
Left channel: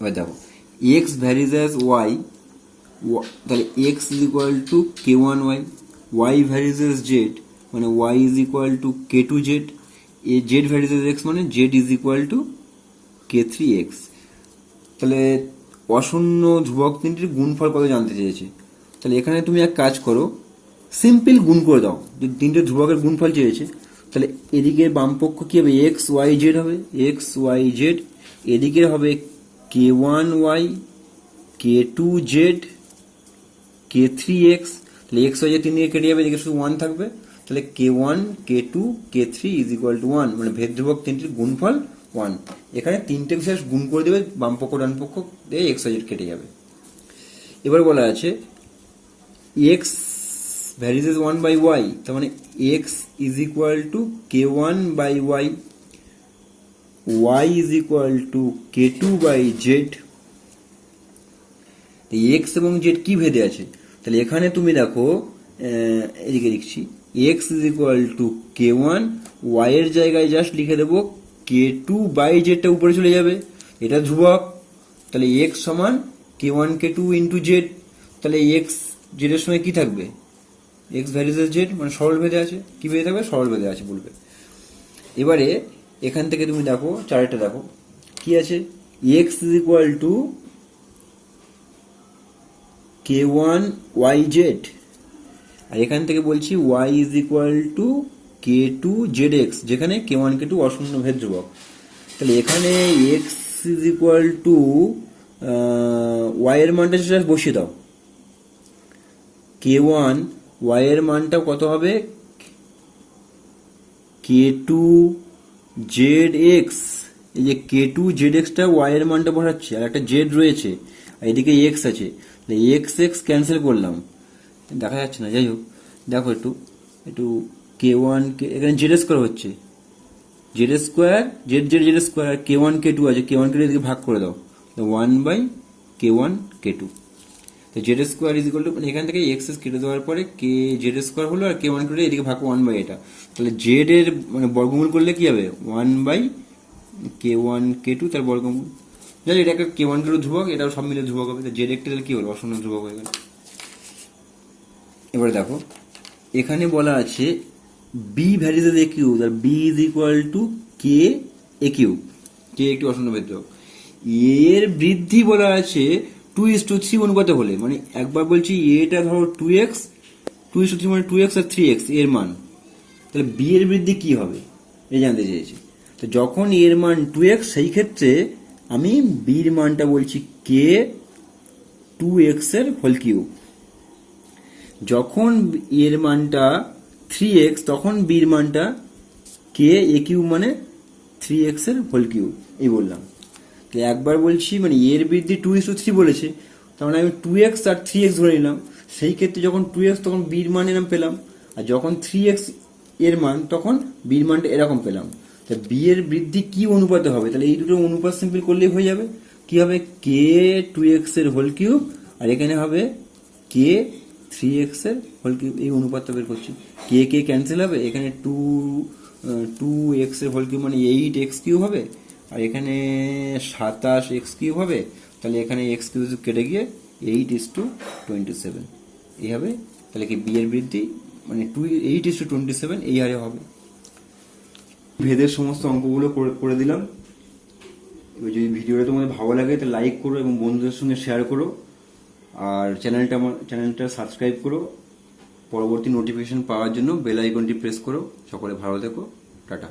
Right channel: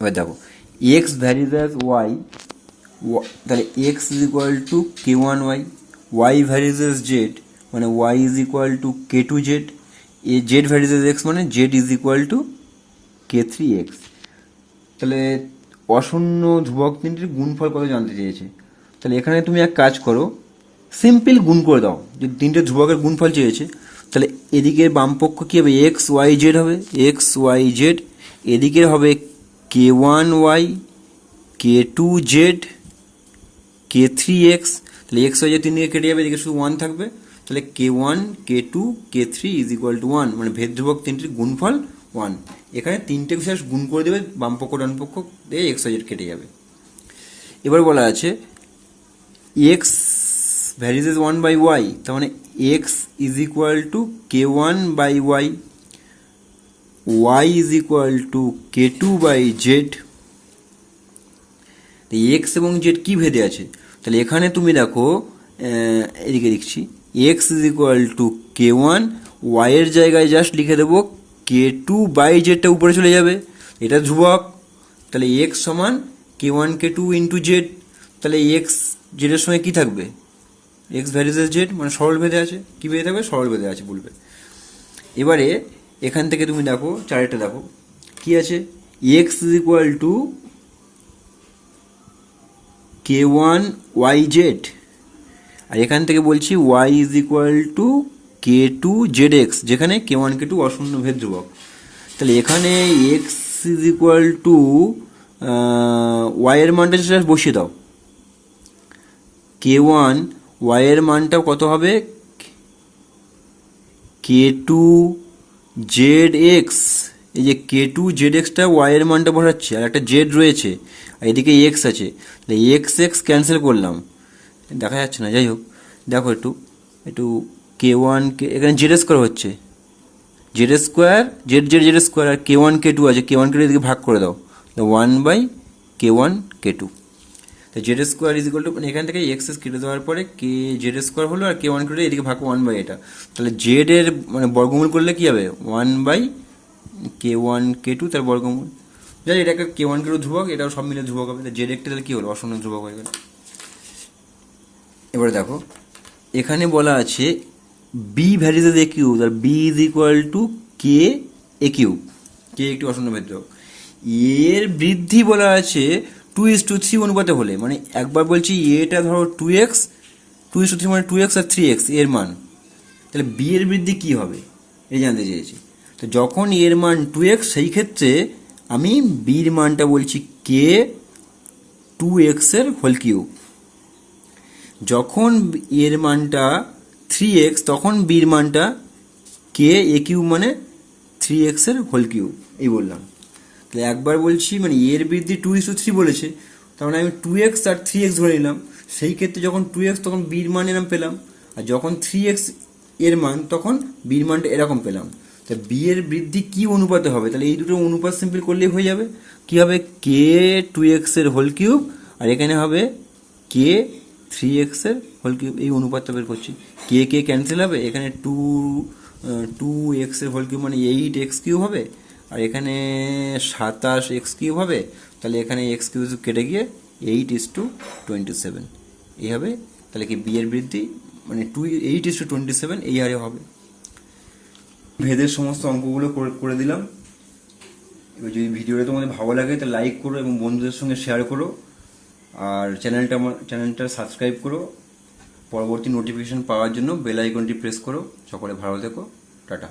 এবার দেখো এক্স ভ্যারিজেস ওয়াই, তাহলে x is equal to k1y, Y varies Z মানে Y is equal to k2z, Z varies X মানে Z is equal to k3x। তাহলে অশূন্য ধ্রুবক তিনটির গুণফল কত জানতে চেয়েছে। তাহলে এখানে তুমি এক কাজ করো, সিম্পল গুণ করে দাও। যদি তিনটে ধ্রুবকের গুণফল চেয়েছে তাহলে এদিকের বামপক্ষ কী হবে, এক্স ওয়াই জেড হবে, এক্স ওয়াই জেড। এদিকের হবে k1y, k2z, k3x। তাহলে এক্স ওয়াই জেড তিন দিকে কেটে যাবে, এদিকে শুধু 1 থাকবে। তাহলে k1, k2, k3 is equal two 1, মানে ভেদ ধ্রুবক তিনটির গুণফল 1। এখানে তিনটে বিশেষ গুণ করে দেবে, বামপক্ষ ডানপক্ষ দিয়ে এক্স ওয়াই জেড কেটে যাবে। এবার বলা আছে x ভ্যারিজেস 1/y, তার মানে x is equal to k1/y, y is equal to k2/z। x এবং z কি ভেদে আছে, তাহলে এখানে তুমি দেখো এদিকে লিখছি x is equal to k1, y এর জায়গায় জাস্ট লিখে দেবো k2/z, টা উপরে চলে যাবে, এটা ধ্রুবক। তাহলে x সমান k1 k2 ইন্টু z। তাহলে x z এর সঙ্গে কি থাকবে, x ভ্যারিজেস z, মানে সরল ভেদে আছে। কি ভেদে থাকবে, সরল ভেদে আছে বলবে। এবারে এখান থেকে তুমি দেখো চারেরটা দেখো কি আছে, x is equal two k1yz, আর এখান থেকে বলছি y is equal two k2zx, যেখানে k1 k2 অশূন্য ভেদ ধ্রুবক। তাহলে এখানে x is equal two y এর মানটা জাস্ট বসিয়ে দাও, k1 y এর মানটা কত হবে, k2zx। এই যে k2zx টা y এর মানটা বসাচ্ছে, আর একটা z রয়েছে, আর এদিকে x আছে। তাহলে x x ক্যান্সেল করলাম, দেখা যাচ্ছে না, যাই হোক দেখো একটু একটু k1 এখানে z স্কোয়ার হচ্ছে, z স্কোয়ার z স্কোয়ার, আর k1 k2 আছে, k1 k2 এদিকে ভাগ করে দাও, 1/k1 k2। তো Z square is equal two, মানে এখান থেকে এক্স কেটে দেওয়ার পরে কে জেড স্কোয়ার হলো, আর k1 কেটে এদিকে ভাগ 1/, এটা। তাহলে জেড এর মানে বর্গমূল করলে কি হবে, 1/k1 k2 তার বর্গমূল। যাই এটাকে k1 k2 ধ্রুবক, এটাও সব মিলে ধ্রুবক হবে। জেড একটা তাহলে কি হলো, অশূন্য ধ্রুবক হয়ে গেল। এবারে দেখো এখানে বলা আছে বি ভ্যারিজেস এ কিউব, আর B is equal to K A cube, K একটি অশূন্য ভেদ ধ্রুবক। এর বৃদ্ধি বলা আছে 2:3 অনুপাতে হলে, মানে একবার বলছি এটা ধরো 2x, 2:3 মানে 2x আর 3x এর মান, তাহলে বি এর বৃদ্ধি কি হবে এই জানতে চেয়েছি। তো যখন এর মান 2x, সেই ক্ষেত্রে আমি বির মানটা বলছি কে 2x এর হোল কিউব। যখন এর মানটা 3x, তখন বির মানটা কে এ কিউব, মানে 3x এর হোল কিউব, এই বললাম। তাহলে একবার বলছি মানে এর বৃদ্ধি 2:3 বলেছে, তার মানে আমি 2x আর 3x ধরে নিলাম। সেই ক্ষেত্রে যখন 2x তখন বির মান এরকম পেলাম, আর যখন 3x এর মান তখন বির মানটা এরকম পেলাম। তা বি এর বৃদ্ধি কি অনুপাতে হবে, তাহলে এই দুটো অনুপাত সিম্পল করলেই হয়ে যাবে। কি হবে, কে 2x এর হোল কিউব, আর এখানে হবে কে 3x এর হোল কিউব। এই অনুপাতটা বের করছি, কে কে ক্যান্সেল হবে, এখানে 2x এর হোল কিউব মানে 8x কিউব হবে, আর এখানে 27x কিউব হবে। তাহলে এখানে x কিউব কেটে গিয়ে 8:27 এই হবে। তাহলে কি বি এর বৃদ্ধি মানে 8:27 এই হারে হবে। ভেদের সমস্ত অঙ্কগুলো করে দিলাম। এবার যদি ভিডিওটা তোমাদের ভালো লাগে তাহলে লাইক করো এবং বন্ধুদের সঙ্গে শেয়ার করো, আর চ্যানেলটা সাবস্ক্রাইব করো। পরবর্তী নোটিফিকেশন পাওয়ার জন্য বেল আইকনটি প্রেস করো। সকলে ভালো থেকো, টাটা।